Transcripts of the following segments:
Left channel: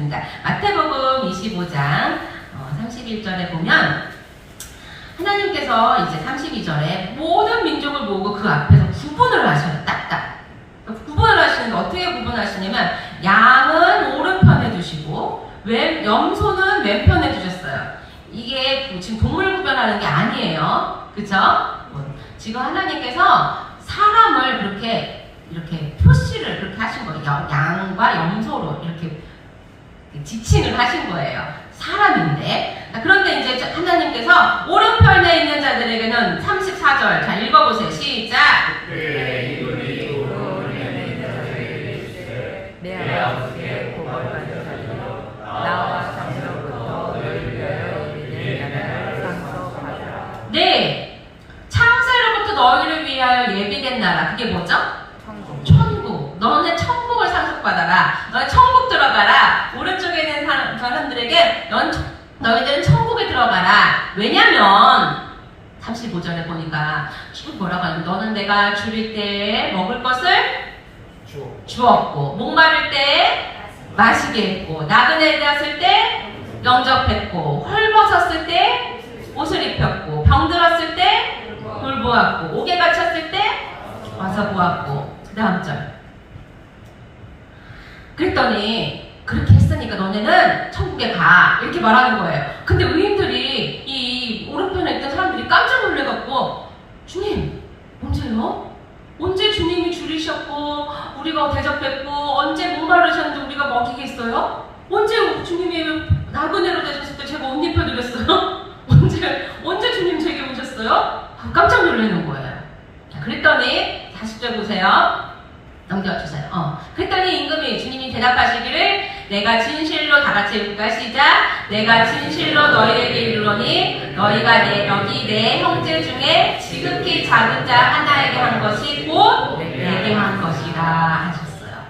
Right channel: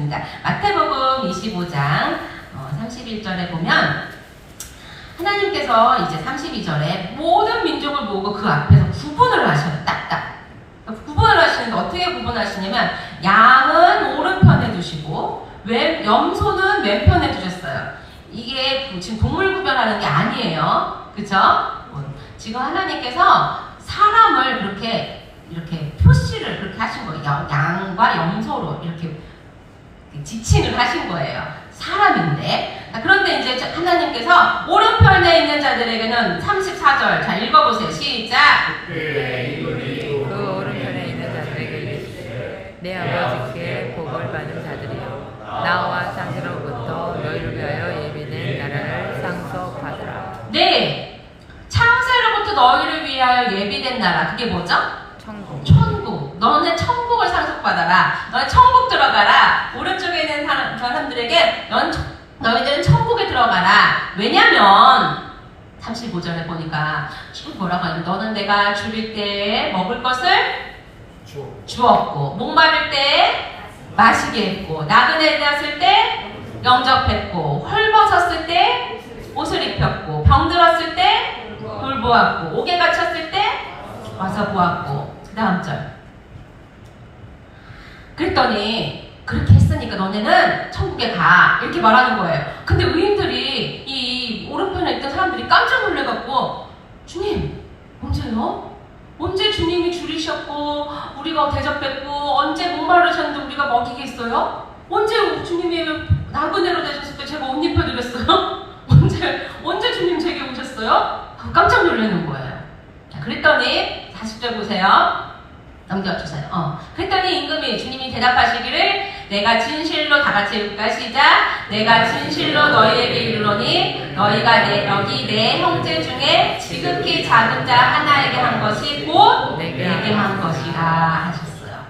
하겠습니다. 마태복음 25장 31절에 보면 하나님께서 이제 32절에 모든 민족을 모으고 그 앞에서 구분을 하셔요. 딱딱. 구분을 하시는데 어떻게 구분하시냐면 양은 오른편에 두시고 염소는 왼편에 두셨어요. 이게 지금 동물 구별하는 게 아니에요. 그쵸? 지금 하나님께서 사람을 이렇게 표시를 그렇게 하신 거예요. 양과 염소로 이렇게 지칭을 하신 거예요. 사람인데. 그런데 이제 하나님께서 오른편에 있는 자들에게는 34절. 자, 읽어보세요. 시작. 내 아버지께 복을받은 자들이요 나와 창세로부터 너희를 위하여 예비된 나라를 상속하더라. 네, 창세로부터 너희를 위하여 예비된 나라. 그게 뭐죠? 천국. 너네 천국을 상속받아라. 너네 천국 들어가라. 오른쪽에 있는 사람들에게 너희들은 천국에 들어가라. 왜냐면 35절에 보니까 뭐라고 하는데 너는 내가 줄일 때 먹을 것을 주었고 목마를 때 마시게 했고 나그네 되었을 때 영접했고 헐벗었을 때 옷을 입혔고 병들었을 때 돌보았고 옥에 갇혔을 때 와서 보았고. 그 다음 절. 그랬더니 그렇게 했으니까 너네는 천국에 가 이렇게 말하는 거예요. 근데 의인들이 이 오른편에 있던 사람들이 깜짝 놀래갖고 주님 언제요? 언제 주님이 줄이셨고 우리가 대접했고 언제 목마르셨는데 우리가 먹이겠어요? 언제 주님이 나그네로 되셨을 때 제가 옷 입혀드렸어요? 언제 주님 제게 오셨어요? 깜짝 놀라는 거예요. 그랬더니 40절 보세요. 넘겨주세요. 그랬더니 임금이 주님이 대답하시기를 내가 진실로 다 같이 읽을까? 시작. 내가 진실로 너희에게 이르노니 너희가 여기 내 형제 중에 지극히 작은 자 하나에게 한 것이 곧 내게 한 것이라 하셨어요.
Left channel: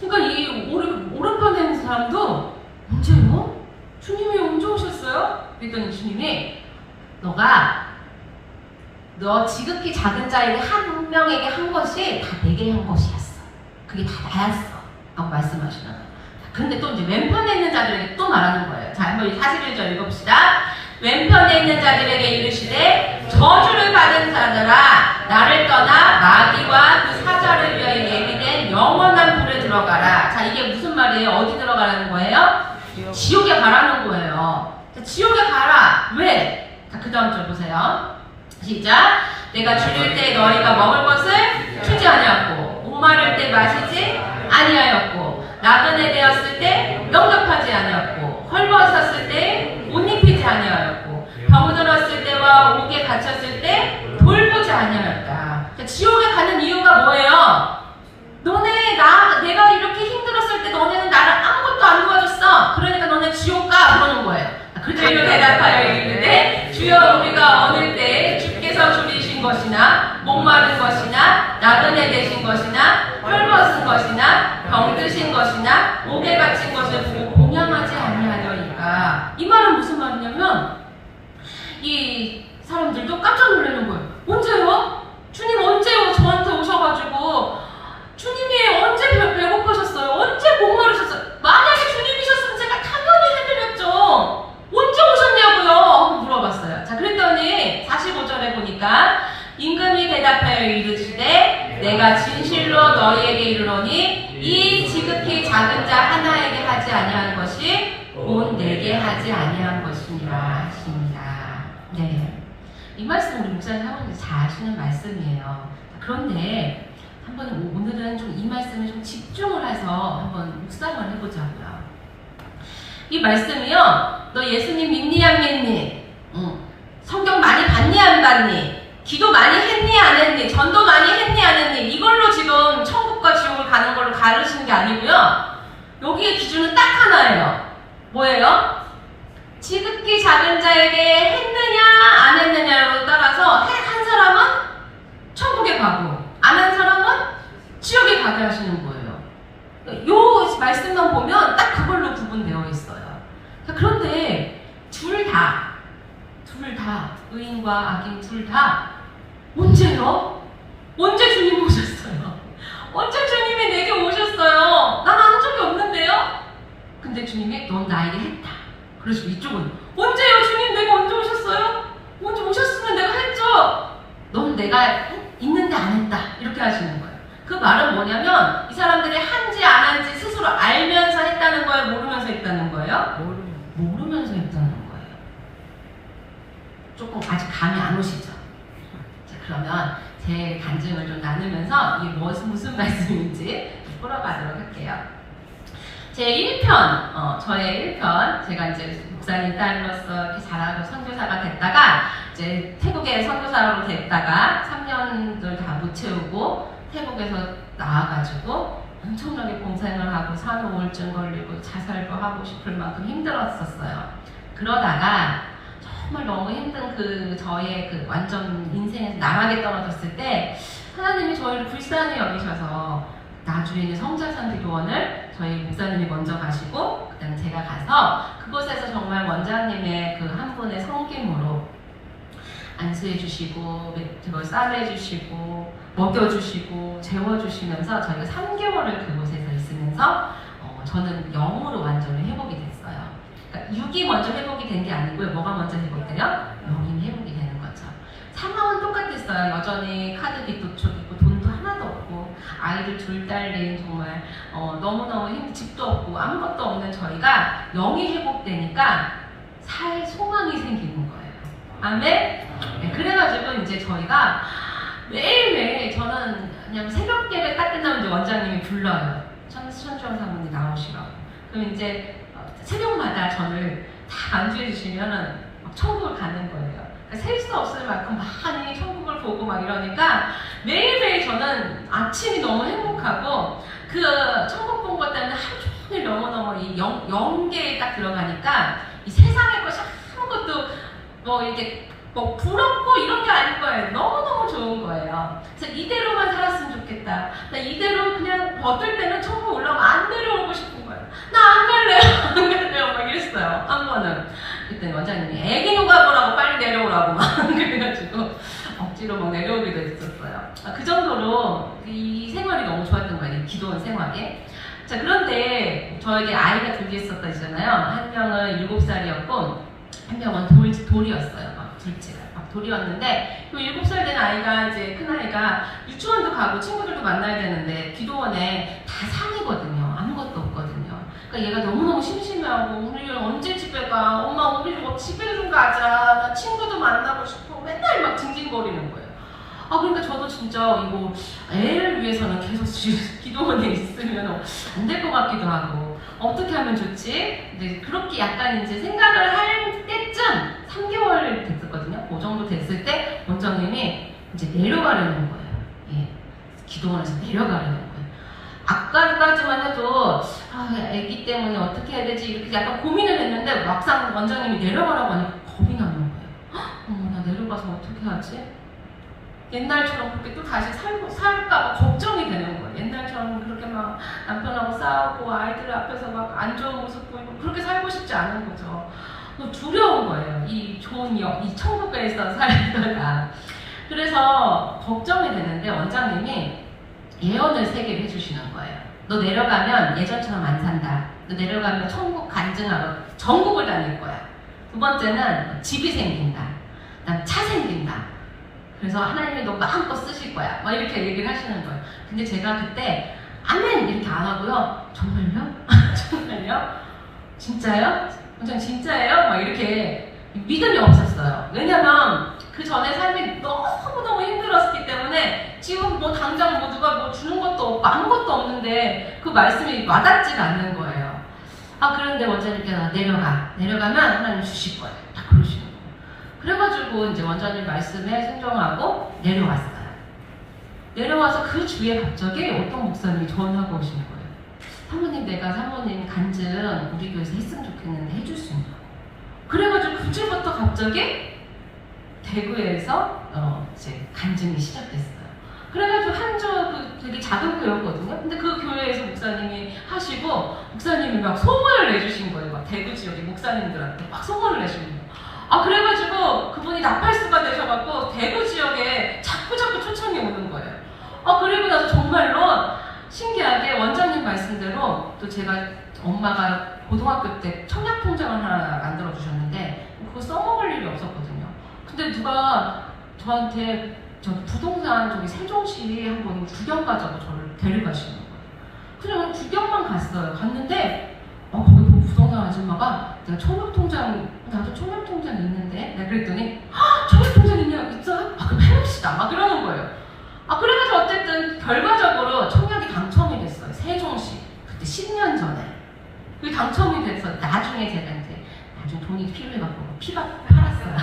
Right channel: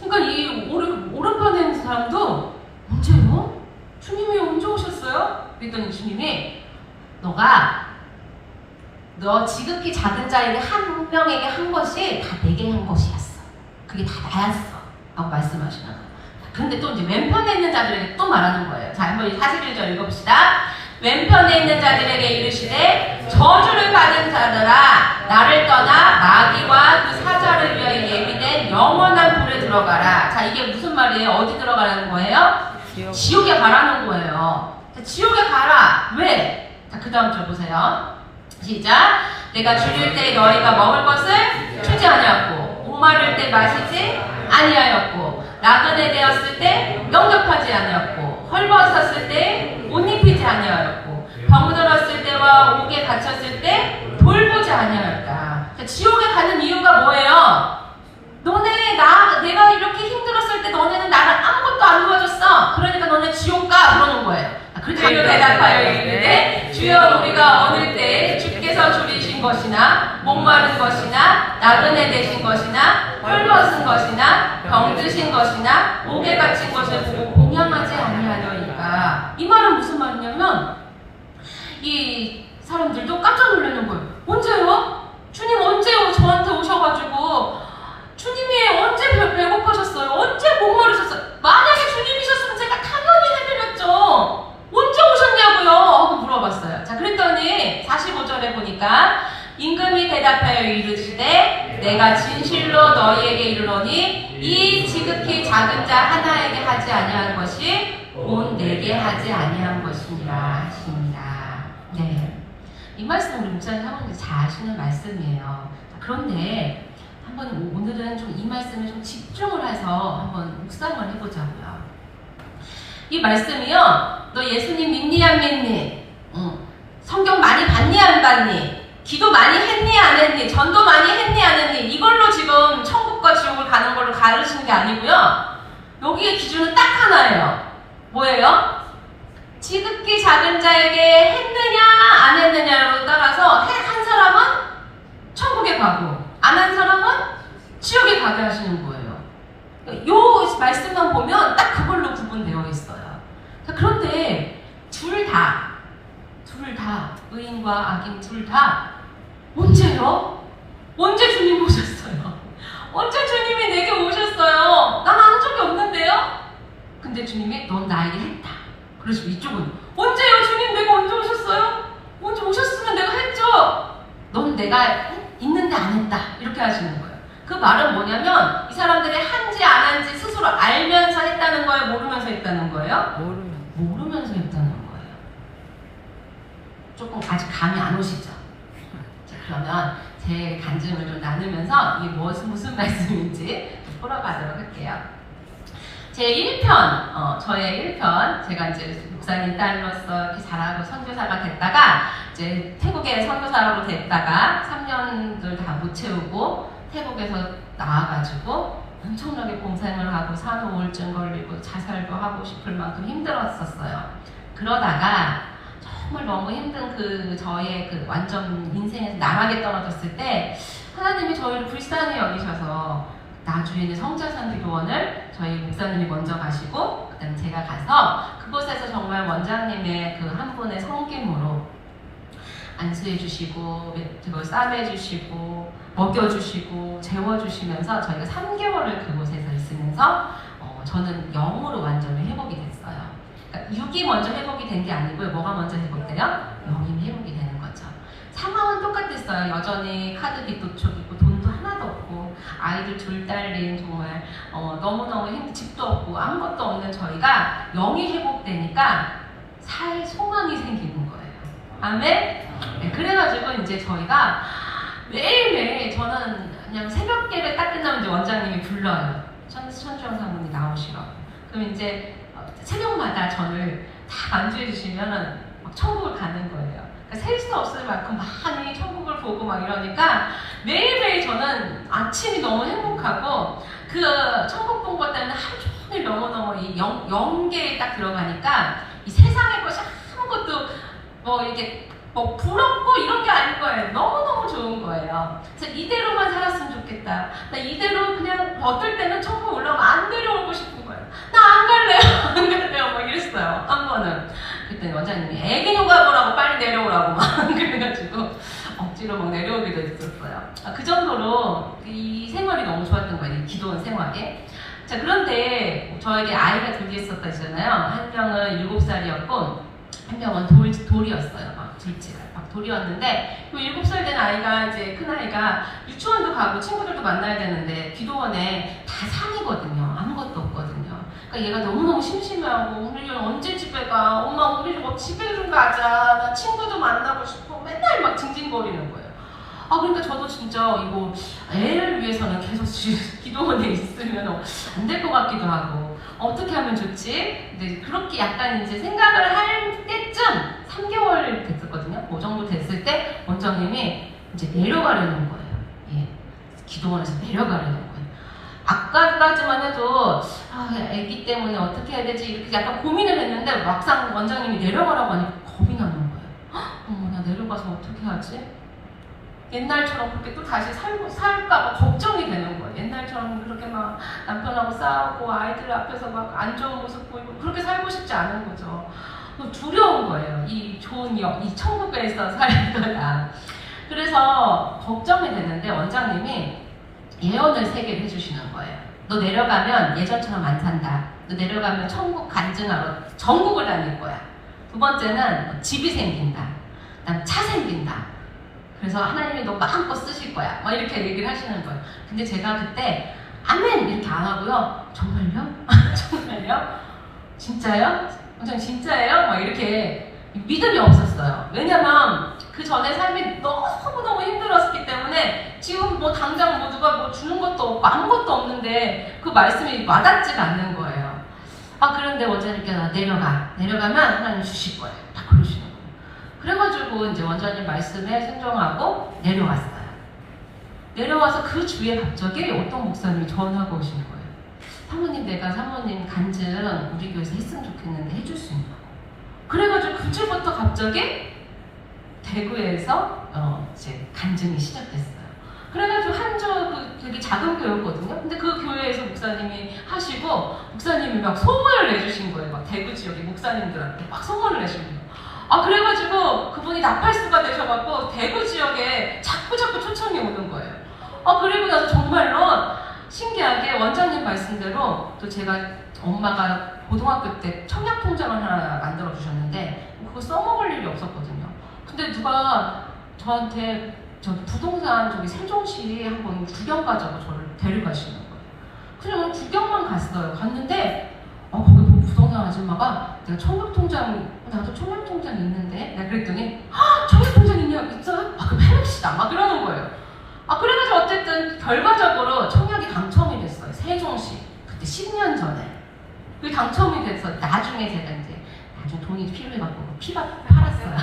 그러니까 이 오른편에 있는 사람도 언제요? 주님이 언제 오셨어요? 그랬더니 주님이 너 지극히 작은 자에게 한 명에게 한 것이 다 내게 한 것이었어. 그게 다 나였어. 라고 말씀하시는 거예요. 그런데 또 이제 왼편에 있는 자들에게 또 말하는 거예요. 자, 한번 41절 읽어봅시다. 왼편에 있는 자들에게 이르시되 저주를 받은 자들아 나를 떠나 마귀와 그 사자를 위하여 예비된 영원한 불에 들어가라. 자, 이게 무슨 말이에요? 어디 들어가라는 거예요? 지옥에 가라는 거예요. 자, 지옥에 가라. 왜? 자, 그 다음 절 보세요. 시작. 내가 죽일 때 너희가 먹을 것을 주지 아니하였고 목마를 때 마시지 아니하였고 나그네 되었을 때 영접하지 아니하였고 헐벗었을 때 옷 입히지 아니하였고 병들었을 때와 옥에 갇혔을 때 돌보지 아니하였다. 지옥에 가는 이유가 뭐예요? 내가 이렇게 힘들었을 때 너네는 나를 아무것도 안 도와줬어. 그러니까 너네 지옥 가. 그러는 거예요. 그들에게 대답하여 이르되 주여 우리가 어느 때 주께서 줄이신 것이나 목마른 것이나 나그네 되신 것이나 헐벗은 것이나 병드신 것이나 옥에 갇힌 것을 보고 공양하지 아니하려니까. 이 말은 무슨 말이냐면 이 사람들도 깜짝 놀라는 거예요. 언제요? 주님 언제 저한테 오셔가지고 주님이 언제 배고파셨어요? 언제 목마르셨어요? 만약에 주님이셨으면 제가 당연히 해드렸죠. 언제 오셨냐고요? 하고 물어봤어요. 자, 그랬더니 45절에 보니까 임금이 대답하여 이르시되 내가 진실로 너희에게 이르노니 이 지극히 작은 자 하나에게 하지 아니한 것이 곧 내게 하지 아니한 것이니라 하십니다. 네, 이 말씀 우리 목사님 사모님 잘 아시는 말씀이에요. 그런데 한번 오늘은 좀 이 말씀에 좀 집중을 해서 한번 묵상을 해보자고요. 이 말씀이요, 너 예수님 믿니 안 믿니? 성경 많이 봤니 안 봤니? 기도 많이 했니 안 했니? 전도 많이 했니 안 했니? 이걸로 지금 천국과 지옥을 가는 걸로 가르치는 게 아니고요. 여기에 기준은 딱 하나예요. 뭐예요? 지극히 작은 자에게 했느냐 안 했느냐로 따라서 한 사람은 천국에 가고 안 한 사람은 지옥에 가게 하시는 거예요. 요 말씀만 보면 딱 그걸로 구분되어 있어요. 그런데 둘 다 의인과 악인 둘 다 언제요? 언제 주님 오셨어요? 언제 주님이 내게 오셨어요? 난 한 적이 없는데요? 근데 주님이 넌 나에게 했다. 그래서 이쪽은 언제요 주님? 내가 언제 오셨어요? 언제 오셨으면 내가 했죠. 넌 내가 있는데 안 했다. 이렇게 하시는 거예요. 그 말은 뭐냐면 이 사람들이 한지 안 한지 스스로 알면서 했다는 거예요? 모르면서 했다는 거예요? 모르면서 했다는 거예요. 조금 아직 감이 안 오시죠? 자, 그러면 제 간증을 좀 나누면서 이게 무슨 말씀인지 풀어가도록 할게요. 제 1편, 저의 1편, 제가 이제 목사님 딸로서 이렇게 잘하고 선교사가 됐다가, 이제 태국에 선교사로 됐다가 3년을 다 못 채우고, 태국에서 나와가지고, 엄청나게 공생을 하고, 산후 우울증 걸리고, 자살도 하고 싶을 만큼 힘들었었어요. 그러다가, 정말 너무 힘든 저의 완전 인생에서 나락에 떨어졌을 때, 하나님이 저희를 불쌍히 여기셔서, 나주에 있는 성자선교원을 저희 목사님이 먼저 가시고 그다음 제가 가서 그곳에서 정말 원장님의 한 분의 섬김으로 안수해 주시고 싸매 주시고 먹여 주시고 재워 주시면서 저희가 3개월을 그곳에서 있으면서 저는 영으로 완전히 회복이 됐어요. 그러니까 육이 먼저 회복이 된 게 아니고요. 뭐가 먼저 회복돼요? 영이 회복이 되는 거죠. 상황은 똑같았어요. 여전히 카드빚도 있고 돈도 하나도 없고 아이들 둘 딸린 정말 너무너무 힘든 집도 없고 아무것도 없는 저희가 영이 회복되니까 살 소망이 생기는 거예요. 아멘? 네, 그래가지고 이제 저희가 매일매일 저는 그냥 새벽 예배 딱 끝나면 이제 원장님이 불러요. 천주영 사모님 나오시라고. 그럼 이제 새벽마다 저를 다 안주해 주시면은 막 천국을 가는 거예요. 셀 수 없을 만큼 많이 천국을 보고 막 이러니까 매일매일 저는 아침이 너무 행복하고 그 천국 본 것 때문에 하루 종일 너무너무 이 영계에 딱 들어가니까 이 세상의 것이 아무것도 이게 부럽고 이런 게 아닌 거예요. 너무너무 좋은 거예요. 그래서 이대로만 살았으면 좋겠다. 나 이대로 그냥 어떨 때는 천국 올라오면 안 내려오고 싶은 거예요. 나 안 갈래요. 안 갈래요. 막 이랬어요. 한 번은. 그때 원장님이 애기 누가 보라고 빨리 내려오라고 막 그래가지고 억지로 막 내려오기도 했었어요. 그 정도로 이 생활이 너무 좋았던 거예요. 기도원 생활이. 자, 그런데 저에게 아이가 둘이 있었잖아요. 한 명은 7살이었고 한 명은 돌이었어요. 막 둘째가 막 돌이었는데 그 7살 된 아이가 이제 큰 아이가 유치원도 가고 친구들도 만나야 되는데 기도원에 다 상이거든요. 아무것도 없거든요. 그러니까 얘가 너무너무 심심해하고 우리 언제 집에 가? 엄마 우리 집에 좀 가자. 나 친구도 만나고 싶어. 맨날 막 징징거리는 거예요. 그러니까 저도 진짜 이거 애를 위해서는 계속 기도원에 있으면 안 될 것 같기도 하고 어떻게 하면 좋지? 이제 그렇게 약간 이제 생각을 할 때쯤 3개월 됐었거든요. 그 정도 됐을 때 원장님이 이제 내려가려는 거예요. 예. 기도원에서 내려가려는 거예요. 아까까지만 해도 애기 때문에 어떻게 해야 되지? 이렇게 약간 고민을 했는데 막상 원장님이 내려가라고 하니까 겁이 나는 거예요. 어머 나 내려가서 어떻게 하지? 옛날처럼 그렇게 또 다시 살까봐 걱정이 되는 거예요. 옛날처럼 그렇게 막 남편하고 싸우고 아이들 앞에서 막 안 좋은 모습 보이고 그렇게 살고 싶지 않은 거죠. 두려운 거예요. 이 천국에서 살다가. 그래서 걱정이 되는데 원장님이 예언을 3개를 해주시는 거예요. 너 내려가면 예전처럼 안 산다. 너 내려가면 천국 간증하러 전국을 다닐 거야. 두 번째는 집이 생긴다. 그다음 차 생긴다. 그래서 하나님이 너 마음껏 쓰실 거야. 막 이렇게 얘기를 하시는 거예요. 근데 제가 그때 아멘 이렇게 안 하고요. 정말요? 정말요? 진짜요? 원장님 진짜예요? 막 이렇게 믿음이 없었어요. 왜냐면 그 전에 삶이 너무너무 힘들었기 때문에 지금 뭐 당장 누가 주는 것도 없고 아무것도 없는데 그 말씀이 와닿지가 않는 거예요. 그런데 원장님께서 내려가면 하나님 주실 거예요. 딱 그러시는 거예요. 그래가지고 이제 원장님 말씀에 순종하고 내려왔어요. 내려와서 그 주에 갑자기 어떤 목사님이 전화가 오신 거예요. 사모님 간증 우리 교회에서 했으면 좋겠는데 해줄 수 있냐고. 그래가지고 그 주부터 갑자기 대구에서 이제 간증이 시작됐어요. 그래가지고 한주 되게 작은 교회였거든요. 근데 그 교회에서 목사님이 하시고 목사님이 막 소문을 내주신 거예요. 막 대구 지역의 목사님들한테 막 소문을 내주는 거예요. 그래가지고 그분이 나팔수가 되셔갖고 대구 지역에 자꾸 초청이 오는 거예요. 그리고 나서 정말로 신기하게 원장님 말씀대로 또 제가 엄마가 고등학교 때 청약 통장을 하나 만들어 주셨는데 그거 써먹을 일이 없었거든요. 근데 누가 저한테 저기 부동산 저기 세종시 한번 구경 가자고 저를 데려가시는 거예요. 그래서 구경만 갔어요. 갔는데 거기 부동산 아줌마가 내가 청약통장, 나도 청약통장 있는데? 내가 그랬더니 청약통장 있어요? 그럼 해봅시다. 막 이러는 거예요. 그래가지고 어쨌든 결과적으로 청약이 당첨이 됐어요. 세종시. 그때 10년 전에. 그게 당첨이 돼서 나중에 제가 이제 돈이 필요해갖고 피밭을 팔았어요.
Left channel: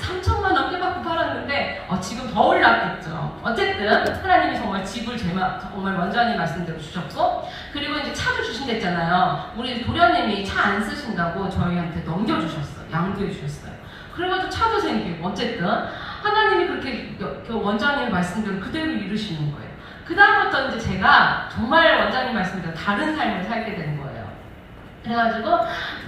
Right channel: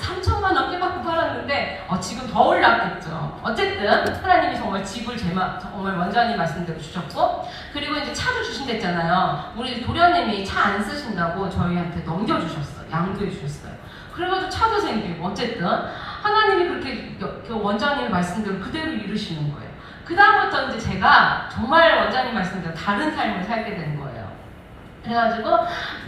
3천만 원 피밭을 팔았는데 지금 더 올랐겠죠. 어쨌든 하나님이 정말 집을 정말 원장님 말씀대로 주셨고, 그리고 이제 차를 주신댔잖아요. 우리 도련님이 차 안 쓰신다고 저희한테 넘겨주셨어요. 양도해 주셨어요. 그래가지고 차도 생기고, 어쨌든 하나님이 그렇게 원장님의 말씀대로 그대로 이루시는 거예요. 그 다음부터 이제 제가 정말 원장님 말씀대로 다른 삶을 살게 된 거예요. 그래가지고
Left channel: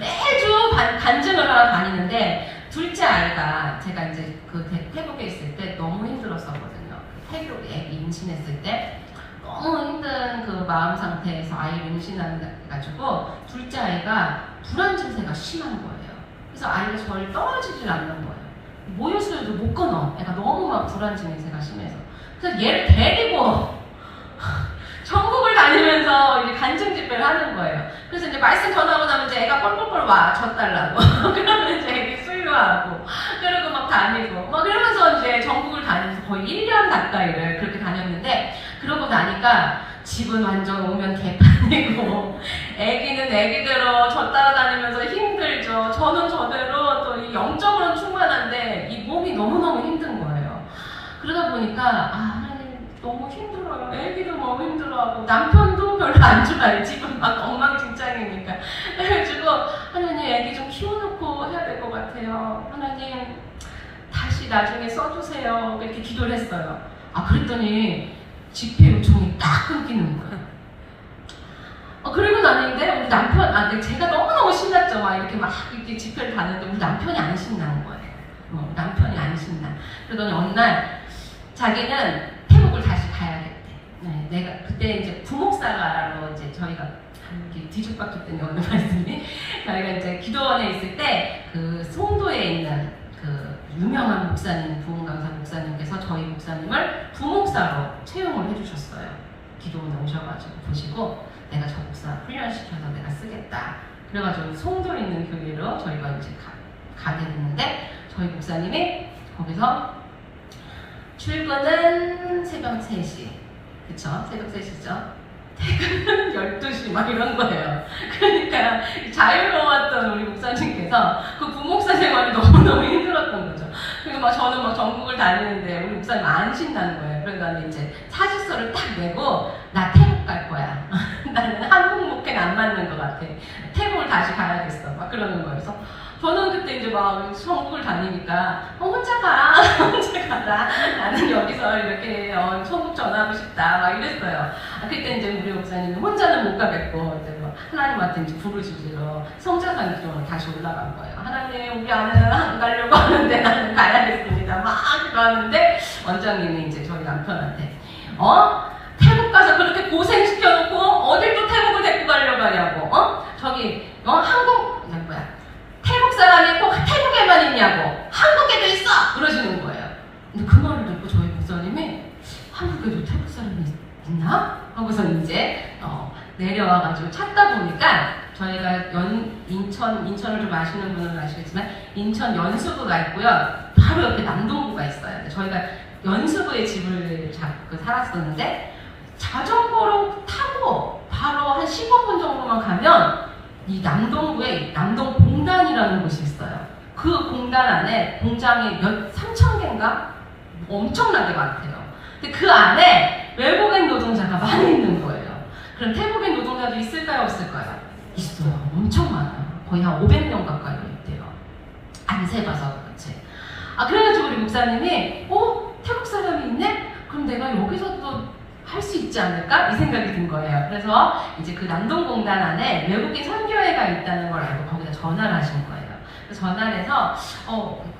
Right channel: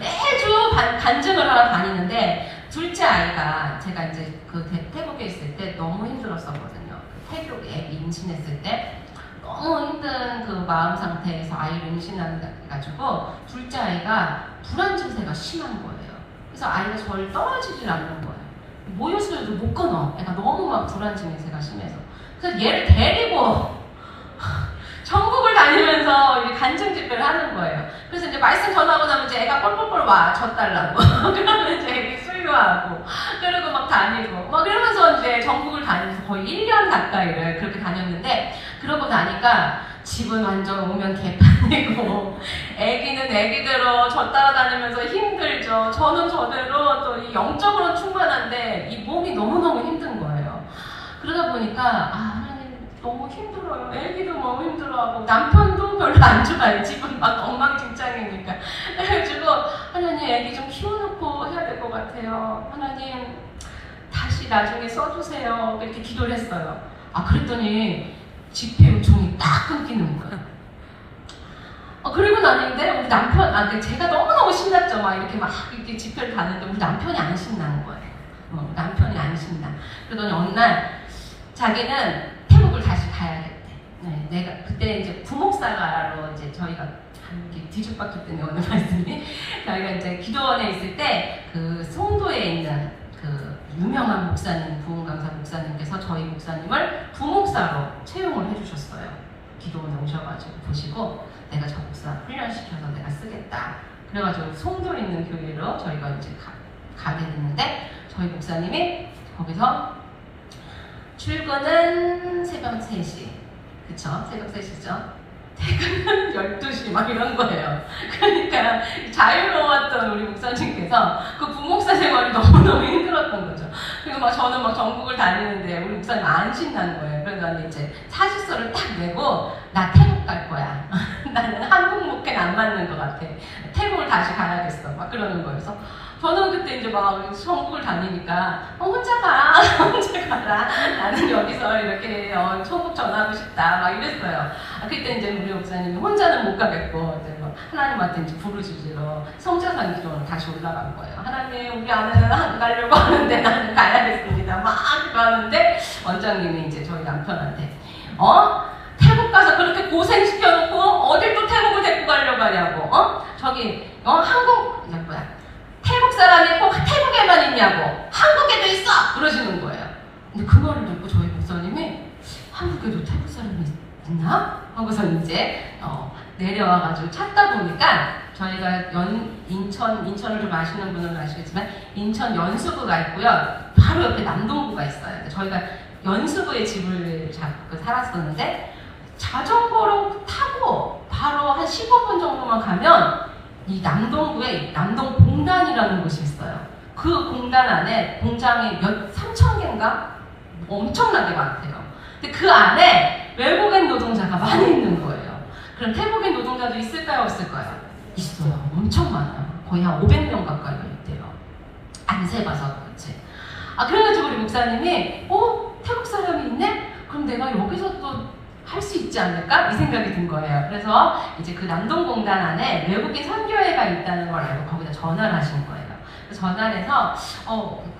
매주 간증을 하러 다니는데, 둘째 아이가 제가 이제 그 태국에 있을 때 너무 힘들었었거든요. 태국에 임신했을 때 너무 힘든 그 마음 상태에서 아이를 임신해가지고 둘째 아이가 불안 증세가 심한 거예요. 그래서 아이가 저를 떨어지질 않는 거예요. 모유수유도 못 끊어. 애가 너무 막 불안 증세가 심해서. 그래서 얘를 데리고 전국을 다니면서 이제 간증 집회를 하는 거예요. 그래서 이제 말씀 전하고 나면 이제 애가 뻘뻘뻘 와, 젖달라고. 그러면 이제 애기 수유하고, 그리고 막 다니고, 막 이러면서 이제 전국을 다니면서 거의 1년 가까이를 그렇게 다녔는데, 그러고 나니까 집은 완전 오면 개판이고, 애기는 애기대로 저 따라다니면서 힘들죠. 저는 저대로 또 이 영적으로는 충만한데, 이 몸이 너무너무 힘든 거예요. 그러다 보니까, 너무 힘들어요. 애기도 너무 힘들어하고 남편도 별로 안 좋아해. 집은 막 엉망진창이니까. 그래가지고 하나님 애기 좀 키워놓고 해야 될 것 같아요. 하나님 다시 나중에 써주세요. 이렇게 기도를 했어요. 그랬더니 집회 요청이 딱 끊기는 거예요. 그리고 나는데 우리 남편, 제가 너무너무 신났죠. 막 이렇게 집회를 가는데 우리 남편이 안 신나는 거예요. 남편이 안 신나. 그러더니 어느 날 자기는 태국을 다시 가야겠대. 네, 내가 그때 이제 부목사가로 이제 저희가 이렇게 뒤죽박죽 때문에 오늘 말씀이 저희가 이제 기도원에 있을 때 그 송도에 있는 그 유명한 목사님, 부흥강사 목사님께서 저희 목사님을 부목사로 채용을 해주셨어요. 기도원에 오셔가지고 보시고 내가 저 목사 훈련시켜서 내가 쓰겠다. 그래가지고 송도에 있는 교회로 저희가 이제 가게 됐는데 저희 목사님이 거기서 출근은 새벽 3시. 그쵸? 새벽 3시죠? 퇴근은 12시 막 이런 거예요. 그러니까 자유로웠던 우리 목사님께서 그 부목사 생활이 너무너무 힘들었던 거죠. 그리고 막 저는 막 전국을 다니는데 우리 목사님 안 신나는 거예요. 그러니까 이제 사직서를 딱 내고 나 태국 갈 거야. 나는 한국 목회는 안 맞는 것 같아. 태국을 다시 가야겠어. 막 그러는 거예요. 그래서 저는 그때 이제 막 전국을 다니니까 혼자 가, 혼자 가라. 나는 여기서 이렇게 천국 전하고 싶다. 막 이랬어요. 그때 이제 우리 목사님이 혼자는 못 가겠고 이제 뭐 하나님한테 이제 부르짖으러 성차산 기도를 다시 올라간 거예요. 하나님, 우리 아내는 안 가려고 하는데 나는 가야겠습니다. 막 그러는데 원장님이 이제 저희 남편한테 태국 가서 그렇게 고생시켜놓고 어딜 또 태국을 데리고 가려고 하냐고. 저기 한국 태국 사람이 꼭 태국에만 있냐고, 한국에도 있어! 그러시는 거예요. 근데 그 말을 듣고 저희 목사님이 한국에도 태국 사람이 있나? 하고서 이제 내려와가지고 찾다 보니까 저희가 인천을 좀 아시는 분들은 아시겠지만 인천 연수구가 있고요. 바로 옆에 남동구가 있어요. 저희가 연수구에 집을 잡고 살았었는데 자전거로 타고 바로 한 15분 정도만 가면 이 남동구에 남동공단이라는 곳이 있어요. 그 공단 안에 공장이 3,000개인가? 엄청나게 많대요. 근데 그 안에 외국인 노동자가 많이 있는 거예요. 그럼 태국인 노동자도 있을까요? 없을까요? 있어요. 엄청 많아요. 거의 한 500명 가까이 있대요. 안 세봐서 그렇지. 그래가지고 우리 목사님이 태국 사람이 있네? 그럼 내가 여기서 또 할 수 있지 않을까? 이 생각이 든 거예요. 그래서 이제 그 남동공단 안에 외국인 선교회가 있다는 걸 알고 거기다 전화를 하신 거예요. 전화를 해서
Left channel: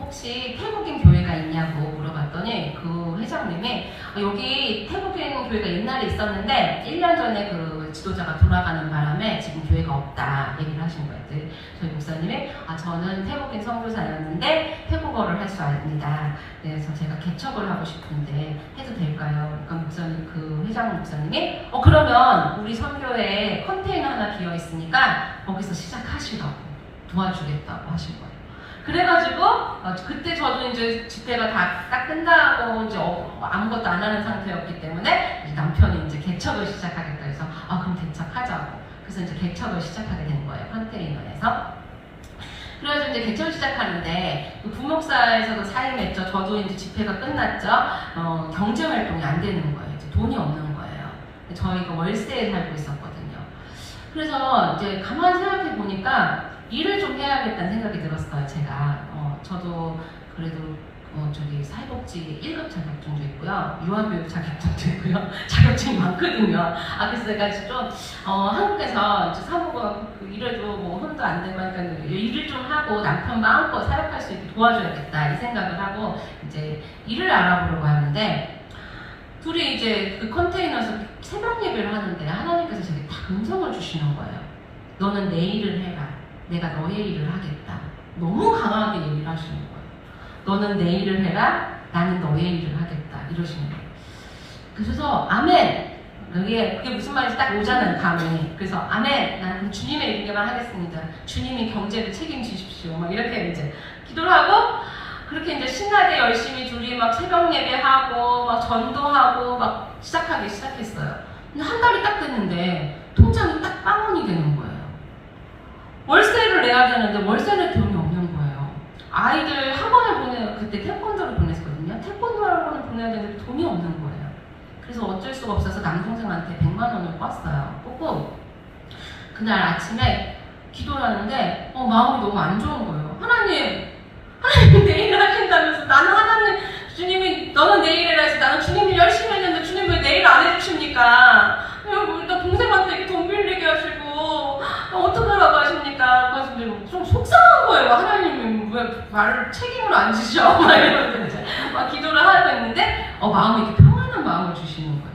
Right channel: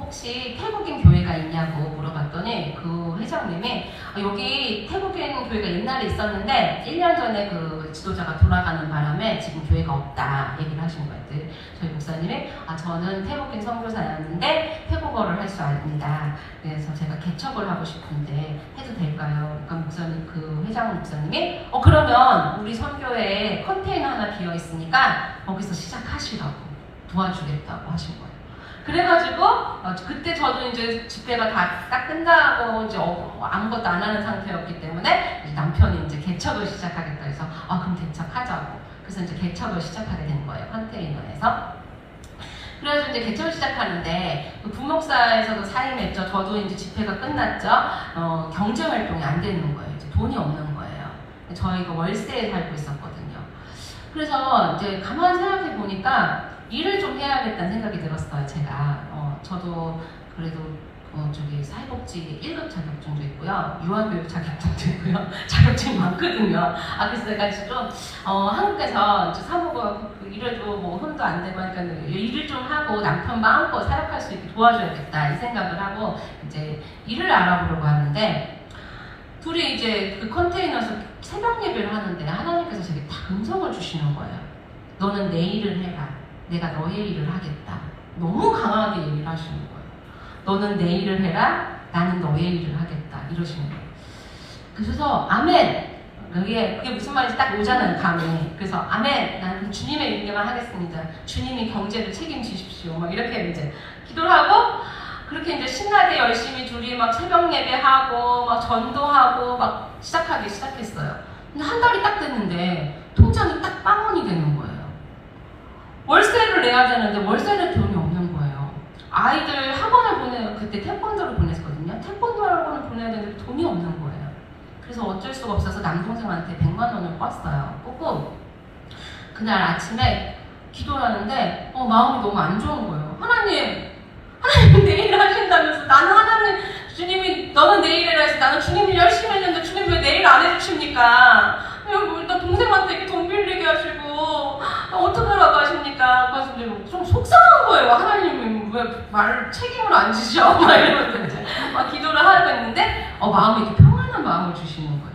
혹시 태국인 교회가 있냐고 물어봤더니 그 회장님이 여기 태국에 있는 교회가 옛날에 있었는데 1년 전에 그 지도자가 돌아가는 바람에 지금 교회가 없다 얘기를 하시는 거예요. 저희 목사님이 저는 태국인 선교사였는데 태국어를 할 줄 압니다. 그래서 제가 개척을 하고 싶은데 해도 될까요? 그러니까 목사님, 그 회장 목사님이 그러면 우리 선교에 컨테이너 하나 비어 있으니까 거기서 시작하시라고 도와주겠다고 하신 거예요. 그래가지고 그때 저도 이제 집회가 다 딱 끝나고 이제 아무것도 안 하는 상태였기 때문에 이제 남편이 이제 개척을 시작하겠다 해서 그럼 개척하자고. 그래서 이제 개척을 시작하게 된 거예요. 컨테이너에서. 그래가지고 이제 개척을 시작하는데 그 부목사에서도 사임했죠. 저도 이제 집회가 끝났죠. 경제 활동이 안 되는 거예요. 이제 돈이 없는 거예요. 저희가 월세에 살고 있었거든요. 그래서 이제 가만히 생각해 보니까 일을 좀 해야겠다는 생각이 들었어요. 제가 저도 그래도 저기 사회복지 1급 자격증도 있고요, 유아교육 자격증도 있고요. 자격증이 많거든요. 그래서 내가 좀 한국에서 이제 사무고 일해도 뭐 혼도 안 되고 하니까 일을 좀 하고 남편 마음껏 사역할 수 있게 도와줘야겠다 이 생각을 하고 이제 일을 알아보려고 하는데, 둘이 이제 그 컨테이너에서 새벽 예배를 하는데 하나님께서 저에게 다 음성을 주시는 거예요. 너는 내 일을 해라. 내가 너의 일을 하겠다. 너무 강하게 얘기를 하시는 거예요. 너는 내 일을 해라. 나는 너의 일을 하겠다. 이러시는 거예요. 그래서 아멘. 그게 무슨 말인지 딱 오잖아요, 감이. 그래서 아멘. 나는 주님의 일만 하겠습니다. 주님이 경제를 책임지십시오. 막 이렇게 이제 기도를 하고, 그렇게 이제 신나게 열심히 둘이 막 새벽 예배하고 막 전도하고 막 시작했어요. 근데 한 달이 딱 됐는데 통장이 딱 빵원이 되는 거예요. 월세를 내야 되는데 월세는 돈이 없는 거예요. 아이들 학원을 그때 태권도를 보냈거든요. 태권도 학원을 보내야 되는데 돈이 없는 거예요. 그래서 어쩔 수가 없어서 남동생한테 100만 원을 꿨어요. 꽂고 그날 아침에 기도를 하는데 마음이 너무 안 좋은 거예요. 하나님 내일 하신다면서, 나는 하나님, 주님이 너는 내일 해야지, 나는 주님이 열심히 했는데 주님 왜 내일 안 해주십니까? 나 동생한테 이렇게 돈 빌리게 하시고 어떡하라고 하십니까? 그래서 좀 속상한 거예요. 하나님이 왜 말을 책임을 안 지셔? 막 이러면서 이제 막 기도를 하고 있는데 마음이 이렇게 평안한 마음을 주시는 거예요.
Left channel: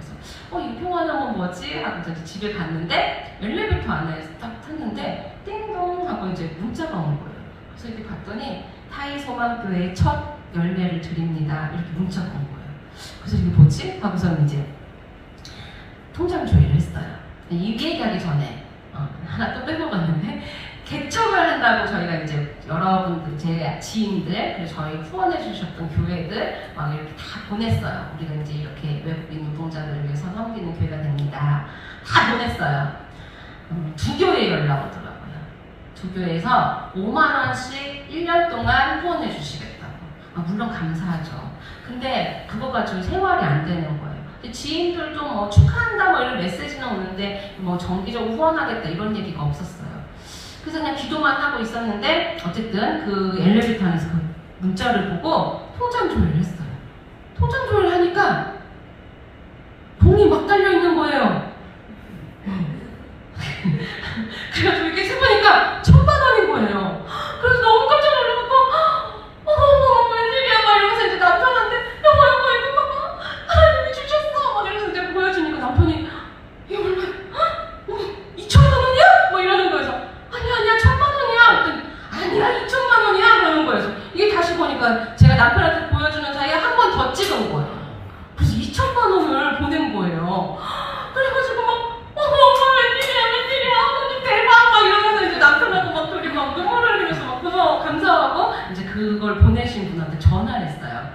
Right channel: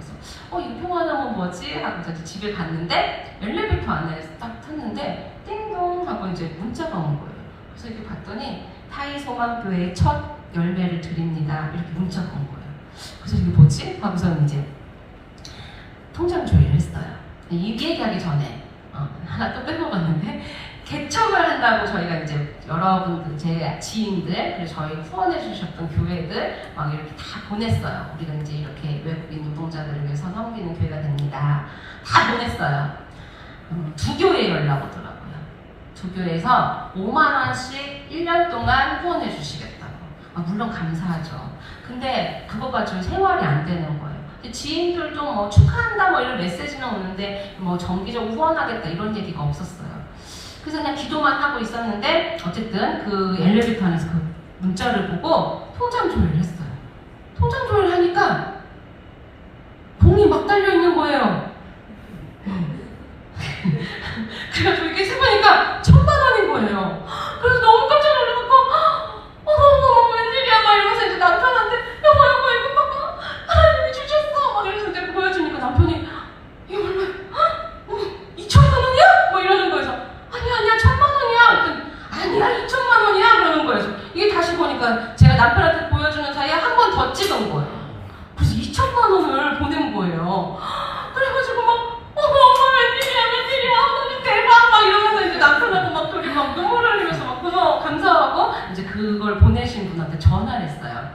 그래서 이 평안한 건 뭐지? 하고 이제 집에 갔는데 엘리베이터 안에 딱 탔는데 띵동 하고 이제 문자가 온 거예요. 그래서 이렇게 봤더니 타이소망교회 첫 열매를 드립니다. 이렇게 문자가 온 거예요. 그래서 이게 뭐지? 하고서 이제 통장 조회를 했어요. 이 얘기하기 전에 하나 또 빼먹었는데, 개척을 한다고 저희가 이제 여러분들, 제 지인들, 그리고 저희 후원해 주셨던 교회들 막 이렇게 다 보냈어요. 우리는 이제 이렇게 외국인 노동자들을 위해서 섬기는 교회가 됩니다. 다 보냈어요. 두 교회 연락 오더라고요. 두 교회에서 5만 원씩 1년 동안 후원해 주시겠다고. 물론 감사하죠. 근데 그거 가지고 생활이 안 되는 거예요. 지인들도 뭐 축하한다 뭐 이런 메시지는 오는데 뭐 정기적으로 후원하겠다 이런 얘기가 없었어요. 그래서 그냥 기도만 하고 있었는데 어쨌든 그 엘리베이터 안에서 그 문자를 보고 통장 조회를 했어요. 통장 조회를 하니까 돈이 막 달려 있는 거예요. 그래가지고 이렇게 세보니까 1,000만 원인 거예요. 그래서 너무 깜짝 놀라고 어머 웬일이야 막 이러면서 이제 남편한테 여보 이거 봐봐 하나님이 주셨어 막 이러면서 이제 보여주니까 남편이 이거 얼마야? 2,000만 원이야? 막 이러는 거예요. 아니야 1,000만 원이야. 그랬더니 아니야 2,000만 원이야 그러는 거예요. 이게 다시 보니까 제가 남편한테 보여주는 사이에 한 번 더 찍은 거예요. 그래서 2,000만 원을 보낸 거예요. 그래가지고 막 엄마 웬일이야 하나님 대박 막 이러면서 이제 남편하고 막 둘이 막 눈물을 흘리면서 막 고마워 감사하고 이제 그걸 보내신 분한테 전화를 했어요.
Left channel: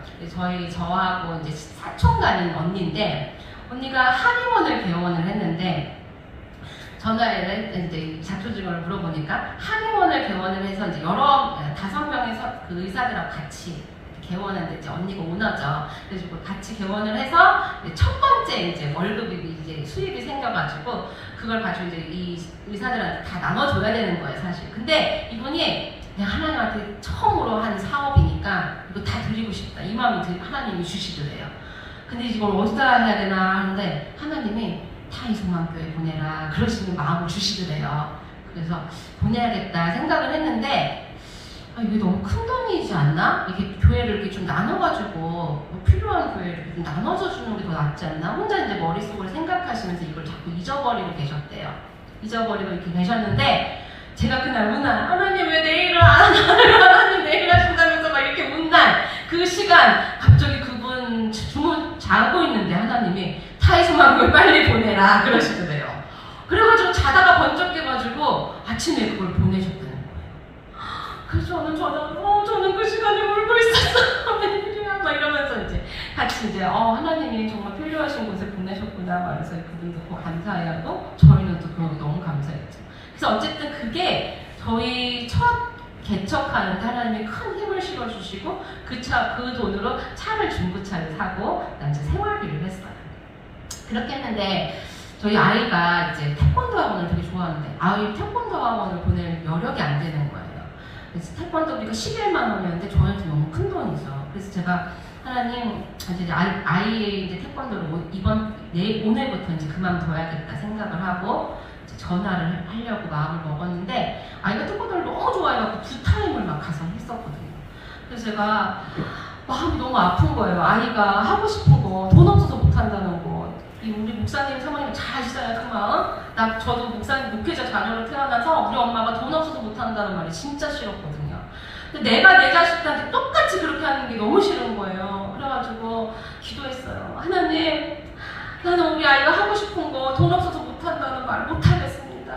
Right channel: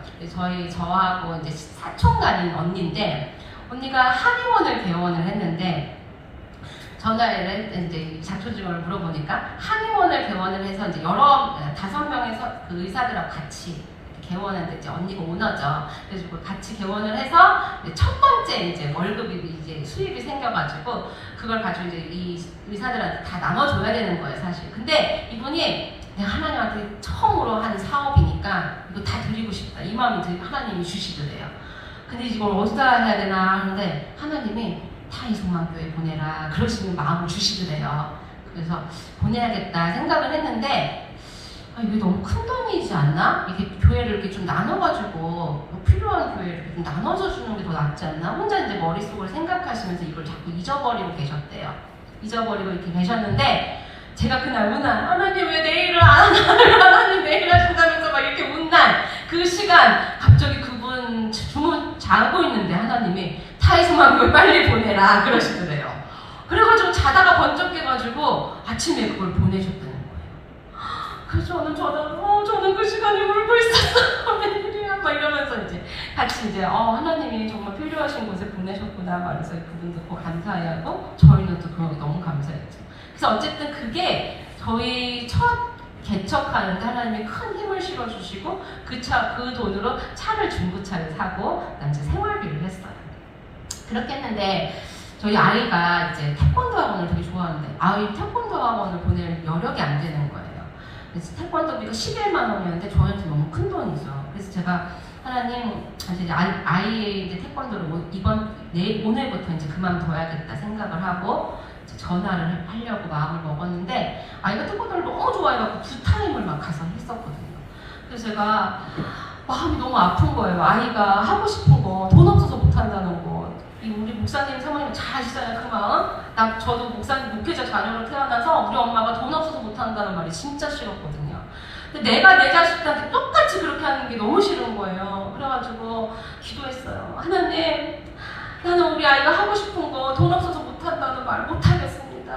저하고 이제 사촌간인 언니인데, 언니가 한의원을 개원을 했는데 전화를 이제 자초지종을 물어보니까 한의원을 개원을 해서 이제 5명의 그 의사들하고 같이 개원하는데 이제 언니가 오너죠. 그래서 같이 개원을 해서 첫 번째 이제 월급이 이제 수입이 생겨가지고 그걸 가지고 이제 이 의사들한테 다 나눠줘야 되는 거예요, 사실. 근데 이분이 그냥 하나님한테 처음으로 한 사업이니까 이거 다 드리고 싶다. 이 마음이 이제 하나님이 주시더래요. 근데 이걸 어디다 해야 되나 하는데 하나님이 타이소망교회 보내라 그러시는 마음을 주시더래요. 그래서 보내야겠다 생각을 했는데 이게 너무 큰 돈이지 않나? 이게 교회를 이렇게 좀 나눠가지고 필요한 교회를 좀 나눠서 주는 게 더 낫지 않나? 혼자 이제 머릿속으로 생각하시면서 이걸 자꾸 잊어버리고 계셨대요. 잊어버리고 이렇게 계셨는데 제가 그날 문안 하나님 왜 내일을 안 하나? 하나님 내일 하신다면서 막 이렇게 문난 그 시간 갑자기 그분 주문 자고 있는데 하나님이 타이스만을 빨리 보내라 그러시더래요. 그래가지고 자다가 번쩍 깨가지고 아침에 그걸 보내셨대요. 그래서 저는 그 시간에 울고 있었어. 웬일이야. 막 이러면서 이제 같이 이제 하나님이 정말 필요하신 곳에 보내셨구나. 말해서 그분도 감사해하고 저희는 또 그런 게 너무 감사했죠. 그래서 어쨌든 그게 저희 첫 개척하는 하나님이 큰 힘을 실어주시고 그 돈으로 차를 중고차를 사고 그다음에 생활비를 했어요. 그렇게 했는데 저희 아이가 이제 태권도 학원을 되게 좋아하는데 아이 태권도 학원을 보낼 여력이 안 되는 거예요. 그래서 태권도비가 11만 원이었는데 저한테 너무 큰 돈이죠. 그래서 제가 하나님 이제 아이의 이제 태권도를 오늘부터 이제 그만둬야겠다 생각을 하고 이제 전화를 하려고 마음을 먹었는데 아이가 태권도를 너무 좋아해갖고 2타임을 막 가서 했었거든요. 그래서 제가 마음이 너무 아픈 거예요. 아이가 하고 싶은 거 돈 없어서 못 한다는 거. 우리 목사님 사모님 잘 아시잖아요, 그 마음. 저도 목사님 목회자 자녀로 태어나서 우리 엄마가 돈 없어서 못 한다는 말이 진짜 싫었거든요. 근데 내가 내 자식한테 똑같이 그렇게 하는 게 너무 싫은 거예요. 그래가지고 기도했어요. 하나님, 나는 우리 아이가 하고 싶은 거 돈 없어서 못 한다는 말 못 하겠습니다.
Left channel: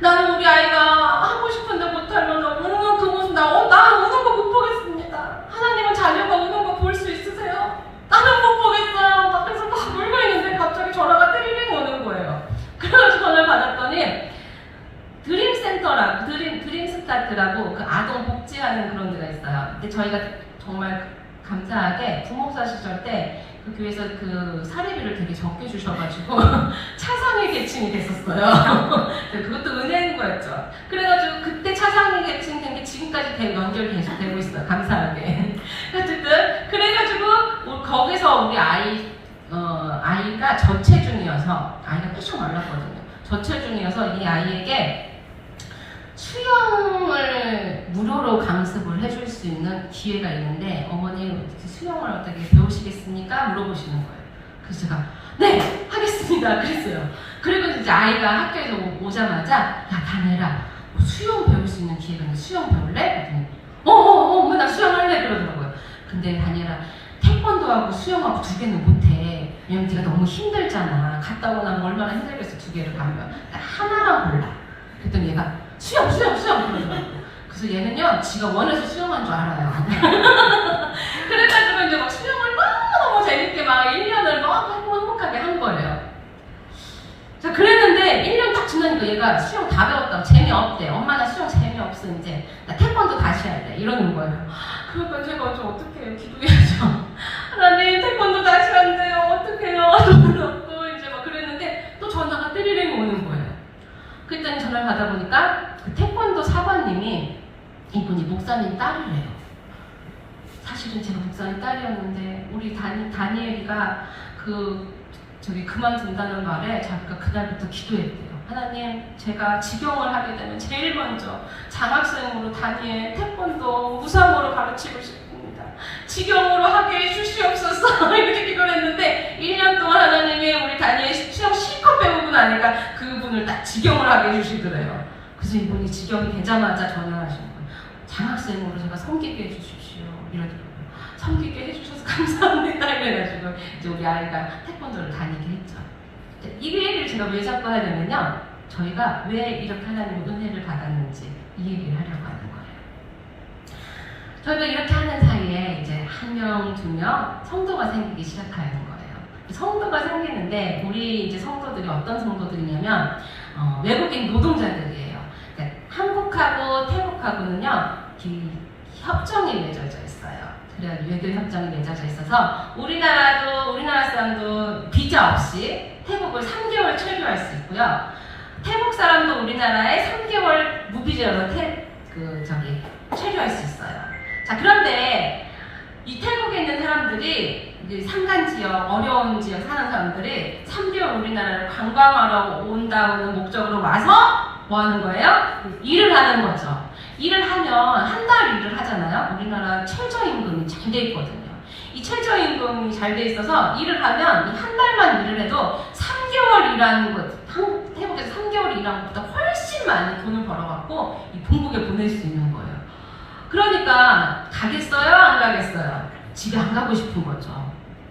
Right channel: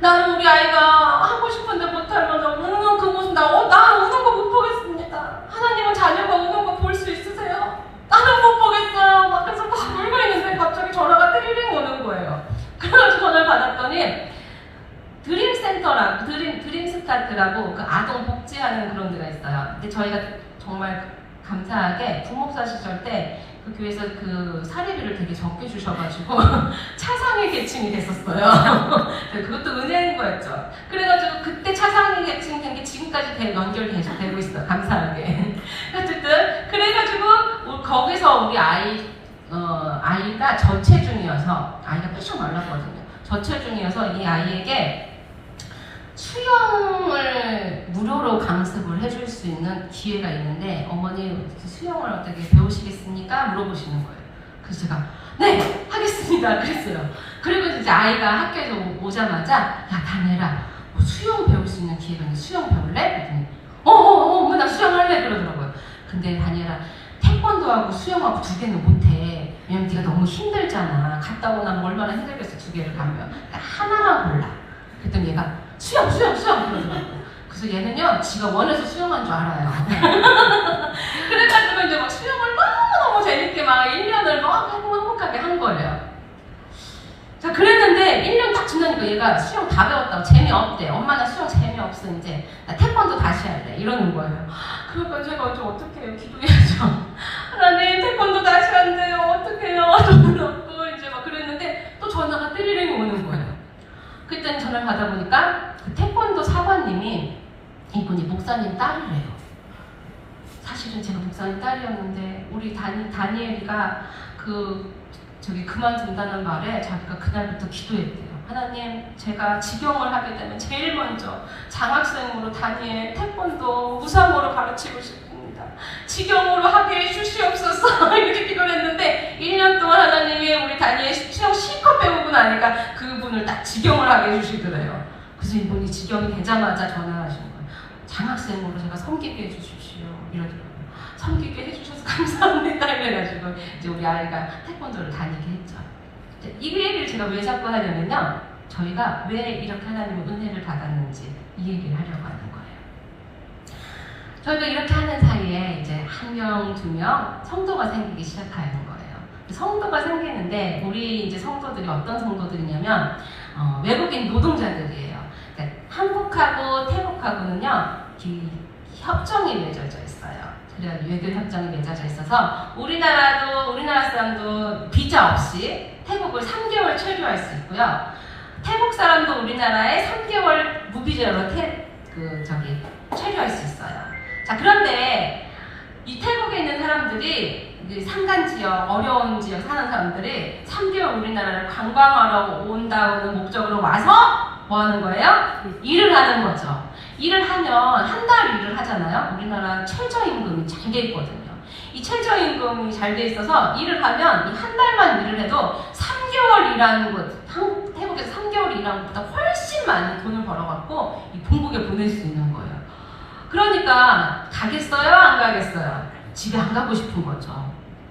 나는 우리 아이가 하고 싶은데 못하면 우는 그 모습 나는 우는 거 못 보겠습니다. 하나님은 자녀가 우는 거 볼 수 있으세요? 나는 못 보겠어요. 막 그래서 막 울고 있는데 갑자기 전화가 띠링 오는 거예요. 그래가지고 전화를 받았더니 드림센터라고 드림스타트라고 그 아동 복지하는 그런 데가 있어요. 근데 저희가 정말 감사하게 부목사 시절 때 그 교회에서 그 사례비를 되게 적게 주셔가지고 차상위 계층이 됐었어요. 그것도 은혜인 거였죠. 그래가지고 그때 차상위 계층 된 게 지금까지 연결 계속 되고 있어요. 감사하게. 어쨌든 그래가지고 거기서 우리 아이가 저체중이어서 아이가 푸셔 말랐거든요. 저체중이어서 이 아이에게 수영을 무료로 강습을 해줄 수 있는 기회가 있는데 어머니 수영을 어떻게 배우시겠습니까? 물어보시는 거예요. 그래서 제가 네 하겠습니다 그랬어요. 그리고 이제 아이가 학교에서 오자마자 야 다니엘아 수영 배울 수 있는 기회가 있는데 수영 배울래? 그랬더니 엄마 나 수영할래 그러더라고요. 근데 다니엘아 태권도하고 수영하고 2개는 못해. 왜냐면 네가 너무 힘들잖아. 갔다 오고 나면 얼마나 힘들겠어 2개를 가면. 그러니까 하나만 골라. 그랬더니 얘가 수영 그러더라고요. 그래서 얘는요 지가 원해서 수영한 줄 알아요. 그래가지고 이제 막 수영을 너무 재밌게 막 1년을 너무 행복하게 한 거예요. 자 그랬는데 1년 딱 지나니까 얘가 수영 다 배웠다고 재미없대. 엄마 나 수영 재미없어 이제 나 태권도 다시 할래 이러는 거예요. 그러니까 제가 좀 어떻게 기도해야죠. 하나님 태권도 다시 한대요. 어떡해요. 돈은 없고 이제 막 그랬는데 또 전화가 띠리링 오는 거예요. 그때는 전화를 받아보니까 그 태권도 사관님이 이분이 목사님 딸이래요. 사실은 제가 목사님 딸이었는데 우리 다니엘이가 그만둔다는 말에 자기가 그날부터 기도했대요. 하나님 제가 직영을 하게 되면 제일 먼저 장학생으로 다니엘 태권도 무상으로 가르치고 싶습니다. 직영으로 하게 해주시옵소서 이렇게 기도를 했는데 1년 동안 하나님이 우리 다니엘 수영 실컷 배우고 나니까 그분을 딱 직영을 하게 해주시더래요. 그래서 이분이 직영이 되자마자 전화하신 거예요. 장학생으로 제가 섬기게 해주십시오 이러더라고요. 섬기게 해주셔서 감사합니다 이래가지고 이제 우리 아이가 태권도를 다니게 했죠. 이 얘기를 제가 왜 자꾸 하냐면요 저희가 왜 이렇게 하나님의 은혜를 받았는지 이 얘기를 하려고 하는 거예요. 저희가 이렇게 하는 사이에 이제 1명, 2명 성도가 생기기 시작하는 거예요. 성도가 생기는데 우리 이제 성도들이 어떤 성도들이냐면 외국인 노동자들이에요. 그러니까 한국하고 태국하고는요 협정이 맺어져 있어요. 그래가지고 외교 협정이 맺어져 있어서 우리나라 사람도 비자 없이 태국을 3개월 체류할 수 있고요. 태국 사람도 우리나라에 3개월 무비자로 체류할 수 있어요. 자 그런데 이 태국에 있는 사람들이 산간 지역, 어려운 지역 사는 사람들이 3개월 우리나라를 관광하려고 온다는 목적으로 와서 뭐 하는 거예요? 일을 하는 거죠. 일을 하면 한 달 일을 하잖아요. 우리나라 최저임금이 잘 돼 있거든요. 이 최저임금이 잘 돼 있어서 일을 하면 한 달만 일을 해도 3개월 일하는 것, 태국에서 3개월 일하는 것보다 훨씬 많은 돈을 벌어갖고 이 본국에 보낼 수 있는 거예요. 그러니까 가겠어요? 안 가겠어요? 집에 안 가고 싶은 거죠.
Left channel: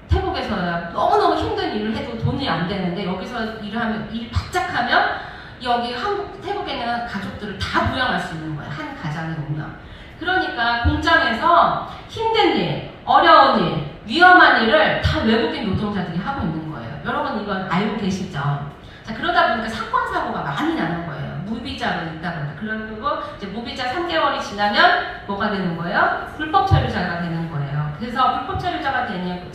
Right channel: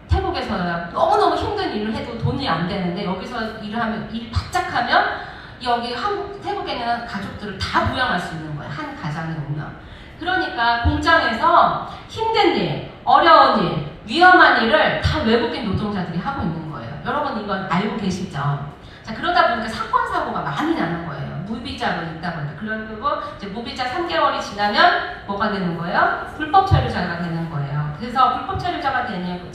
태국에서는 너무너무 힘든 일을 해도 돈이 안 되는데 여기서 일하면, 일 바짝 하면 여기 태국에는 가족들을 다 부양할 수 있는 거예요. 한 가장을 오면. 그러니까 공장에서 힘든 일, 어려운 일, 위험한 일을 다 외국인 노동자들이 하고 있는 거예요. 여러분 이건 알고 계시죠? 자, 그러다 보니까 사건, 사고가 많이 나는 거예요. 무비자로 있다 보니까. 그리고 이제 무비자 3개월이 지나면 뭐가 되는 거예요? 불법 체류자가 되는 거예요. 그래서 불법 체류자가 되면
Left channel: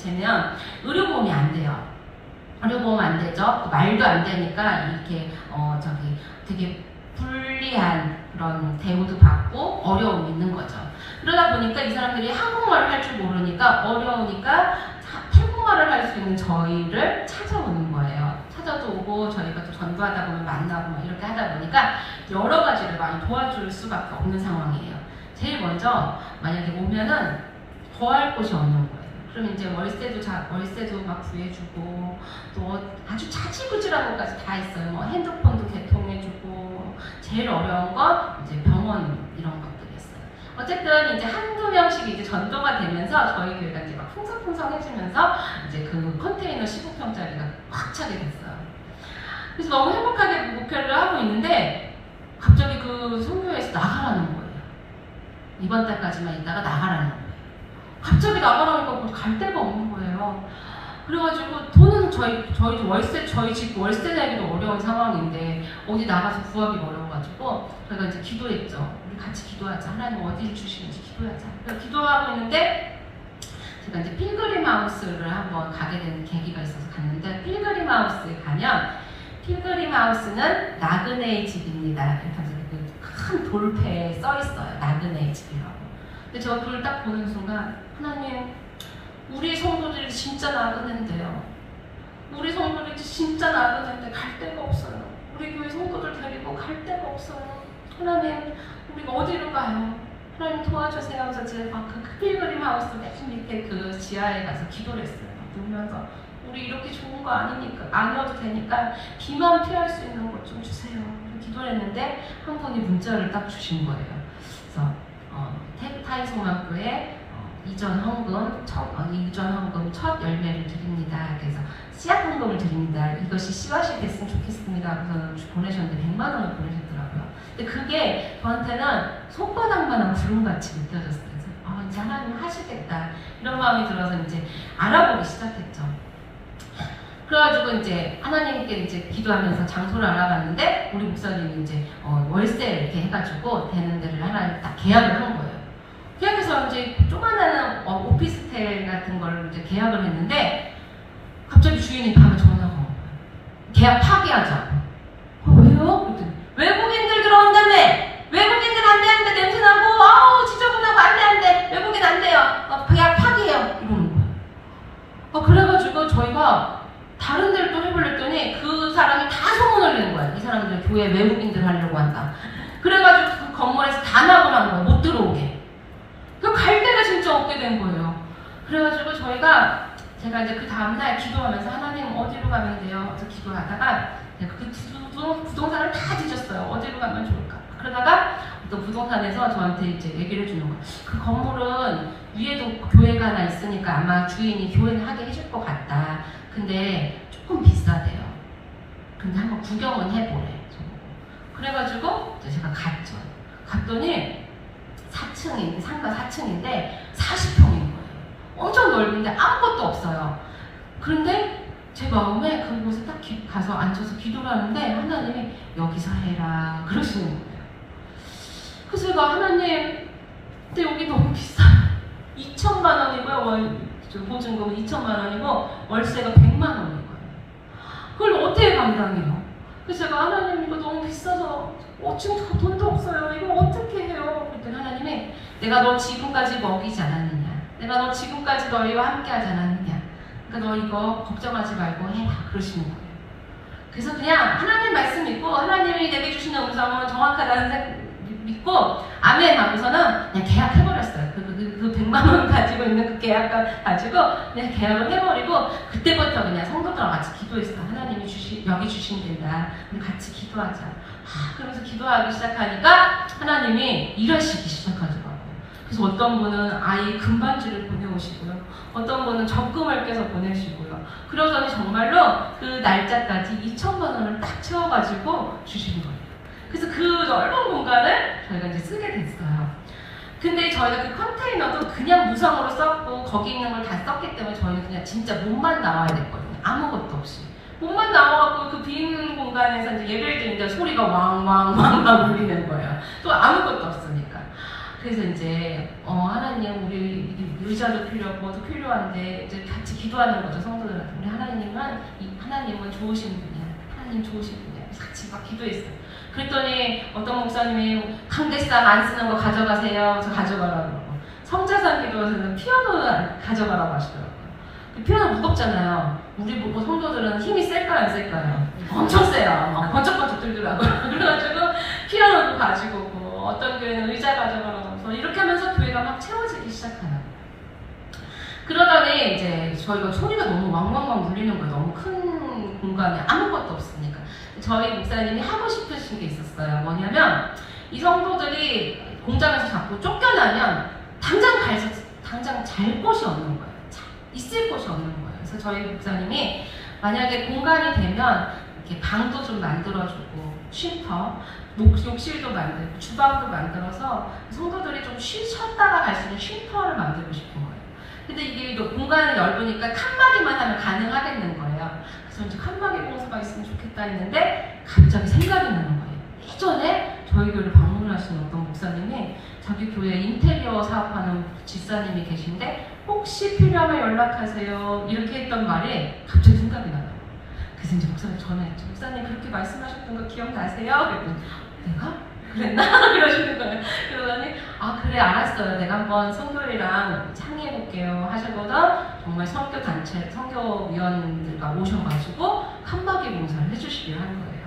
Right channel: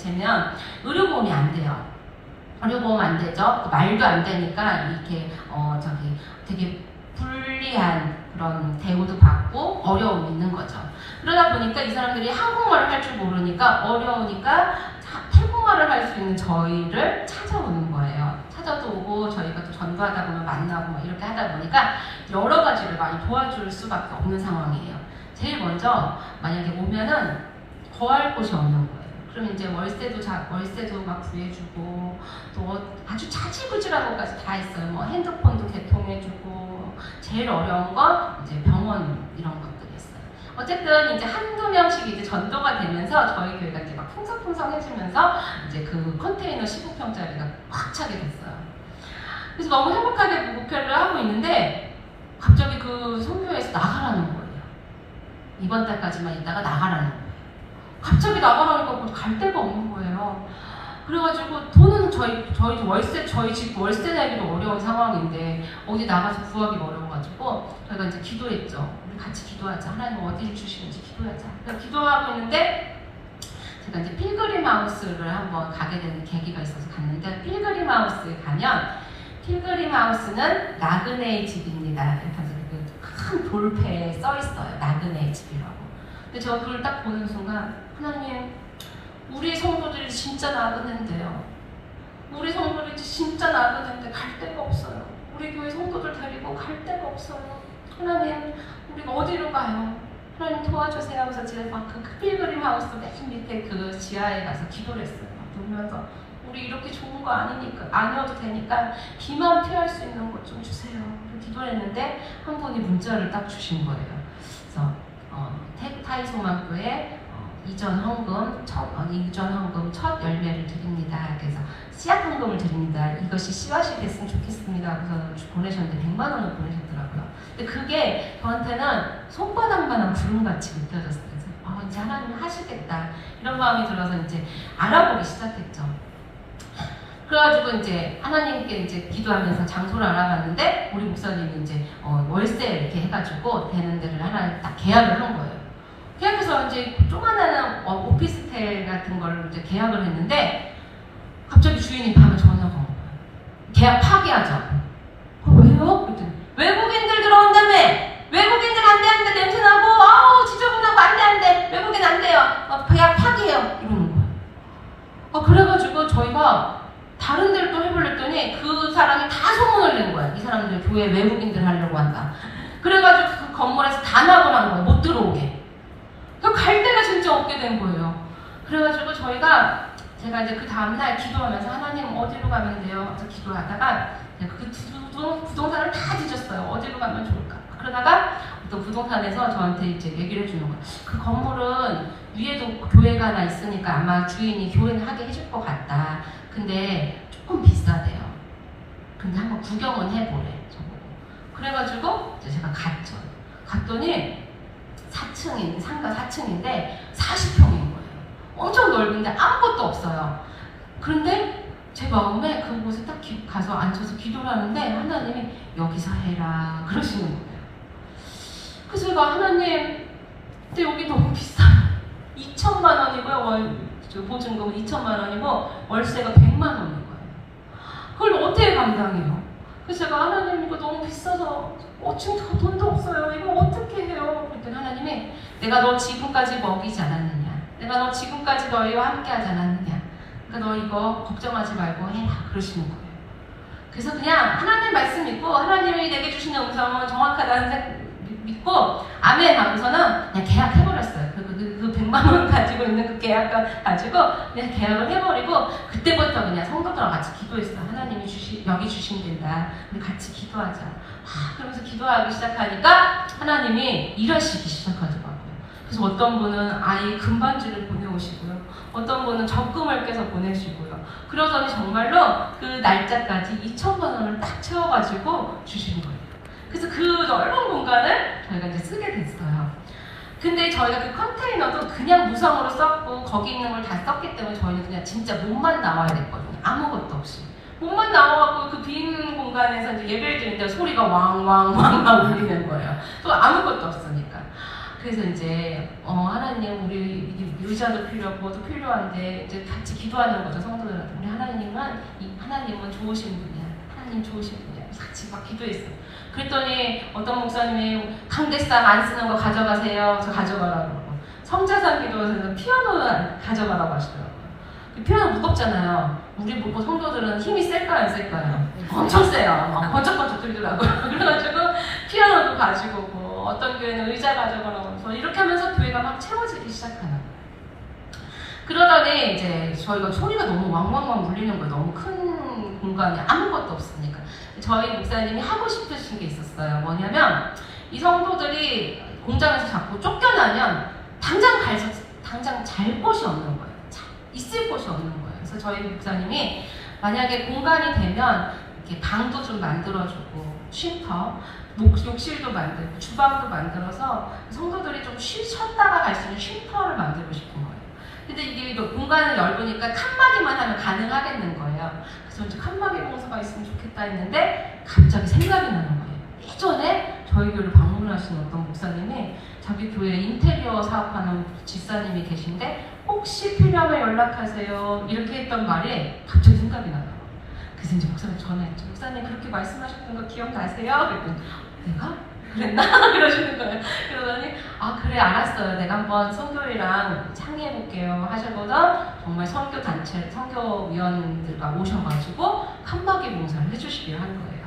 의료보험이 안 돼요. 의료보험 안 되죠. 말도 안 되니까 이렇게 되게 불리한 그런 대우도 받고 어려움이 있는 거죠. 그러다 보니까 이 사람들이 한국말을 할 줄 모르니까 어려우니까 태국말을 할 수 있는 저희를 찾아오는 거예요. 찾아도 오고 저희가 또 전도하다 보면 만나고 막 이렇게 하다 보니까 여러 가지를 많이 도와줄 수밖에 없는 상황이에요. 제일 먼저 만약에 오면은 거할 곳이 없는 거예요. 그럼 이제 월세도 막 구해주고 또 아주 차지부지한 것까지 다 했어요. 뭐 핸드폰도 개통해주고 제일 어려운 건 이제 병원 이런 것들이 있어요. 어쨌든 이제 한두 명씩 이제 전도가 되면서 저희 교회가 이제 막 풍성풍성해지면서 이제 그 컨테이너 15평짜리가 꽉 차게 됐어요. 그래서 너무 행복하게 목표를 하고 있는데 갑자기 그 선교회에서 나가라는 거예요. 이번 달까지만 있다가 나가라는 거예요. 갑자기 나가라니까 갈 데가 없는 거예요. 그래가지고 돈은 저희 집 월세 내기도 어려운 상황인데 어디 나가서 구하기 어려워가지고 저희가 이제 기도했죠. 우리 같이 기도하자. 하나님 어디를 주시는지 기도하자. 그래서 기도하고 있는데 제가 이제 필그림 하우스를 한번 가게 되는 계기가 있어서 갔는데 필그림 하우스에 가면 필그림 하우스는 나그네의 집입니다. 그래서 큰 돌패에 써 있어요. 나그네의 집이라고. 근데 저 그걸 딱 보는 순간 하나님, 우리 성도들이 진짜 나그네인데요. 우리 성도들이 진짜 나그네인데 갈 데가 없어요. 우리 교회 성도들 데리고 갈 데가 없어요. 하나님, 우리가 어디로 가요? 하나님 도와주세요 하면서 제가 그 필그림 하우스 맨 밑에 그 지하에 가서 기도를 했어요. 누면서 우리 이렇게 좋은 거 아니니까 안 와도 되니까 비만 피할 수 있는 것 좀 주세요. 기도를 했는데 한 분이 문자를 딱 주신 거예요. 그래서 타이소만교회 이전 헌금 첫 열매를 드립니다. 그래서 씨앗 헌금을 드립니다. 이것이 씨앗이 됐으면 좋겠습니다. 그래서 보내셨는데 100만 원을 보내셨더라고요. 근데 그게 저한테는 손바닥만한 구름같이 느껴졌어요. 이제 하나님 하시겠다 이런 마음이 들어서 이제 알아보기 시작했죠. 그래가지고 이제 하나님께 이제 기도하면서 장소를 알아봤는데 우리 목사님이 이제 월세 이렇게 해가지고 되는 데를 하나 딱 계약을 한 거예요. 계약해서 이제 조그마한 오피스텔 같은 걸 이제 계약을 했는데 갑자기 주인이 밤에 전화가 온 거예요. 계약 파기하자. 왜요? 그랬더니 외국인들 들어온다며. 외국인들 안 되는데 냄새나고 아우 지저분하고 안 돼. 외국인 안 돼요. 계약 파기해요. 이러는 거예요. 그래가지고 저희가 다른 데를 또 해보려더니 그 사람이 다 소문을 낸 거야. 이 사람들 교회 외국인들 하려고 한다. 그래가지고 그 건물에서 단합을 하는 거야. 못 들어오게. 갈 데가 진짜 없게 된 거예요. 그래가지고 제가 이제 그 다음날 기도하면서 하나님 어디로 가면 돼요? 그래서 기도하다가 그 부동산을 다 뒤졌어요. 어디로 가면 좋을까? 그러다가 또 부동산에서 저한테 이제 얘기를 해주는 거예요. 그 건물은 위에도 교회가 하나 있으니까 아마 주인이 교회는 하게 해줄 것 같다. 근데 조금 비싸대요. 근데 한번 구경은 해보래. 그래가지고 이제 제가 갔죠. 갔더니 4층인, 상가 4층인데 40평인 거예요. 엄청 넓은데 아무것도 없어요. 그런데 제 마음에 그곳에 딱 가서 앉아서 기도를 하는데 하나님이 여기서 해라 그러시는 거예요. 그래서 제가 하나님, 근데 여기 너무 비싸요. 2천만 원이고요. 보증금 2천만 원이고 월세가 100만 원인 거예요. 그걸 어떻게 감당해요? 그래서 제가 하나님 이거 너무 비싸서 지금 돈도 없어요. 이거 어떻게 해요? 그랬더니 하나님이 내가 너 지금까지 먹이지 않았느냐? 내가 너 지금까지 너희와 함께 하지 않았느냐? 그러니까 너 이거 걱정하지 말고 해라 그러시는 거예요. 그래서 그냥 하나님 말씀 믿고 하나님이 내게 주시는 음성은 정확하다는 믿고 아멘 하면서는 그냥 계약해버렸어요. 그 100만 원을 가지고 있는 그 계약을 가지고 그냥 계약을 해버리고 그때부터 그냥 성도들과 같이 기도했어요. 하나님이 여기 주신 데다 우리 같이 기도하자. 그러면서 기도하기 시작하니까 하나님이 일하시기 시작하더라고요. 그래서 어떤 분은 아이 금반지를 보내오시고요. 어떤 분은 적금을 깨서 보내시고요. 그러더니 정말로 그 날짜까지 2천만 원을 딱 채워가지고 주시는 거예요. 그래서 그 넓은 공간을 저희가 이제 쓰게 됐어요. 근데 저희가 그 컨테이너도 그냥 무상으로 썼고 거기 있는 걸 다 썼기 때문에 저희는 그냥 진짜 몸만 나와야 됐거든요. 아무것도 없이. 몸만 나와갖고 그 빈 공간에서 이제 예배를 드리는데 소리가 왕왕왕왕 울리는 거예요. 또 아무것도 없으니까. 그래서 이제 하나님 우리 의자도 필요하고 뭐도 필요한데 이제 같이 기도하는 거죠. 성도들한테. 우리 하나님은 좋으신 분이야. 하나님 좋으신 분이야. 같이 막 기도했어요. 그랬더니 어떤 목사님이 당대상 안 쓰는 거 가져가세요. 그래서 가져가라고 그러고 성자산 기도에서는 피아노 가져가라고 하시더라고요. 피아노 무겁잖아요. 우리 보고 성도들은 힘이 셀까요 안 셀까요? 엄청 세요. 막 번쩍번쩍 들더라고요. 그래가지고 피아노도 가지고 오고 어떤 교회는 의자 가져가라고 해서 이렇게 하면서 교회가 막 채워지기 시작해요. 그러더니 이제 저희가 소리가 너무 왕왕왕 울리는 거예요. 너무 큰 공간에 아무것도 없으니까. 저희 목사님이 하고 싶으신 게 있었어요. 뭐냐면 이 성도들이 공장에서 자꾸 쫓겨나면 당장 잘 곳이 없는 거예요. 있을 곳이 없는 거예요. 그래서 저희 목사님이 만약에 공간이 되면 이렇게 방도 좀 만들어주고 쉼터, 욕실도 만들고 주방도 만들어서 성도들이 좀 쉬었다가 갈 수 있는 쉼터를 만들고 싶은 거예요. 근데 이게 공간이 넓으니까 칸막이만 하면 가능하겠는 거예요. 그래서 이제 칸막이 공사가 있으면 좋겠다 했는데 갑자기 생각이 나는 거예요. 예전에 저희 교회를 방문하시는 어떤 목사님이 자기 교회 인테리어 사업하는 집사님이 계신데 혹시 필요하면 연락하세요. 이렇게 했던 말이 갑자기 생각이 나요. 그래서 이제 목사님 전화했죠. 목사님 그렇게 말씀하셨던 거 기억나세요? 그랬더니 내가? 그랬나? 그러시는 거예요. 그러더니 그래 알았어요. 내가 한번 선교회랑 상의해볼게요 하시고는 정말 선교단체, 선교위원들과 오셔가지고 칸막이 공사를 해주시기로 한 거예요.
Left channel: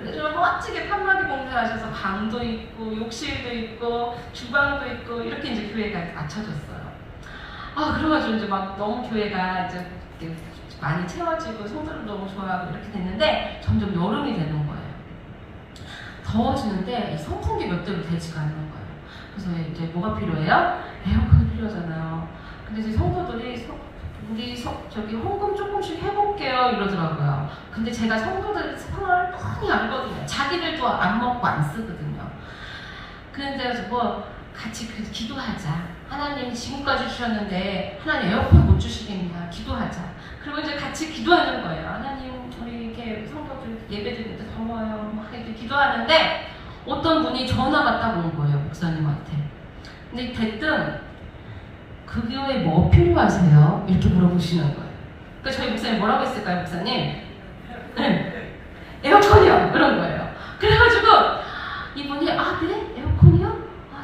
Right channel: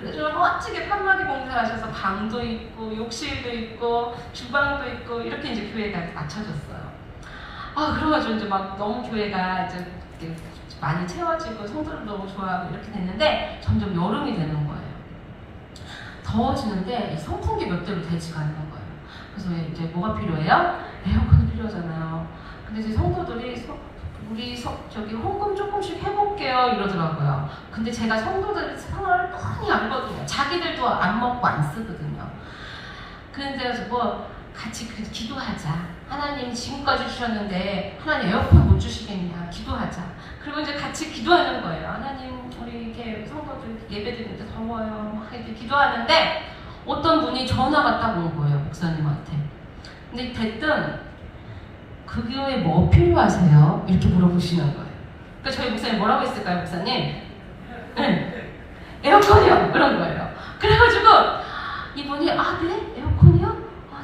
그래서 멋지게 칸막이 공사하셔서 방도 있고 욕실도 있고 주방도 있고 이렇게 이제 교회가 맞춰졌어요. 그래가지고 이제 막 너무 교회가 이제 많이 채워지고 성도들 너무 좋아하고 이렇게 됐는데 점점 여름이 되는 거예요. 더워지는데 선풍기 몇 대로 되지가 않는 거예요. 그래서 이제 뭐가 필요해요? 에어컨이 필요하잖아요. 근데 이제 성도들이 우리 저기 헌금 조금씩 해볼게요 이러더라고요. 근데 제가 성도들 상황을 뻔히 알거든요. 자기들도 안 먹고 안 쓰거든요. 그런데 뭐 같이 기도하자. 하나님 지금까지 주셨는데 하나님 에어컨 못 주시겠냐. 기도하자. 그리고 이제 같이 기도하는 거예요. 하나님 우리 이렇게 성도들 예배드리는데 더워요. 막 이렇게 기도하는데 어떤 분이 전화가 딱 온 거예요. 목사님한테. 근데 됐든 그 교회에 뭐 필요하세요? 이렇게 물어보시는 거예요. 그러니까 저희 목사님 뭐라고 했을까요, 목사님? 에어컨이요. 그런 거예요. 그래가지고 이분이 네? 에어컨이요?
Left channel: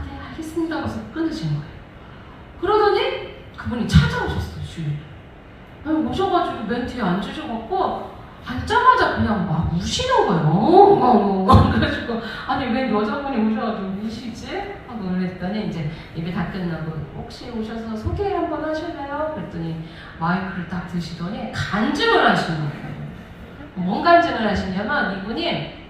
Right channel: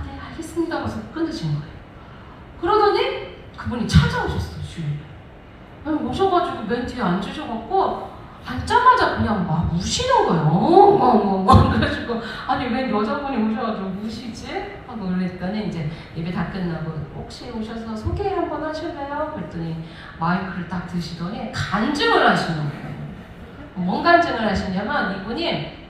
네 알겠습니다. 하고서 끊으신 거예요. 그러더니 그분이 찾아오셨어요. 주위에. 오셔가지고 멘트에 앉으셔갖고 앉자마자 그냥 막 우시는 거예요. 그래가지고 왜 여자분이 오셔가지고 우시지? 하고 놀랬더니 이제 예배 다 끝나고 혹시 오셔서 소개 한번 하실래요? 그랬더니 마이크를 딱 드시더니 간증을 하시는 거예요. 뭔 간증을 하시냐면 이분이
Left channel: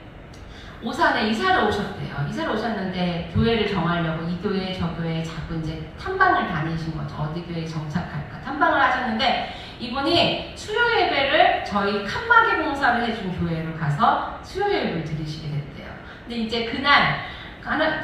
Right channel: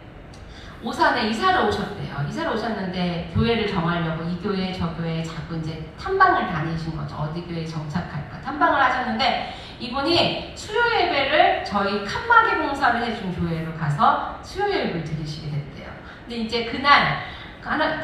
오산에 이사를 오셨대요. 이사를 오셨는데 교회를 정하려고 이 교회 저 교회 자꾸 이제 탐방을 다니신 거죠. 어디 교회에 정착할까 탐방을 하셨는데 이분이 수요 예배를 저희 칸막이 공사를 해준 교회로 가서 수요 예배를 드리시게 됐대요. 근데 이제 그날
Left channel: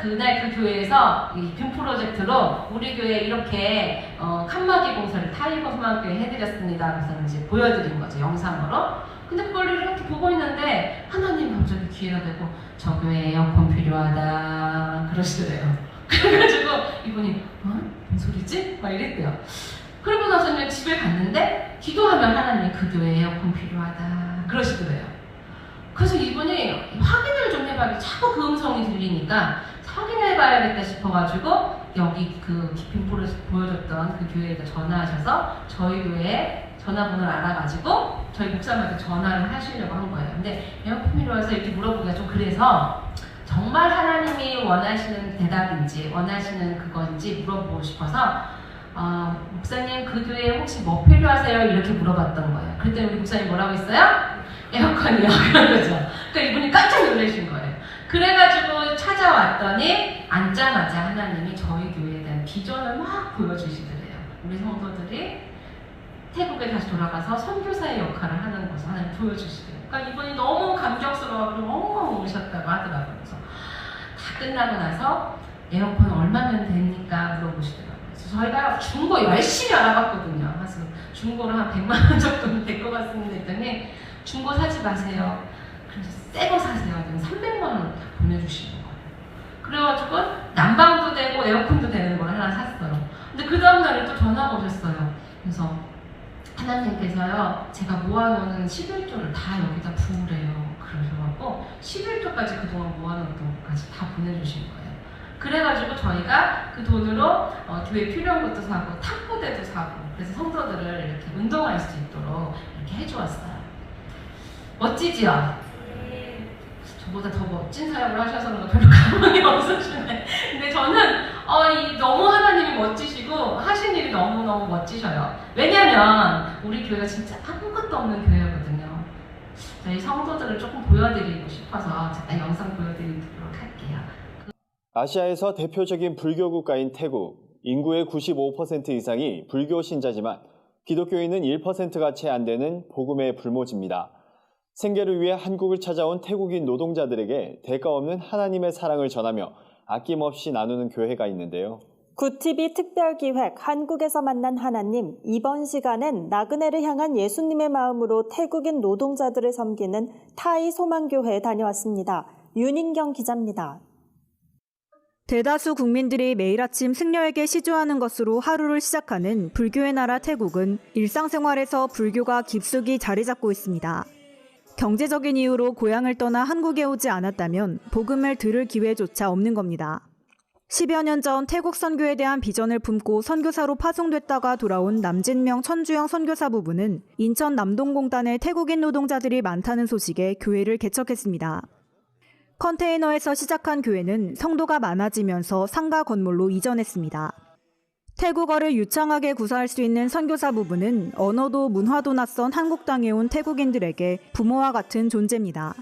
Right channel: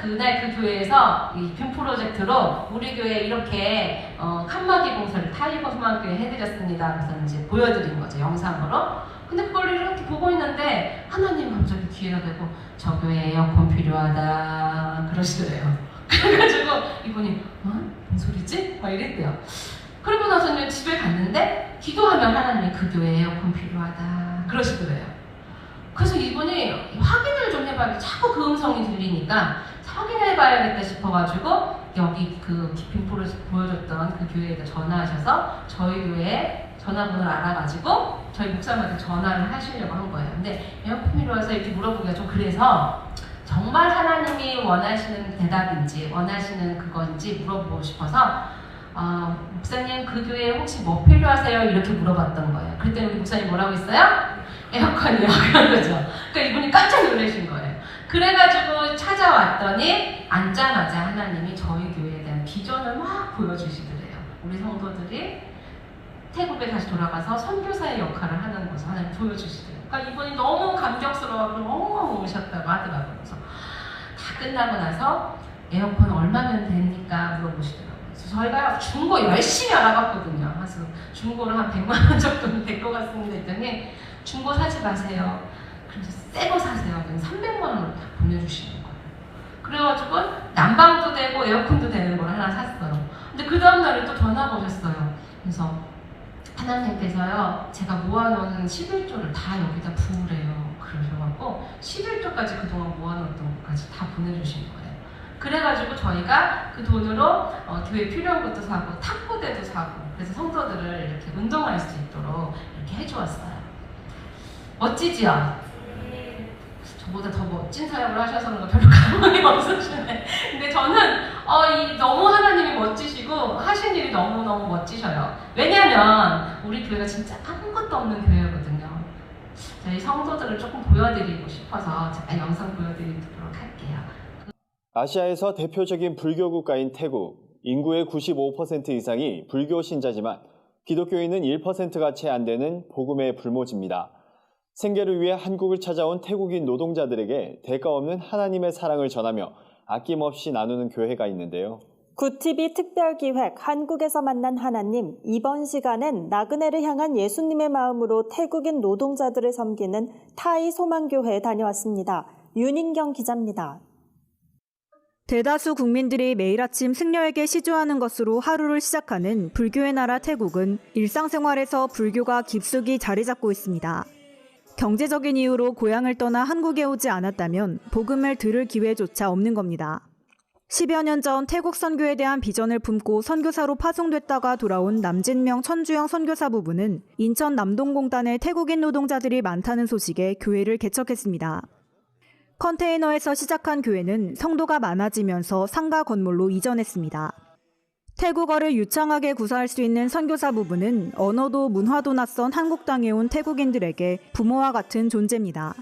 그 교회에서 이 빔 프로젝트로 우리 교회 이렇게 칸막이 공사를 타이거 소망교회 해드렸습니다. 그래서 이제 보여드린 거죠. 영상으로. 근데 그걸 이렇게 보고 있는데 하나님 갑자기 귀에다 대고 저 교회 에어컨 필요하다 그러시더래요. 그래가지고 이분이 무슨 소리지? 막 이랬대요. 그러고 나서 이제 집에 갔는데 기도하면 하나님이 그 교회에 에어컨 필요하다 그러시더래요. 그래서 이분이 확인을 좀 해봐야겠다. 자꾸 그 음성이 들리니까 확인해봐야겠다 싶어가지고 여기 그 기쁨 보여줬던 그 교회에 전화하셔서 저희 교회에 전화번호를 알아가지고 저희 목사님한테 전화를 하시려고 한 거예요. 근데 에어컨 필요해서 이렇게 물어보기가 좀 그래서 정말 하나님이 원하시는 대답인지 원하시는 그건지 물어보고 싶어서 목사님 그 교회에 혹시 뭐 필요하세요? 이렇게 물어봤던 거예요. 그랬더니 우리 목사님 뭐라고 했어요? 에어컨이요. 그런 거죠. 그러니까 이분이 깜짝 놀라신 거예요. 그래가지고 찾아왔더니 앉자마자 하나님이 저희 교회에 대한 비전을 막 보여주시더래요. 우리 성도들이 태국에 다시 돌아가서 선교사의 역할을 하는 것을 하나님 보여주시더래요. 그러니까 이분이 너무 감격스러워서 엉엉 우셨다고 하더라고요. 그래서 다 끝나고 나서 에어컨 얼마면 됩니까? 물어보시더라고요. 그래서 저희가 중고 열심히 알아봤거든요. 그래서 중고를 한 100만 원 정도는 될 것 같습니다. 했더니 중고 사지 마세요. 그래서 새 거 사세요. 그럼 300만 원을 다 보내주시는 거예요. 그래가지고 난방도 되고 에어컨도 되는 걸 하나 샀어요. 근데 그 다음날에 또 전화가 오셨어요. 그래서 하나님께서요, 제가 모아놓은 11조를 다 여기다 부으래요. 그러셔갖고 11조까지 그동안 모아놓던 것까지 다 보내주신 거예요. 그래가지고 저희가 그 돈으로 교회 필요한 것도 사고 탁구대도 사고 그래서 성도들을 이렇게 운동할 수 있도록 이렇게 해주었어요. 멋지지요? 저보다 더 멋진 사역을 하셔서 별로 감흥이 없으시네. 근데 저는 너무 하나님이 멋지시고 하신 일이 너무너무 멋지셔요. 왜냐면 우리 교회가 진짜 아무것도 없는 교회거든요. 저희 성도들을 조금 보여드리고 싶어서 제가 영상 보여드리도록 할게요. 아시아에서 대표적인 불교 국가인 태국, 인구의 95% 이상이 불교 신자지만 기독교인은 1%가 채 안 되는 복음의 불모지입니다. 생계를 위해 한국을 찾아온 태국인 노동자들에게 대가 없는 하나님의 사랑을 전하며 아낌없이 나누는 교회가 있는데요. 굿TV 특별기획 한국에서 만난 하나님, 이번 시간엔 나그네를 향한 예수님의 마음으로 태국인 노동자들을 섬기는 타이 소망교회에 다녀왔습니다. 윤인경 기자입니다. 대다수 국민들이 매일 아침 승려에게 시주하는 것으로 하루를 시작하는 불교의 나라 태국은 일상생활에서 불교가 깊숙이 자리 잡고 있습니다. 경제적인 이유로 고향을 떠나 한국에 오지 않았다면 복음을 들을 기회조차 없는 겁니다. 10여 년 전 태국 선교에 대한 비전을 품고 선교사로 파송됐다가 돌아온 남진명 천주영 선교사 부부는 인천 남동공단에 태국인 노동자들이 많다는 소식에 교회를 개척했습니다. 컨테이너에서 시작한 교회는 성도가 많아지면서 상가 건물로 이전했습니다. 태국어를 유창하게 구사할 수 있는 선교사 부부는 언어도 문화도 낯선 한국 땅에 온 태국인들에게 부모와 같은 존재입니다.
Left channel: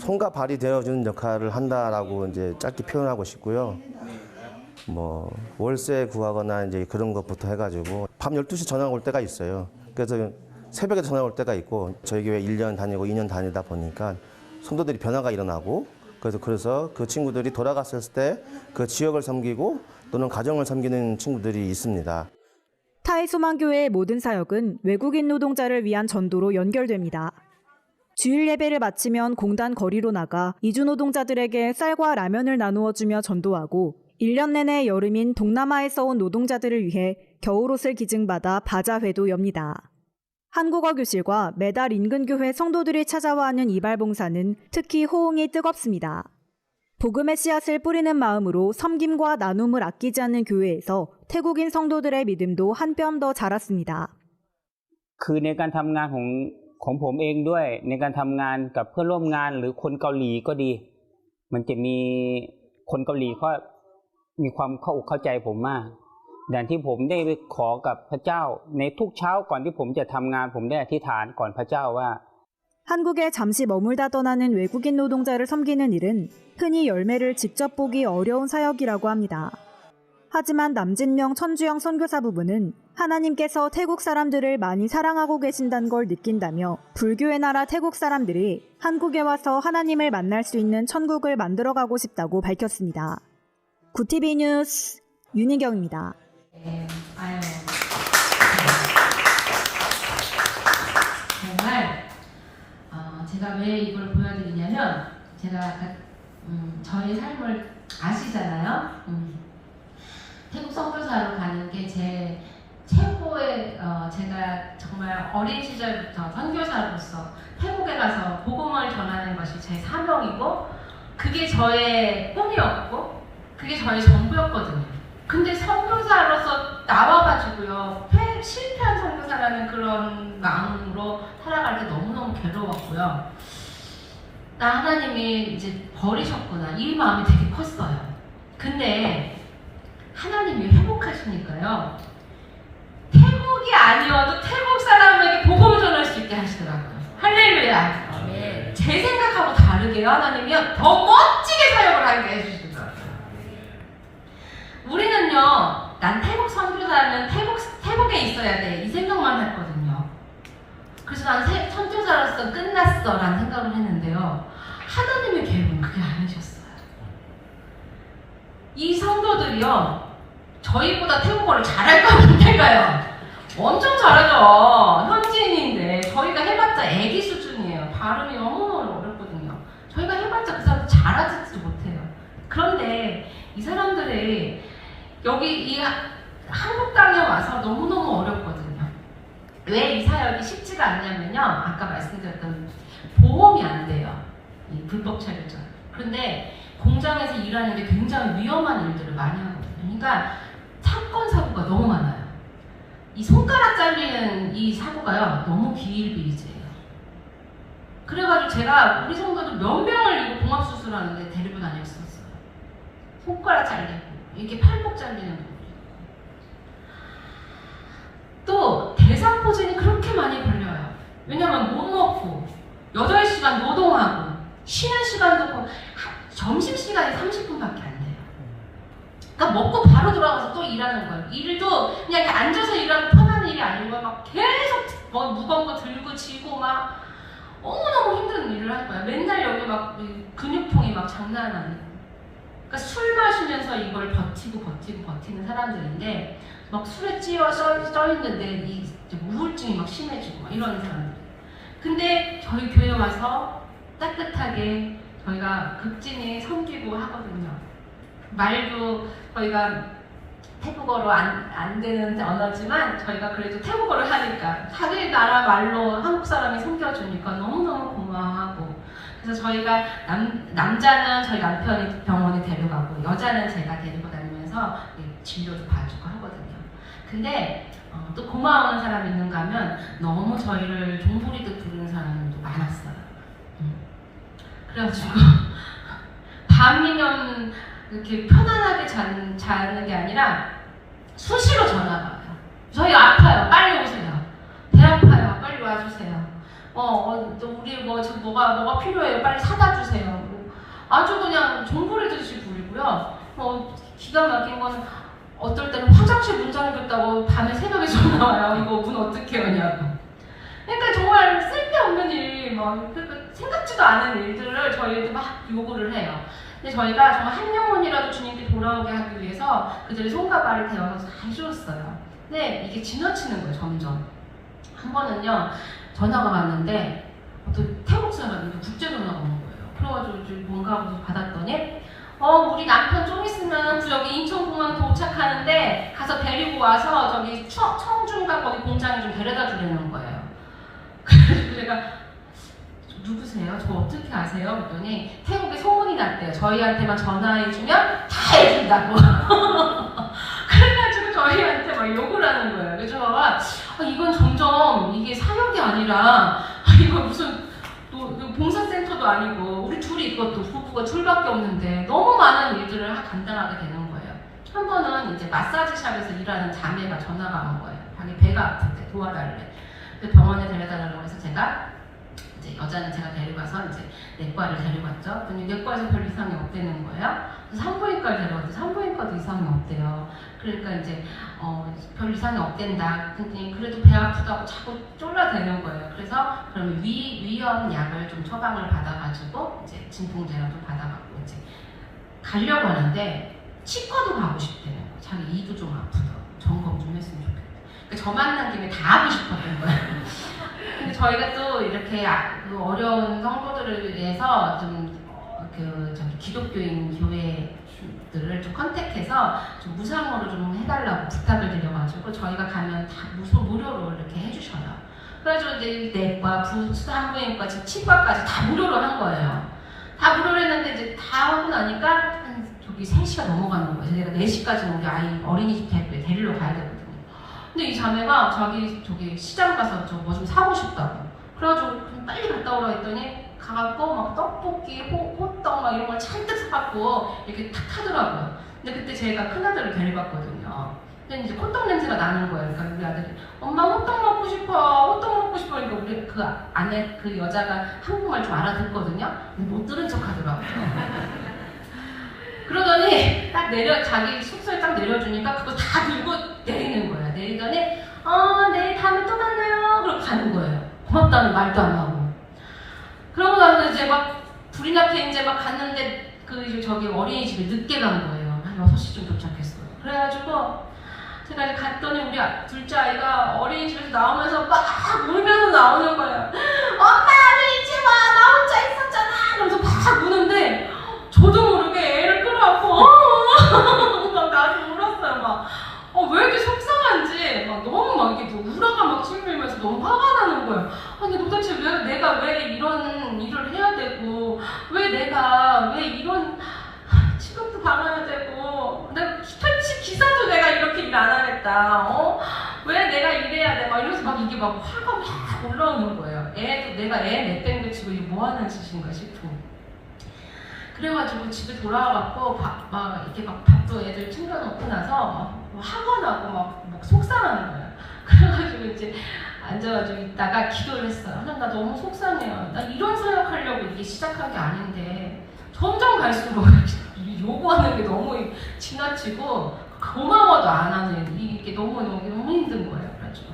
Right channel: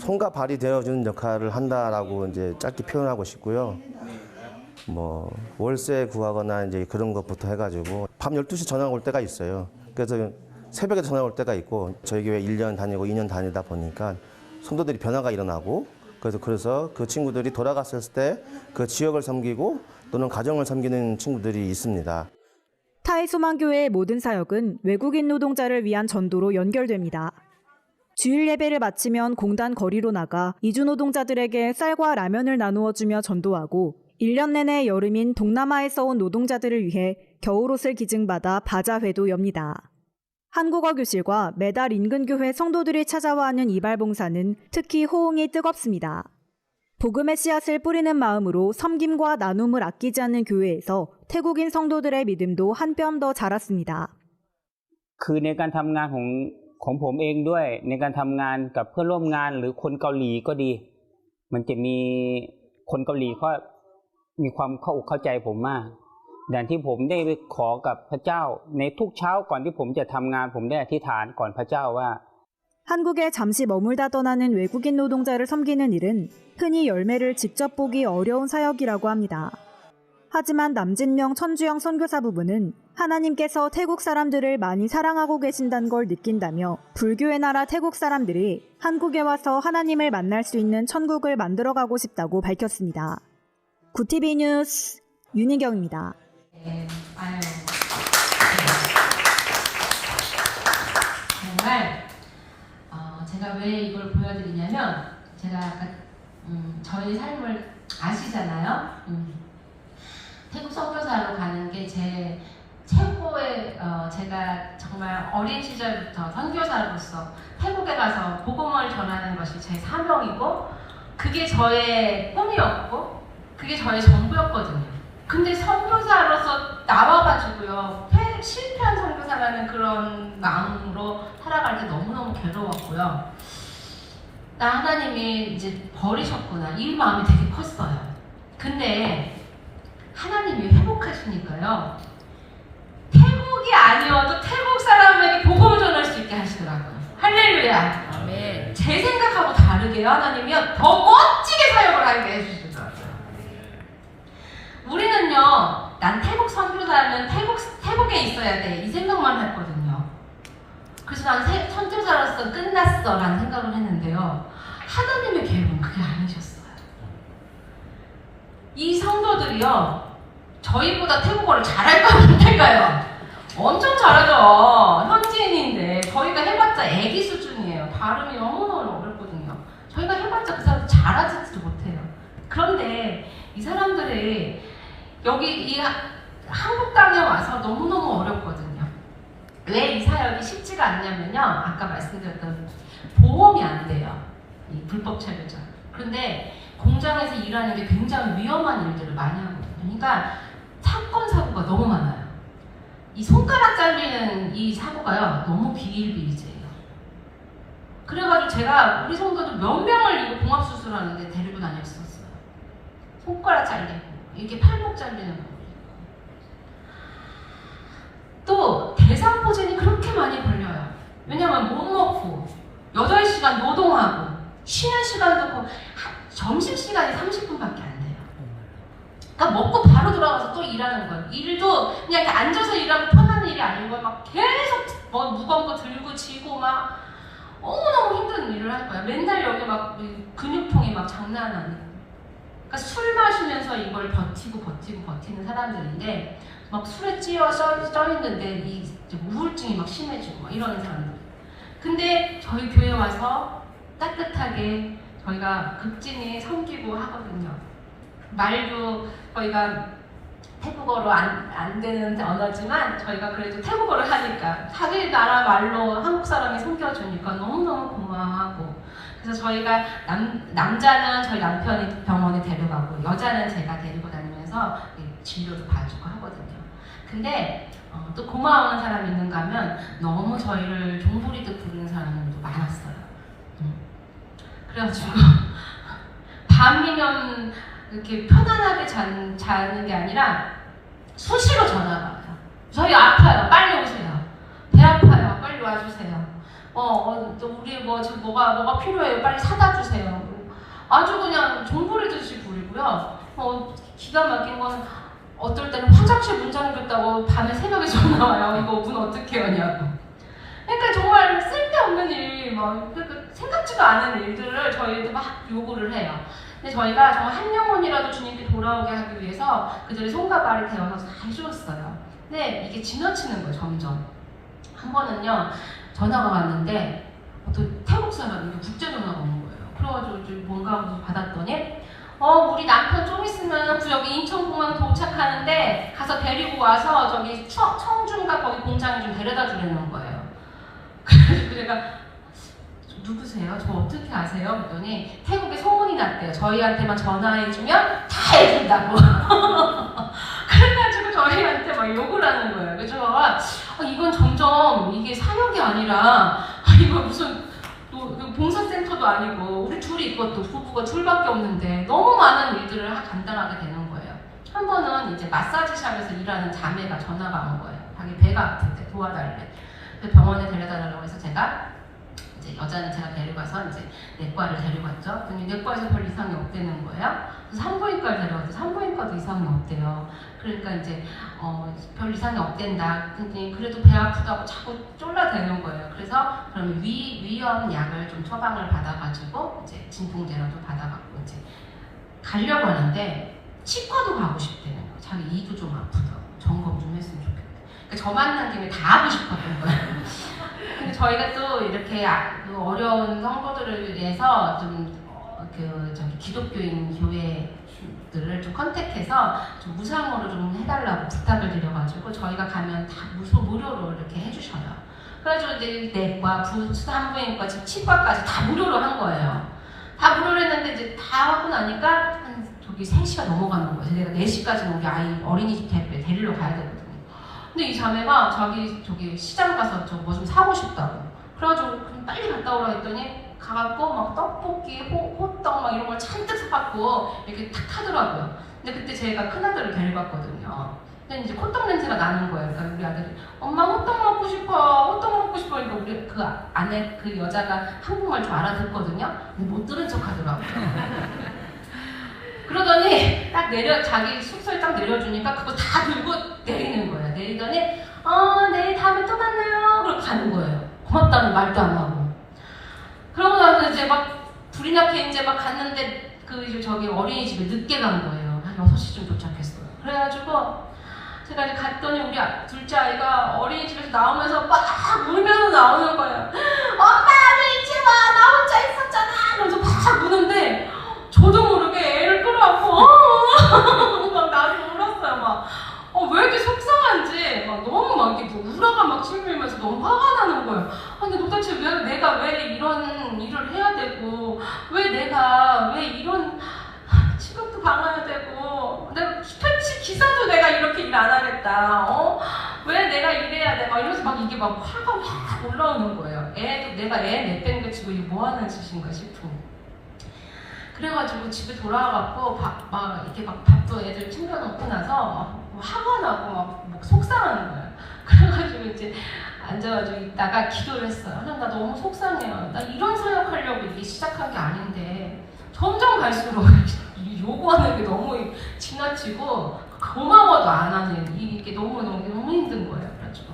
손과 발이 되어주는 역할을 한다라고 이제 짧게 표현하고 싶고요. 월세 구하거나 이제 그런 것부터 해가지고 밤 12시 전화가 올 때가 있어요. 그래서 새벽에 전화 올 때가 있고 저희 교회 1년 다니고 2년 다니다 보니까 성도들이 변화가 일어나고 그래서 그 친구들이 돌아갔을 때 그 지역을 섬기고 또는 가정을 섬기는 친구들이 있습니다. 타이 소망교회의 모든 사역은 외국인 노동자를 위한 전도로 연결됩니다. 주일 예배를 마치면 공단 거리로 나가 이주 노동자들에게 쌀과 라면을 나누어주며 전도하고 1년 내내 여름인 동남아에서 온 노동자들을 위해 겨울옷을 기증받아 바자회도 엽니다. 한국어 교실과 매달 인근 교회 성도들이 찾아와 하는 이발봉사는 특히 호응이 뜨겁습니다. 복음의 씨앗을 뿌리는 마음으로 섬김과 나눔을 아끼지 않는 교회에서 태국인 성도들의 믿음도 한 뼘 더 자랐습니다. คือในการทำงานของผมเองด้วยในการทำงานกับเพื่อนร่วมงานหรือคนเกาหลีก็ดีมันจะมีคนเกาหลีเขามีความเข้าอกเข้าใจผมมากอย่างที่ผมได้ไปขอกับพระเจ้าในทุกเช้าก่อนที่ผมจะทำงานผมได้อธิษฐานก่อนพระเจ้าว่า 한국에 잠시 머물다 떠나는 외국인 노동자를 섬기는 일은 흔히 열매를 직접 보기 어려운 사역이라고 합니다. 하지만 남진명 천주영 선교사 부부는 하나님께서 태국 사람들을 많이 사랑하고 계신다는 걸 느낀다며 불교의 나라 태국 사람들이 한국에 와서 하나님을 만날 수 있는 천국을 만들어가고 싶다고 밝혔습니다. 굿TV 뉴스 윤희경입니다. 정말 제가 왜 이걸 보여드리냐면 제가 저희 삶을 아시잖아요. 태국 선교사로 가는 게 제 최고의 제가 정말 어린 시절부터 선교사로서 태국에 가서 복음을 전하는 것이 제 사명이고 그게 저의 꿈이었고 그게 저의 전부였거든요. 근데 선교사로서 나와가지고요 실패한 선교사라는 그런 마음으로 살아갈 때 너무너무 괴로웠고요. 나 하나님이 이제 버리셨구나. 이 마음이 되게 컸어요. 근데 하나님이 회복하시니까요. 태국이 아니어도 태국 사람에게 복음을 전할 수 있게 하시더라고요. 할렐루야. 아멘. 제 생각하고 다르게 하나님이 더 멋지게 사역을 하게 해주시더라고요. 우리는요, 난 태국 선교사는 태국에 있어야 돼. 이 생각만 했거든요. 그래서 난 선교사로서 끝났어 라는 생각을 했는데요. 하나님의 계획은 그게 아니셨어요. 이 성도들이요, 저희보다 태국어를 잘할까요? 못할까요? 엄청 잘하죠. 현지인인데 저희가 해봤자 애기 수준이에요. 발음이 너무너무 어렵거든요. 저희가 해봤자 그 사람들 잘하지도 못해요. 그런데 이 사람들이 여기 이 한국 땅에 와서 너무너무 어렵거든요. 왜 이 사역이 쉽지가 않냐면요, 아까 말씀드렸던 보험이 안 돼요. 이 불법 체류자. 그런데 공장에서 일하는 게 굉장히 위험한 일들을 많이 하거든요. 그러니까 사건 사고가 너무 많아요. 이 손가락 잘리는 이 사고가요, 너무 기일비일제예요. 그래가지고 제가 우리 성도들 몇 명을 이거 봉합수술하는데 데리고 다닐 수 있어요. 손가락 잘리고, 이게 팔목 잘리는 거. 또 대상포진이 그렇게 많이 걸려요. 왜냐면 못 먹고 8시간 노동하고 쉬는 시간도 점심시간이 30분밖에 안 돼요. 그러니까 먹고 바로 돌아가서 또 일하는 거예요. 일도 그냥 이렇게 앉아서 일하면 편한 일이 아닌 거예요. 막 계속 무거운 거 들고 지고 막 너무너무 힘든 일을 할 거예요. 맨날 여기 막 근육통이 막 장난 아니고. 그러니까 술 마시면서 이걸 버티는 사람들인데 막 술에 찌어 있는데 이 우울증이 막 심해지고 막 이러는 사람들. 근데 저희 교회 와서 따뜻하게 저희가 극진히 섬기고 하거든요. 말도 저희가 태국어로 안 되는 언어지만 저희가 그래도 태국어를 하니까 자기 나라 말로 한국 사람이 섬겨주니까 너무너무 고마워하고, 그래서 저희가 남자는 저희 남편이 병원에 데려가고 여자는 제가 데리고 다니면서 진료도 봐주고 하거든요. 근데 또 고마워하는 사람이 있는가 하면 너무 저희를 종소리도 부르는 사람도 많았어요. 그래가지고 밤이면 이렇게 편안하게 자는 게 아니라 수시로 전화가 와요. 저희 아파요. 빨리 오세요. 배 아파요. 빨리 와주세요. 또 우리 뭐가 필요해요. 빨리 사다 주세요. 아주 그냥 종소리듯이 부르고요. 기가 막힌 건 어떨 때는 화장실 문 잠겼다고 밤에 새벽에 전화 와요. 이거 문 어떻게 하냐고. 그러니까 정말 쓸데없는 일, 생각지도 않은 일들을 저희한테 막 요구를 해요. 근데 저희가 정말 한 영혼이라도 주님께 돌아오게 하기 위해서 그들의 손과 발을 대어서 잘 쉬었어요. 근데 이게 지나치는 거예요, 점점. 한 번은요, 전화가 왔는데 또 태국 사람인데 국제 전화가 오는 거예요. 그래가지고 뭔가 하고 받았더니 우리 남편 좀 있으면 여기 인천공항 도착하는데 가서 데리고 와서 저기 청중가 거기 공장에 좀 데려다 주려는 거예요. 그래서 제가 누구세요? 저 어떻게 아세요? 그랬더니 태국에 소문이 났대요. 저희한테만 전화해주면 다 해준다고. 그래가지고 저희한테 막 욕을 하는 거예요. 그래서 제가 이건 점점 이게 사역이 아니라 이거 무슨 봉사센터도 아니고 우리 둘이 이것도 부부가 둘밖에 없는데 너무 많은 일들을 감당하게 되는 거예요. 한 번은 이제 마사지샵에서 일하는 자매가 전화가 온 거예요. 자기 배가 아픈데 도와달래. 병원에 데려다라고 해서 제가 이제 여자는 제가 데려가서 이제 내과를 데려갔죠. 그랬더니 내과에서 별 이상이 없다는 거예요. 그래서 산부인과를 데려갔는데 산부인과도 이상이 없대요. 그러니까 이제 별 이상이 없댄다. 근데 그래도 배 아프다고 자꾸 쫄라대는 거예요. 그래서 그러면 위염 약을 좀 처방을 받아가지고 이제 진통제라도 받아갖고 이제 가려고 하는데 치과도 가고 싶대요. 자기 이도 좀 아프다고 점검 좀 했으면 좋겠다. 그러니까 저 만난 김에 다 하고 싶었던 거예요. 근데 저희가 또 이렇게 어려운 성도들을 위해서 좀 기독교인 교회들을 좀 컨택해서 좀 무상으로 좀 해달라고 부탁을 드려가지고 저희가 가면 다 무료로 이렇게 해주셔요. 그래가지고 이제 내과, 산부인과, 치과까지 다 무료로 한 거예요. 다 무료로 했는데 이제 다 하고 나니까 한 저기 3시가 넘어가는 거예요. 제가 4시까지는 우리 아이 어린이집 데리러 가야 되거든요. 근데 이 자매가 저기 시장 가서 저 뭐 좀 사고 싶다고. 그래가지고 좀 빨리 갔다 오라 했더니 가갖고 막 떡볶이, 호떡 막 이런 걸 잔뜩 사갖고 이렇게 탁 하더라고요. 근데 그때 제가 큰아들을 데려갔거든요. 근데 이제 호떡 냄새가 나는 거예요. 그러니까 우리 아들이 엄마 호떡 먹고 싶어, 호떡 먹고 싶어. 이거 우리 그 안에 그 여자가 한국말 좀 알아듣거든요. 근데 못 들은 척 하더라고요. 그러더니 딱 자기 숙소에 딱 내려주니까 그거 다 들고 내리는 거예요. 내리더니 내일 다음에 또 만나요. 그러고 가는 거예요. 고맙다는 말도 안 하고. 그러고 나서 이제 막 불이 나게 이제 막 갔는데 저기 어린이집에 늦게 간 거예요. 한 6시쯤 도착했어요. 그래가지고 제가 이제 갔더니 우리 둘째 아이가 어린이집에서 나오면서 막 울면서 나오는 거예요. 엄마 왜 일찍 와? 나 혼자 있었잖아. 그러면서 막 우는데 저도 모르게 애를 끌어안고 막 나도 울었어요. 막 왜 이렇게 속상한지 막 너무 막 이렇게 우라가 막 찡그리면서 너무 화가 나는 거예요. 아니 도대체 내가 왜 이런 일을 해야 되고 왜 이런 취급도 받아야 되고 내가 택시 기사도 내가 이렇게 일 안 하겠다. 왜 내가 이래야 돼? 막 이러면서 막 이게 막 화가 막 올라오는 거예요. 내가 애 내팽개치고 이게 뭐 하는 짓인가 싶고. 그래가지고 집에 돌아와갖고 막 이렇게 막 밥도 애들 챙겨놓고 나서 막 학원하고 막 속상하는 거예요. 그래가지고 이제 앉아가지고 있다가 기도를 했어요. 나 너무 속상해요. 나 이런 사역하려고 이게 시작한 게 아닌데 점점 갈수록 요구하는 게 너무 지나치고 고마워도 안 하는 이게 너무 힘든 거예요. 그래가지고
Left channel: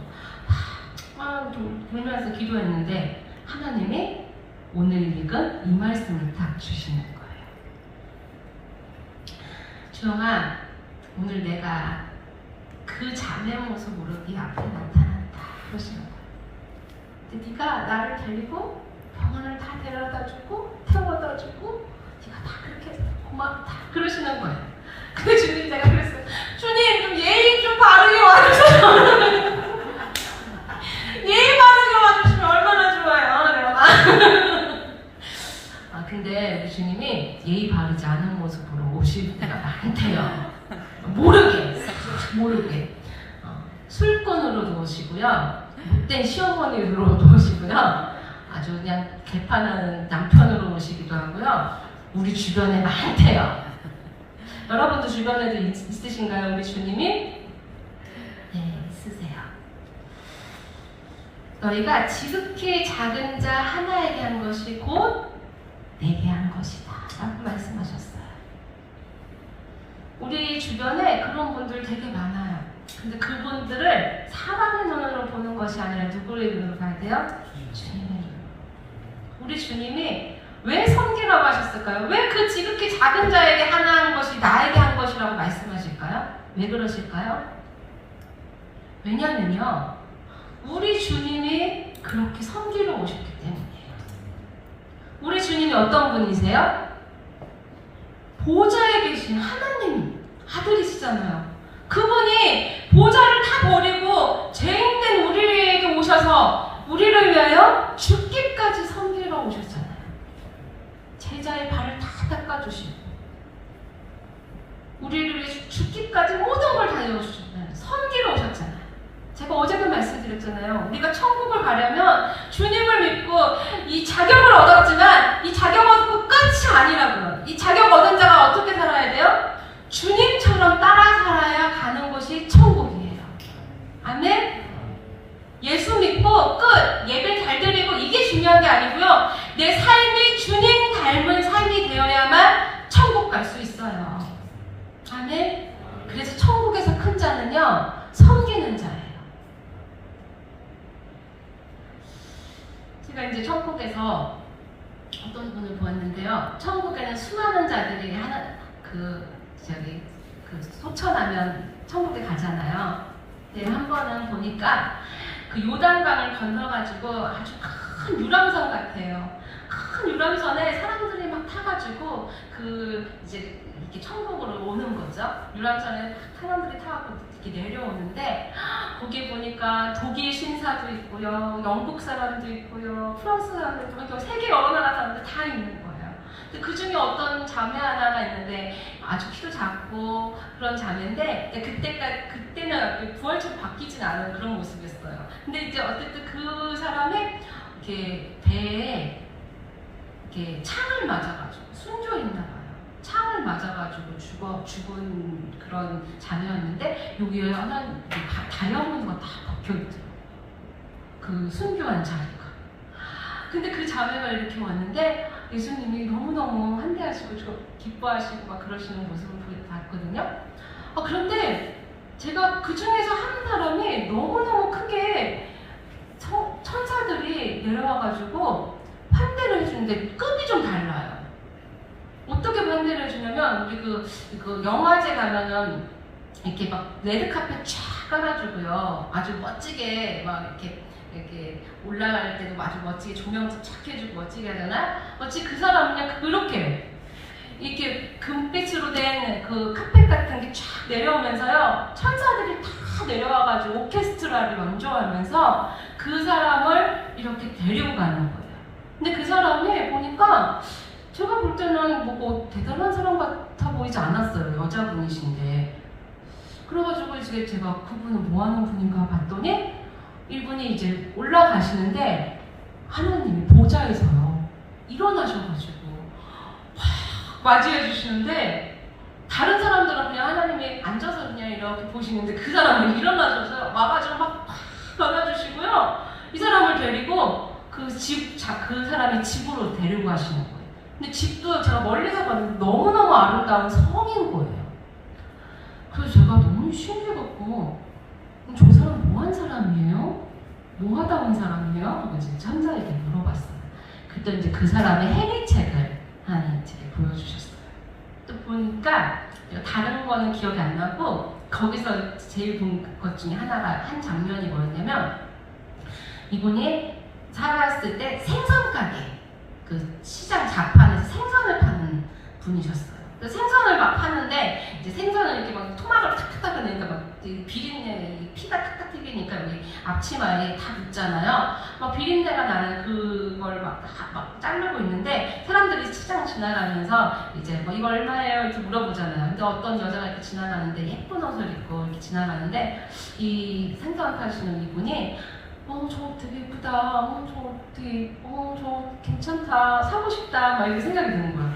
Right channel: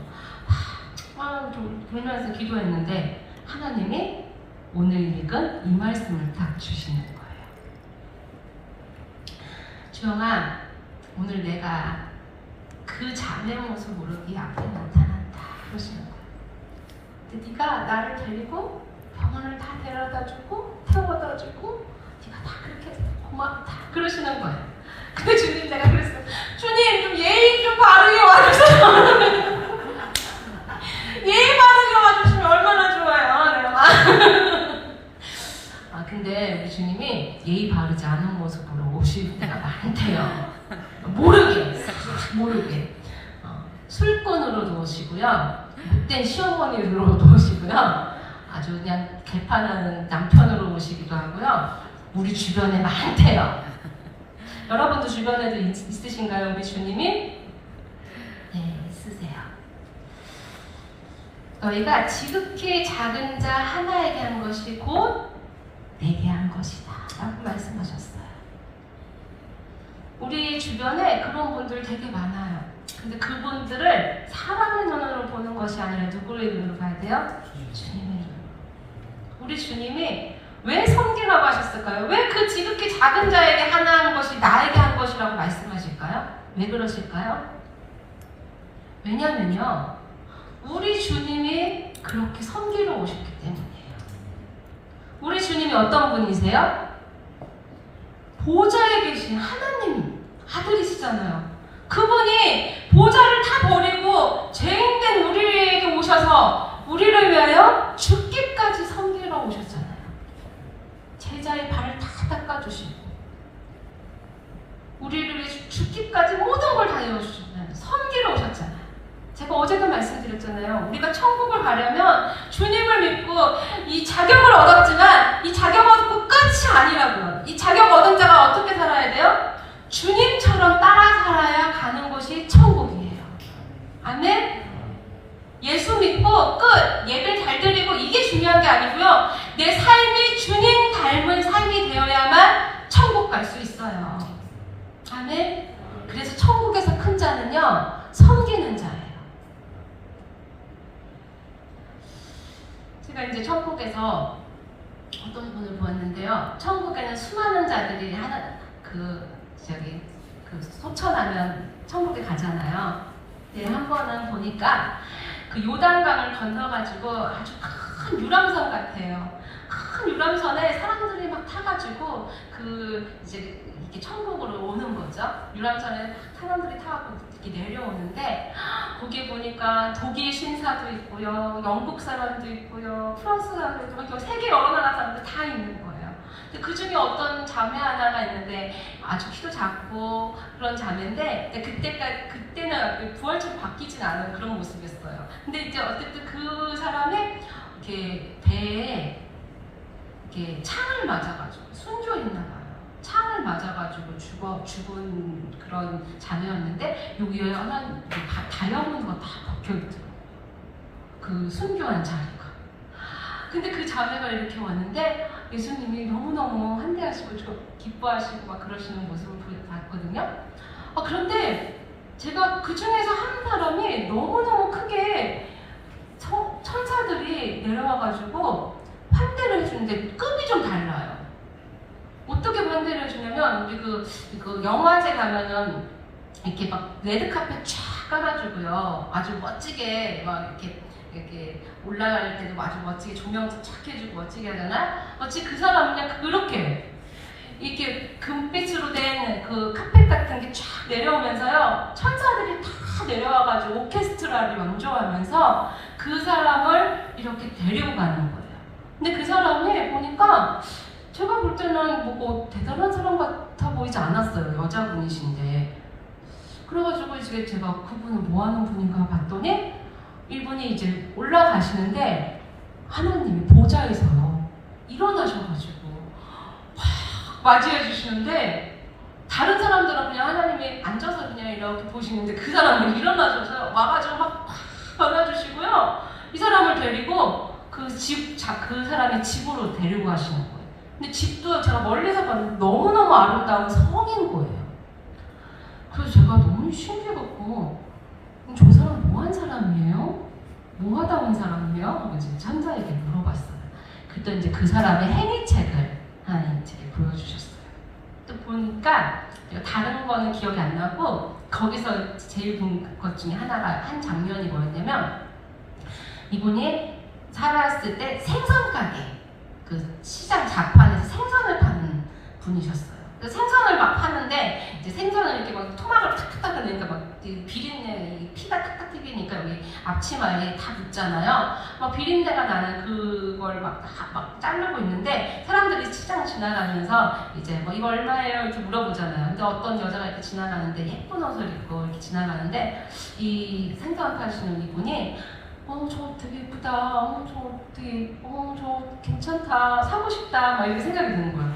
좀 돌면서 기도했는데 하나님이 오늘 읽은 이 말씀을 딱 주시는 거예요. 주영아, 오늘 내가 그 자매 모습으로 네 앞에 나타났다. 그러시는 거예요. 근데 네가 나를 데리고 병원을 다 데려다주고 태워다주고 네가 다 그렇게 고맙다. 그러시는 거예요. 근데 주님 내가 그랬어요. 주님 좀 예의 좀 바르게 와주세요. 예의 바르게 와주시면 얼마나 좋아요. 내가 근데 주님이 예의 바르지 않은 모습으로 오실 때가 많대요. 모르게 술꾼으로도 오시고요, 못된 시어머니로도 오시고요, 아주 그냥 개판하는 남편으로 오시기도 하고요. 우리 주변에 많대요. 여러분도 주변에도 있으신가요? 우리 주님이? 네, 있으세요. 너희가 지극히 작은 자 하나에게 한 것이 곧 내게 한 것이다 라고 말씀하셨어요. 우리 주변에 그런 분들 되게 많아요. 근데 그분들을 사람의 눈으로 보는 것이 아니라 누구의 눈으로 봐야 돼요? 주님의 눈으로. 우리 주님이 왜 섬기라고 하셨을까요? 왜 그 지극히 작은 자에게 하나 한 것이 나에게 한 것이라고 말씀하실까요? 왜 그러실까요? 왜냐면요, 우리 주님이 그렇게 섬기러 오셨기 때문이에요. 우리 주님이 어떤 분이세요? 보좌에 계신 하나님 아들이시잖아요. 그분이 보좌를 다 버리고 죄인된 우리에게 오셔서 우리를 위하여 죽기까지 섬기러 오셨잖아요. 제자의 발을 다 닦아주시고 우리를 위해 죽기까지 모든 걸 다 해주셨잖아요. 섬기러 오셨잖아요. 제가 어제도 말씀드렸잖아요. 우리가 천국을 가려면 주님을 믿고 이 자격을 얻었지만 이 자격 얻고 끝이 아니라고요. 이 자격 얻은 자가 어떻게 살아야 돼요? 주님처럼 따라 살아야 가는 곳이 천국이에요. 아멘? 예수 믿고 끝! 예배 잘 드리고 이게 중요한 게 아니고요. 내 삶이 주님 닮은 삶이 되어야만 천국 갈 수 있어요. 아멘? 그래서 천국에서 큰 자는요, 섬기는 자예요. 제가 이제 천국에서 어떤 분을 보았는데요. 천국에는 수많은 자들이 소천하면 천국에 가잖아요. 네, 한 번은 보니까 그 요단강을 건너가지고 아주 큰 유람선 같아요. 큰 유람선에 사람들이 막 타가지고 이제 이렇게 천국으로 오는 거죠. 유람선에 사람들이 타고 이렇게 내려오는데 거기에 보니까 독일 신사도 있고요, 영국 사람도 있고요, 프랑스 사람도 있고 세계 여러 나라 사람들 다 있는 거예요. 근데 그 중에 어떤 자매 하나가 있는데 아주 키도 작고 그런 자매인데 그때는 부활처럼 바뀌진 않은 그런 모습이었어요. 근데 이제 어쨌든 그 사람이 이렇게 배에 이렇게 창을 맞아가지고 순교했나 봐요. 창을 맞아가지고 죽은 그런 자매였는데 여기에 하나 다이아몬드가 다 박혀있더라고요. 그 순교한 자리가. 근데 그 자매가 이렇게 왔는데 예수님이 너무너무 환대하시고 기뻐하시고 막 그러시는 모습을 봤거든요. 그런데 제가 그 중에서 한 사람이 너무너무 크게 천사들이 내려와가지고 환대를 해주는데 급이 좀 달라요. 어떻게 환대를 해주냐면 우리 그 영화제 가면은 이렇게 막 레드카펫 쫙 깔아주고요. 아주 멋지게 막 이렇게 올라갈 때도 아주 멋지게 조명도 쫙 해주고 멋지게 하잖아. 마치 그 사람은 그렇게 이렇게 금빛으로 된 그 카펫 같은 게 쫙 내려오면서요. 천사들이 다 내려와가지고 오케스트라를 연주하면서 그 사람을 이렇게 데리고 가는 거예요. 근데 그 사람이 보니까 제가 볼 때는 뭐 대단한 사람 같아 보이지 않았어요. 여자분이신데. 그래가지고 이제 제가 그분은 뭐 하는 분인가 봤더니 이분이 이제 올라가시는데 하나님이 보좌에서요. 일어나셔가지고 막 맞이해 주시는데 다른 사람들은 그냥 하나님이 앉아서 그냥 이렇게 보시는데 그 사람은 일어나셔서 와가지고 막 안아주시고요. 이 사람을 데리고 그 사람이 집으로 데리고 가시는 거예요. 근데 집도 제가 멀리서 봤는데 너무너무 아름다운 성인 거예요. 그래서 제가 너무 신기해갖고 저 사람 뭐한 사람이에요? 뭐 하다 온 사람이에요? 하고 이제 천사에게 물어봤어요. 그때 이제 그 사람의 행위책을 하나님께 보여주셨어요. 또 보니까 다른 거는 기억이 안 나고 거기서 제일 본 것 중에 한 장면이 뭐였냐면 이분이 살았을 때 생선 가게 그 시장 자판에서 생선을 파는 분이셨어요. 생선을 막 파는데 이제 생선을 이렇게 막 토막을 탁탁 하니까 막 비린내 피가 탁탁 튀기니까 여기 앞치마에 다 붙잖아요. 막 비린내가 나는 그걸 막 자르고 있는데 사람들이 시장 지나가면서 이제 뭐 이거 얼마예요 이렇게 물어보잖아요. 근데 어떤 여자가 이렇게 지나가는데 예쁜 옷을 입고 이렇게 지나가는데 이 생선 파시는 이분이 저 되게 예쁘다. 저 괜찮다. 사고 싶다. 막 이렇게 생각이 드는 거예요.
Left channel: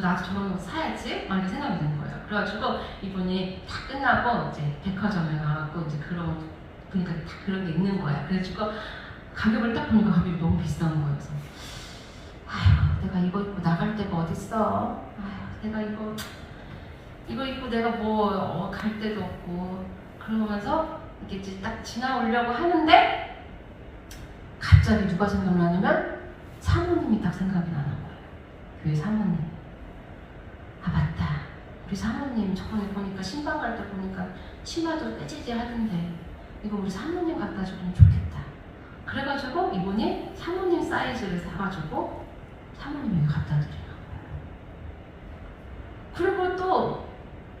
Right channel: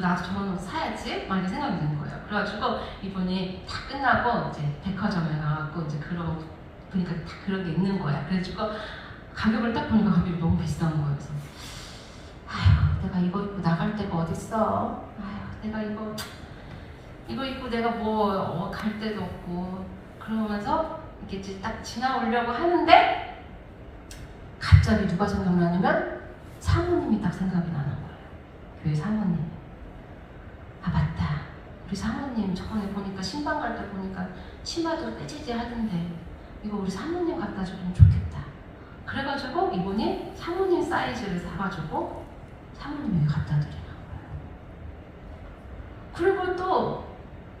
나도 저런 사야지? 막 이렇게 생각이 드는 거예요. 그래가지고 이분이 다 끝나고 이제 백화점에 가고 이제 보니까 다 그런 게 있는 거야. 그래가지고 가격을 딱 보니까 가격이 너무 비싼 거예요. 그래서 내가 이거 입고 나갈 데가 어딨어? 내가 이거 입고 내가 뭐 갈 데도 없고 그러면서 이렇게 이제 딱 지나오려고 하는데 갑자기 누가 생각나냐면 사모님이 딱 생각이 나는 거예요. 교회 사모님. 맞다. 우리 사모님 저번에 보니까 신방 갈 때 보니까 치마도 떼지지 하던데 이거 우리 사모님 갖다 주면 좋겠다. 그래가지고 이분이 사모님 사이즈를 사가지고 사모님이 갖다 드려요. 그리고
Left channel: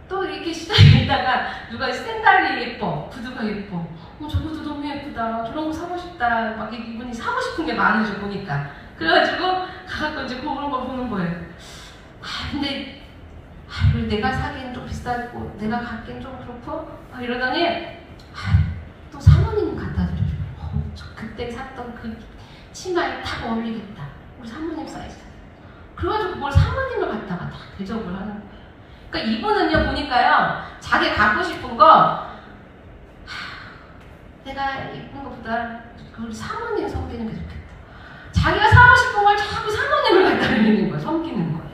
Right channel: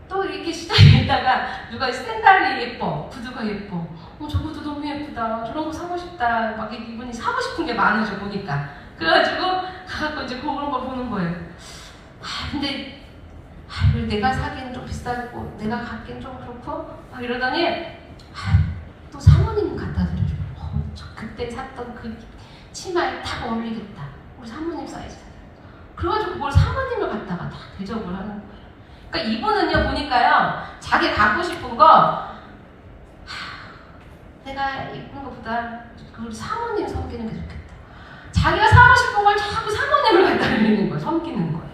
또 이렇게 시장에 있다가 누가 샌달이 예뻐, 구두가 예뻐, 저것도 너무 예쁘다, 저런 거 사고 싶다, 막 이분이 사고 싶은 게 많으셔 보니까. 그래가지고 가서 이제 그런 거 보는 거예요. 근데 내가 사기엔 좀 비싸고 내가 갖기엔 좀 그렇고 막 이러더니 또 사모님 갖다 드려요. 그때 샀던 그 치마에 딱 어울리겠다. 우리 사모님 사이즈. 그래가지고 그걸 사모님을 갖다가 다 대접을 하는 거예요. 그러니까 이분은요 보니까요 자기 갖고 싶은 거 내가 입은 것보다 우리 사모님 섬기는 게 좋겠다. 자기가 사고 싶은 걸 자꾸 사모님을 갖다 드리는 거예요. 섬기는 거예요.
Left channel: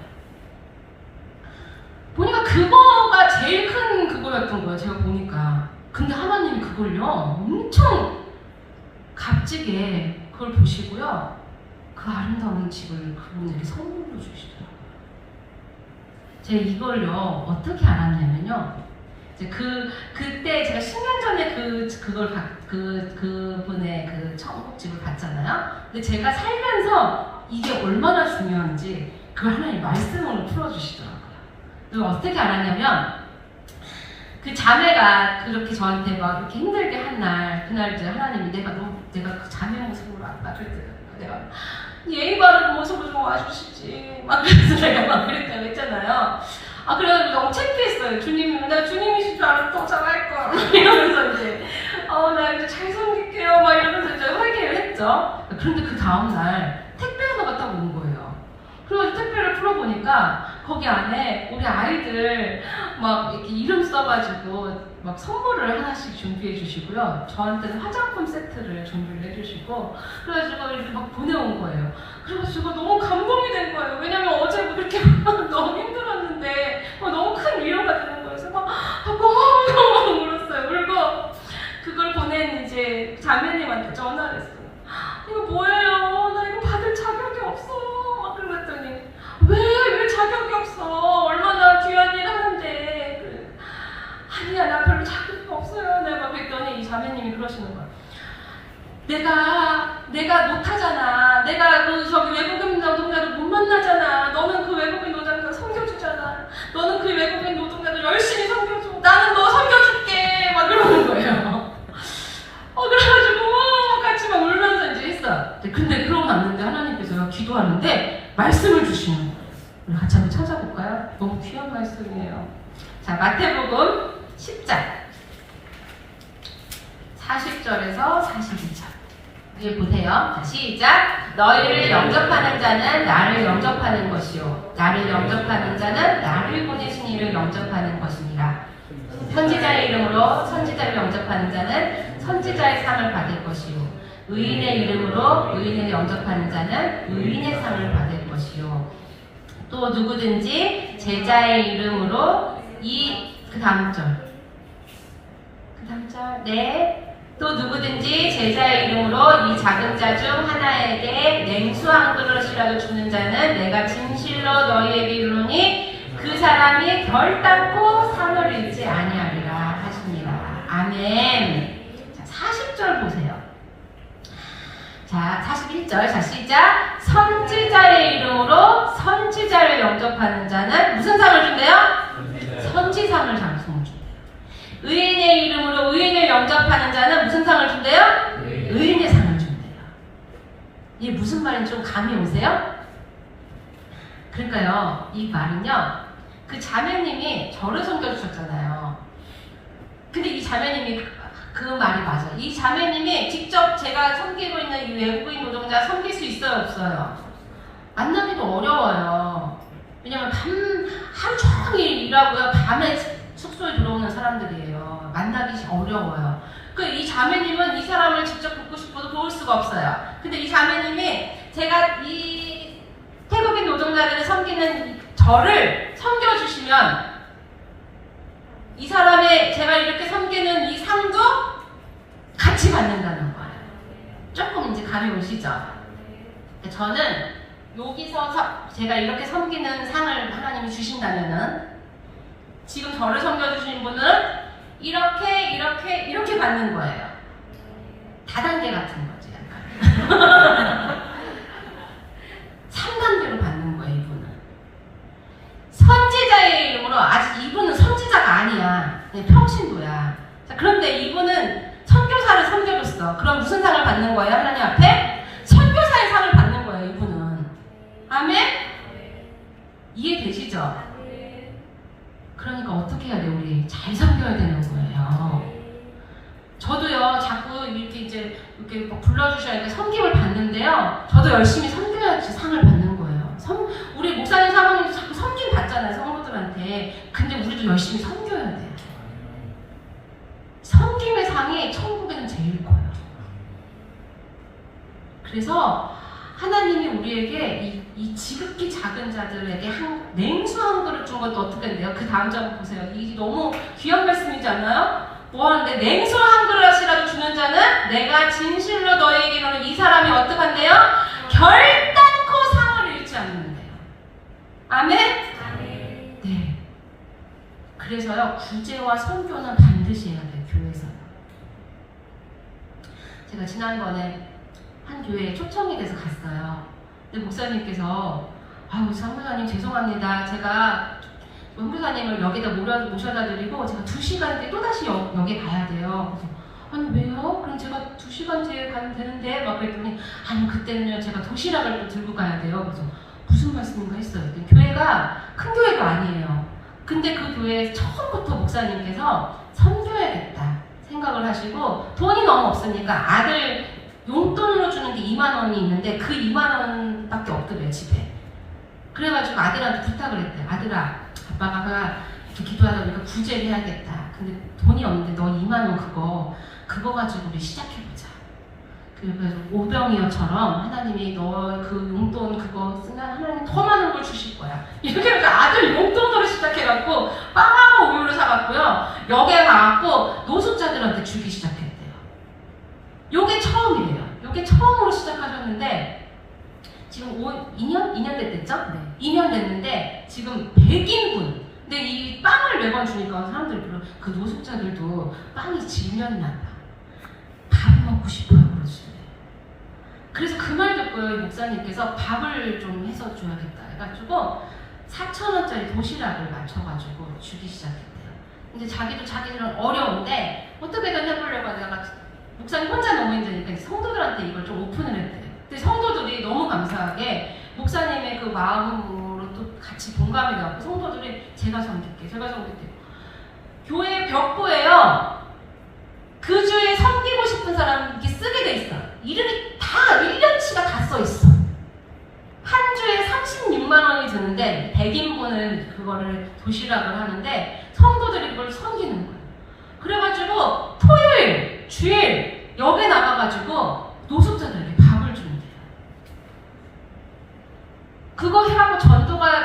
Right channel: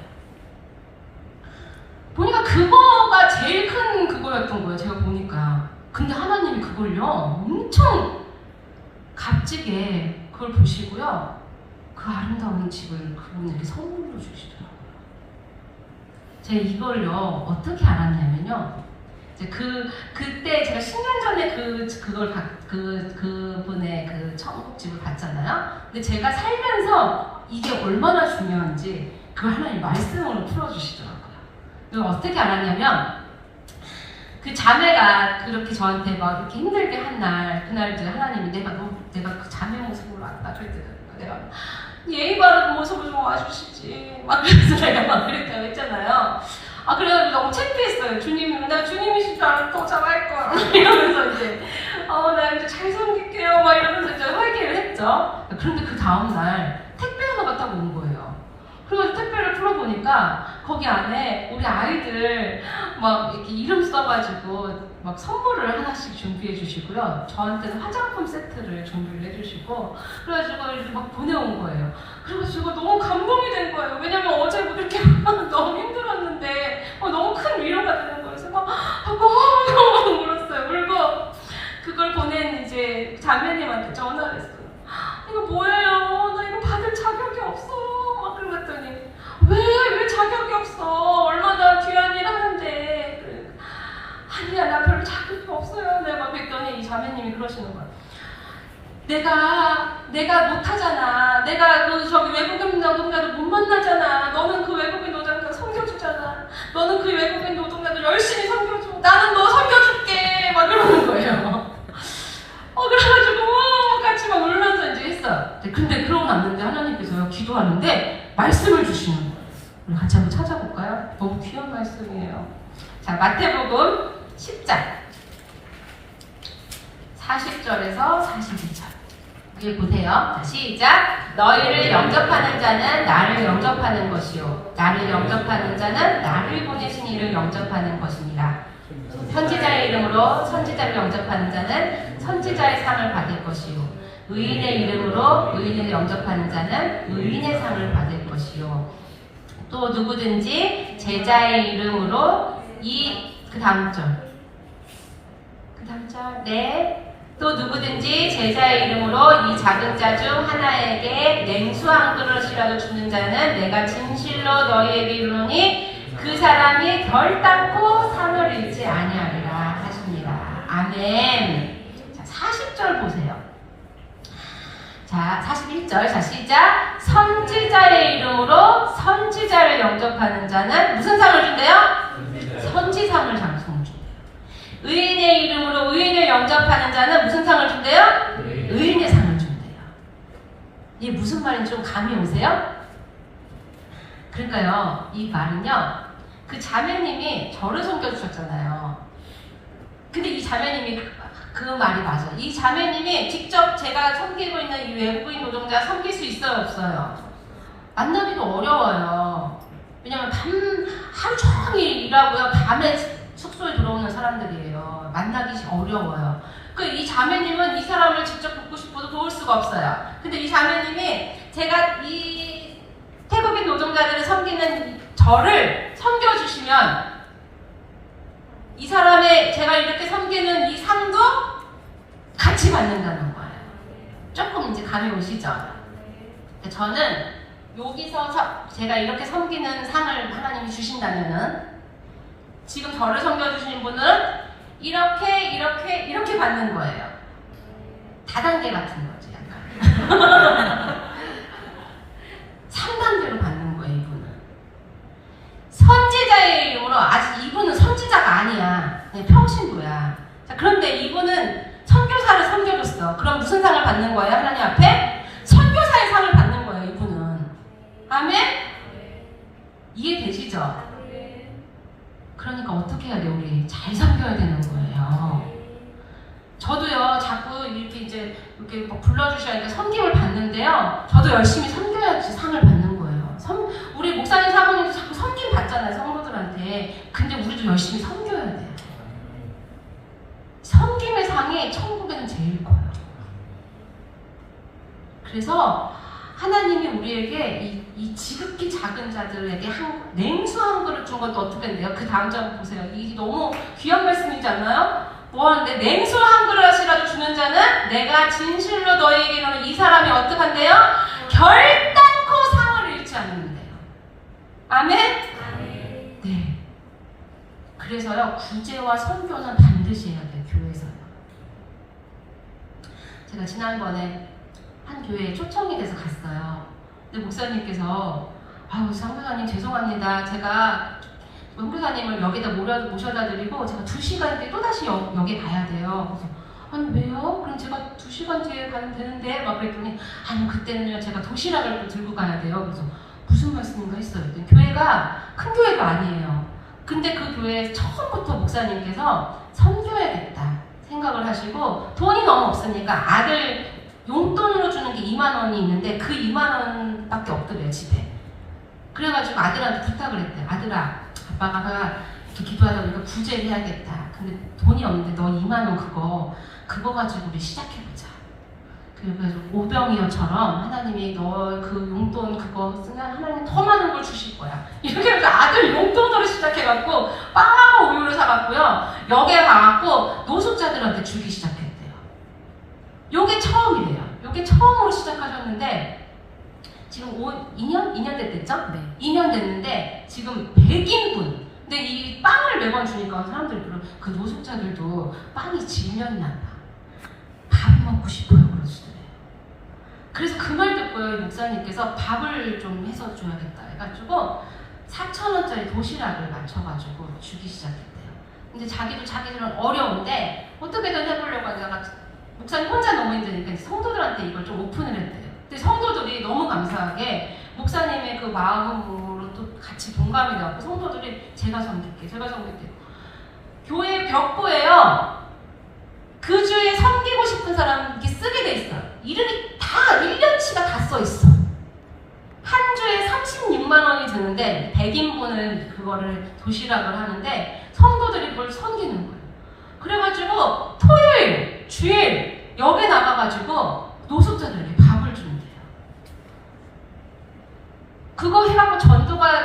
보니까 그거가 제일 큰 그거였던 거예요. 제가 보니까. 근데 하나님이 그걸요 엄청 값지게 그걸 보시고요. 그 아름다운 집을 그분에게 선물로 주시더라고요. 제가 이걸요 어떻게 알았냐면요. 이제 그때 제가 10년 전에 그분의 그 천국집을 갔잖아요. 근데 제가 살면서 이게 얼마나 중요한지 그걸 하나님 말씀으로 풀어주시더라고요. 그걸 어떻게 알았냐면 그 자매가 그렇게 저한테 막 이렇게 힘들게 한 날, 그날 이제 하나님이 내가 그 자매 모습으로 알아줄 때 내가 예의 바른 모습을 좀 와주시지 막 그래서 내가 막 그랬다고 했잖아요. 그래서 너무 창피했어요. 내가 주님이신 줄 알았는데 더 잘할 걸 이러면서 이제 나 이제 잘 섬길게요 막 이러면서 이제 회개를 했죠. 그런데 그 다음날 택배 하나가 딱 온 거예요. 보니까 거기 안에 우리 아이들 막 이렇게 이름 써가지고 막 선물을 하나씩 준비해 주시고요. 저한테는 화장품 세트를 준비를 해주시고 그래가지고 이렇게 막 보내온 거예요. 그래가지고 너무 감동이 된 거예요. 왜냐면 어제 뭐 이렇게 너무 힘들었는데 너무 큰 위로가 되는 거예요. 그래서 막 너무 울었어요. 울고 그걸 보낸 이제 자매님한테 전화를 했어요. 이거 뭐예요? 나 이거 받을 자격이 없어. 그랬더니 왜 자격이 없어? 얼마나 귀한 일 하는데. 아니야, 나 별로 자격이 없어요. 내가 그랬더니 이 자매님이 그러시는 거야. 내가 못하잖아. 내가 저기 외국인 노동자들 못 만나잖아. 너는 그 외국인 노동자들 섬겨주잖아. 너는 그 외국인 노동자들 열심히 섬겨줘. 나는 너 섬겨줄게. 막 그러는 거예요. 그래가지고 같이 막 울면서 이제 했어요. 근데 그러고 났는데 하나님께서 기도하는데 말씀을 주시는 거예요. 우리 같이 한번 찾아볼까요? 너무 귀한 말씀이에요. 자, 마태복음 10장 40절에서 41절 여기 보세요. 자, 시작. 너희를 영접하는 자는 나를 영접하는 것이요 나를 영접하는 자는 나를 보내신 이를 영접하는 것입니다. 선지자의 이름으로 선지자를 영접하는 자는 선지자의 상을 받을 것이요 의인의 이름으로 의인을 영접하는 자는 의인의 상을 받을 것이요 또 누구든지 제자의 이름으로 그 다음 절 네. 또 누구든지 제자의 이름으로 이 작은 자 중 하나에게 냉수 한 그릇이라도 주는 자는 내가 진실로 너희에게 이르노니 그 사람이 결단코 상을 잃지 아니하리라 하십니다. 아멘. 자, 40절 보세요. 자, 41절. 자, 시작. 선지자의 이름으로 선지자를 영접하는 자는 무슨 상을 준대요? 선지상을 준대요. 의인의 이름으로 의인을 영접하는 자는 무슨 상을 준대요? 의인의 상을 준대요. 이게 무슨 말인지 좀 감이 오세요? 그러니까요, 이 말은요, 그 자매님이 저를 섬겨주셨잖아요. 근데 이 자매님이 그 말이 맞아요. 이 자매님이 직접 제가 섬기고 있는 이 외국인 노동자 섬길 수 있어요, 없어요? 만나기도 어려워요. 왜냐면 하루 종일 일하고요, 밤에 숙소에 들어오는 사람들이에요. 만나기 어려워요. 이 자매님은 이 사람을 직접 돕고 싶어도 도울 수가 없어요. 근데 이 자매님이 제가 이 태국인 노동자들을 섬기는 저를 섬겨주시면 이 사람의 제가 이렇게 섬기는 이 상도 같이 받는다는 거예요. 조금 이제 감이 오시죠? 저는 여기서 제가 이렇게 섬기는 상을 하나님이 주신다면은 지금 저를 섬겨주신 분은 이렇게 받는 거예요. 다단계 같은 거지, 약간. 3단계로 받는 거예요, 이분은. 선지자의 이름으로, 아직 이분은 선지자가 아니야. 평신도야. 자, 그런데 이분은 선교사를 섬겨줬어. 그럼 무슨 상을 받는 거예요, 하나님 앞에? 선교사의 상을 받는 거예요, 이분은. 아멘? 이해되시죠? 그러니까 어떻게 해야 돼? 우리 잘 섬겨야 되는 거예요. 저도요, 자꾸 이렇게 막 불러주셔야 돼. 섬김을 받는데요. 저도 열심히 섬겨야지 상을 받는 거예요. 우리 목사님, 사모님도 자꾸 섬김 받잖아요, 성도들한테. 근데 우리도 열심히 섬겨야 돼. 섬김의 상이 천국에는 제일 커요. 그래서 하나님이 우리에게 이 지극히 작은 자들에게 냉수 한 그릇 준 것도 어떻게 된대요? 그 다음 장 보세요. 이 너무 귀한 말씀이지 않나요? 뭐 하는데 냉수 한 그릇이라도 주는 자는 내가 진실로 너희에게 이르노니 이 사람이 어떻게 한대요? 결단코 상을 잃지 않는데요. 아멘? 네. 그래서요, 구제와 선교는 반드시 해야 돼요, 교회에서. 제가 지난번에 한 교회에 초청이 돼서 갔어요. 근데 목사님께서 아유, 사무사님 죄송합니다. 제가 선교사님을 여기다 모셔다 드리고 제가 2시간 뒤에 또다시 여기 가야 돼요. 그래서 아니 왜요? 그럼 제가 2시간 뒤에 가면 되는데 막 그랬더니 아니 그때는요 제가 도시락을 또 들고 가야 돼요. 그래서 무슨 말씀인가 했어요. 근데 교회가 큰 교회가 아니에요. 근데 그 교회 처음부터 목사님께서 섬겨야겠다 생각을 하시고 돈이 너무 없으니까 아들 용돈으로 주는 게 2만 원이 있는데 그 2만 원밖에 없더래요, 집에. 그래가지고 아들한테 부탁을 했대요. 아들아, 아빠가 이렇게 기도하다 보니까 구제를 해야겠다. 근데 돈이 없는데 너 2만 원 그거 가지고 우리 시작해보자. 그래서 오병이어처럼 하나님이 너 그 용돈 그거 쓰면 하나님 더 많은 걸 주실 거야. 이렇게 해서 아들 용돈으로 시작해갖고 빵하고 우유를 사갖고요. 역에 가갖고 노숙자들한테 주기 시작했대요. 요게 처음이래요. 요게 처음으로 시작하셨는데 지금 2년 됐겠죠? 네. 2년 됐는데 지금 100인분. 근데 이 빵을 매번 주니까 사람들이 그 노숙자들도 빵이 질렸나 봐. 밥 먹고 싶어요 그러시더래요. 그래서 그 말 듣고 목사님께서 밥을 좀 해서 줘야겠다 해가지고 4,000원짜리 도시락을 맞춰가지고 주기 시작했대요. 근데 자기들은 어려운데 어떻게든 해보려고 하다가 목사님 혼자 너무 힘드니까 성도들한테 이걸 좀 오픈을 했대요. 근데 성도들이 너무 감사하게 목사님의 그 마음으로 또 같이 동감이 나고 성도들이 제가 섬길게. 교회 벽보에요. 그 주에 섬기고 싶은 사람 이렇게 쓰게 돼 있어요. 이름이 다 1년치가 다 써 있어. 한 주에 36만 원이 드는데 100인분을 그거를 도시락을 하는데 성도들이 그걸 섬기는 거예요. 그래가지고 토요일, 주일 역에 나가가지고 노숙자들에게 밥을 준대요. 그거 해갖고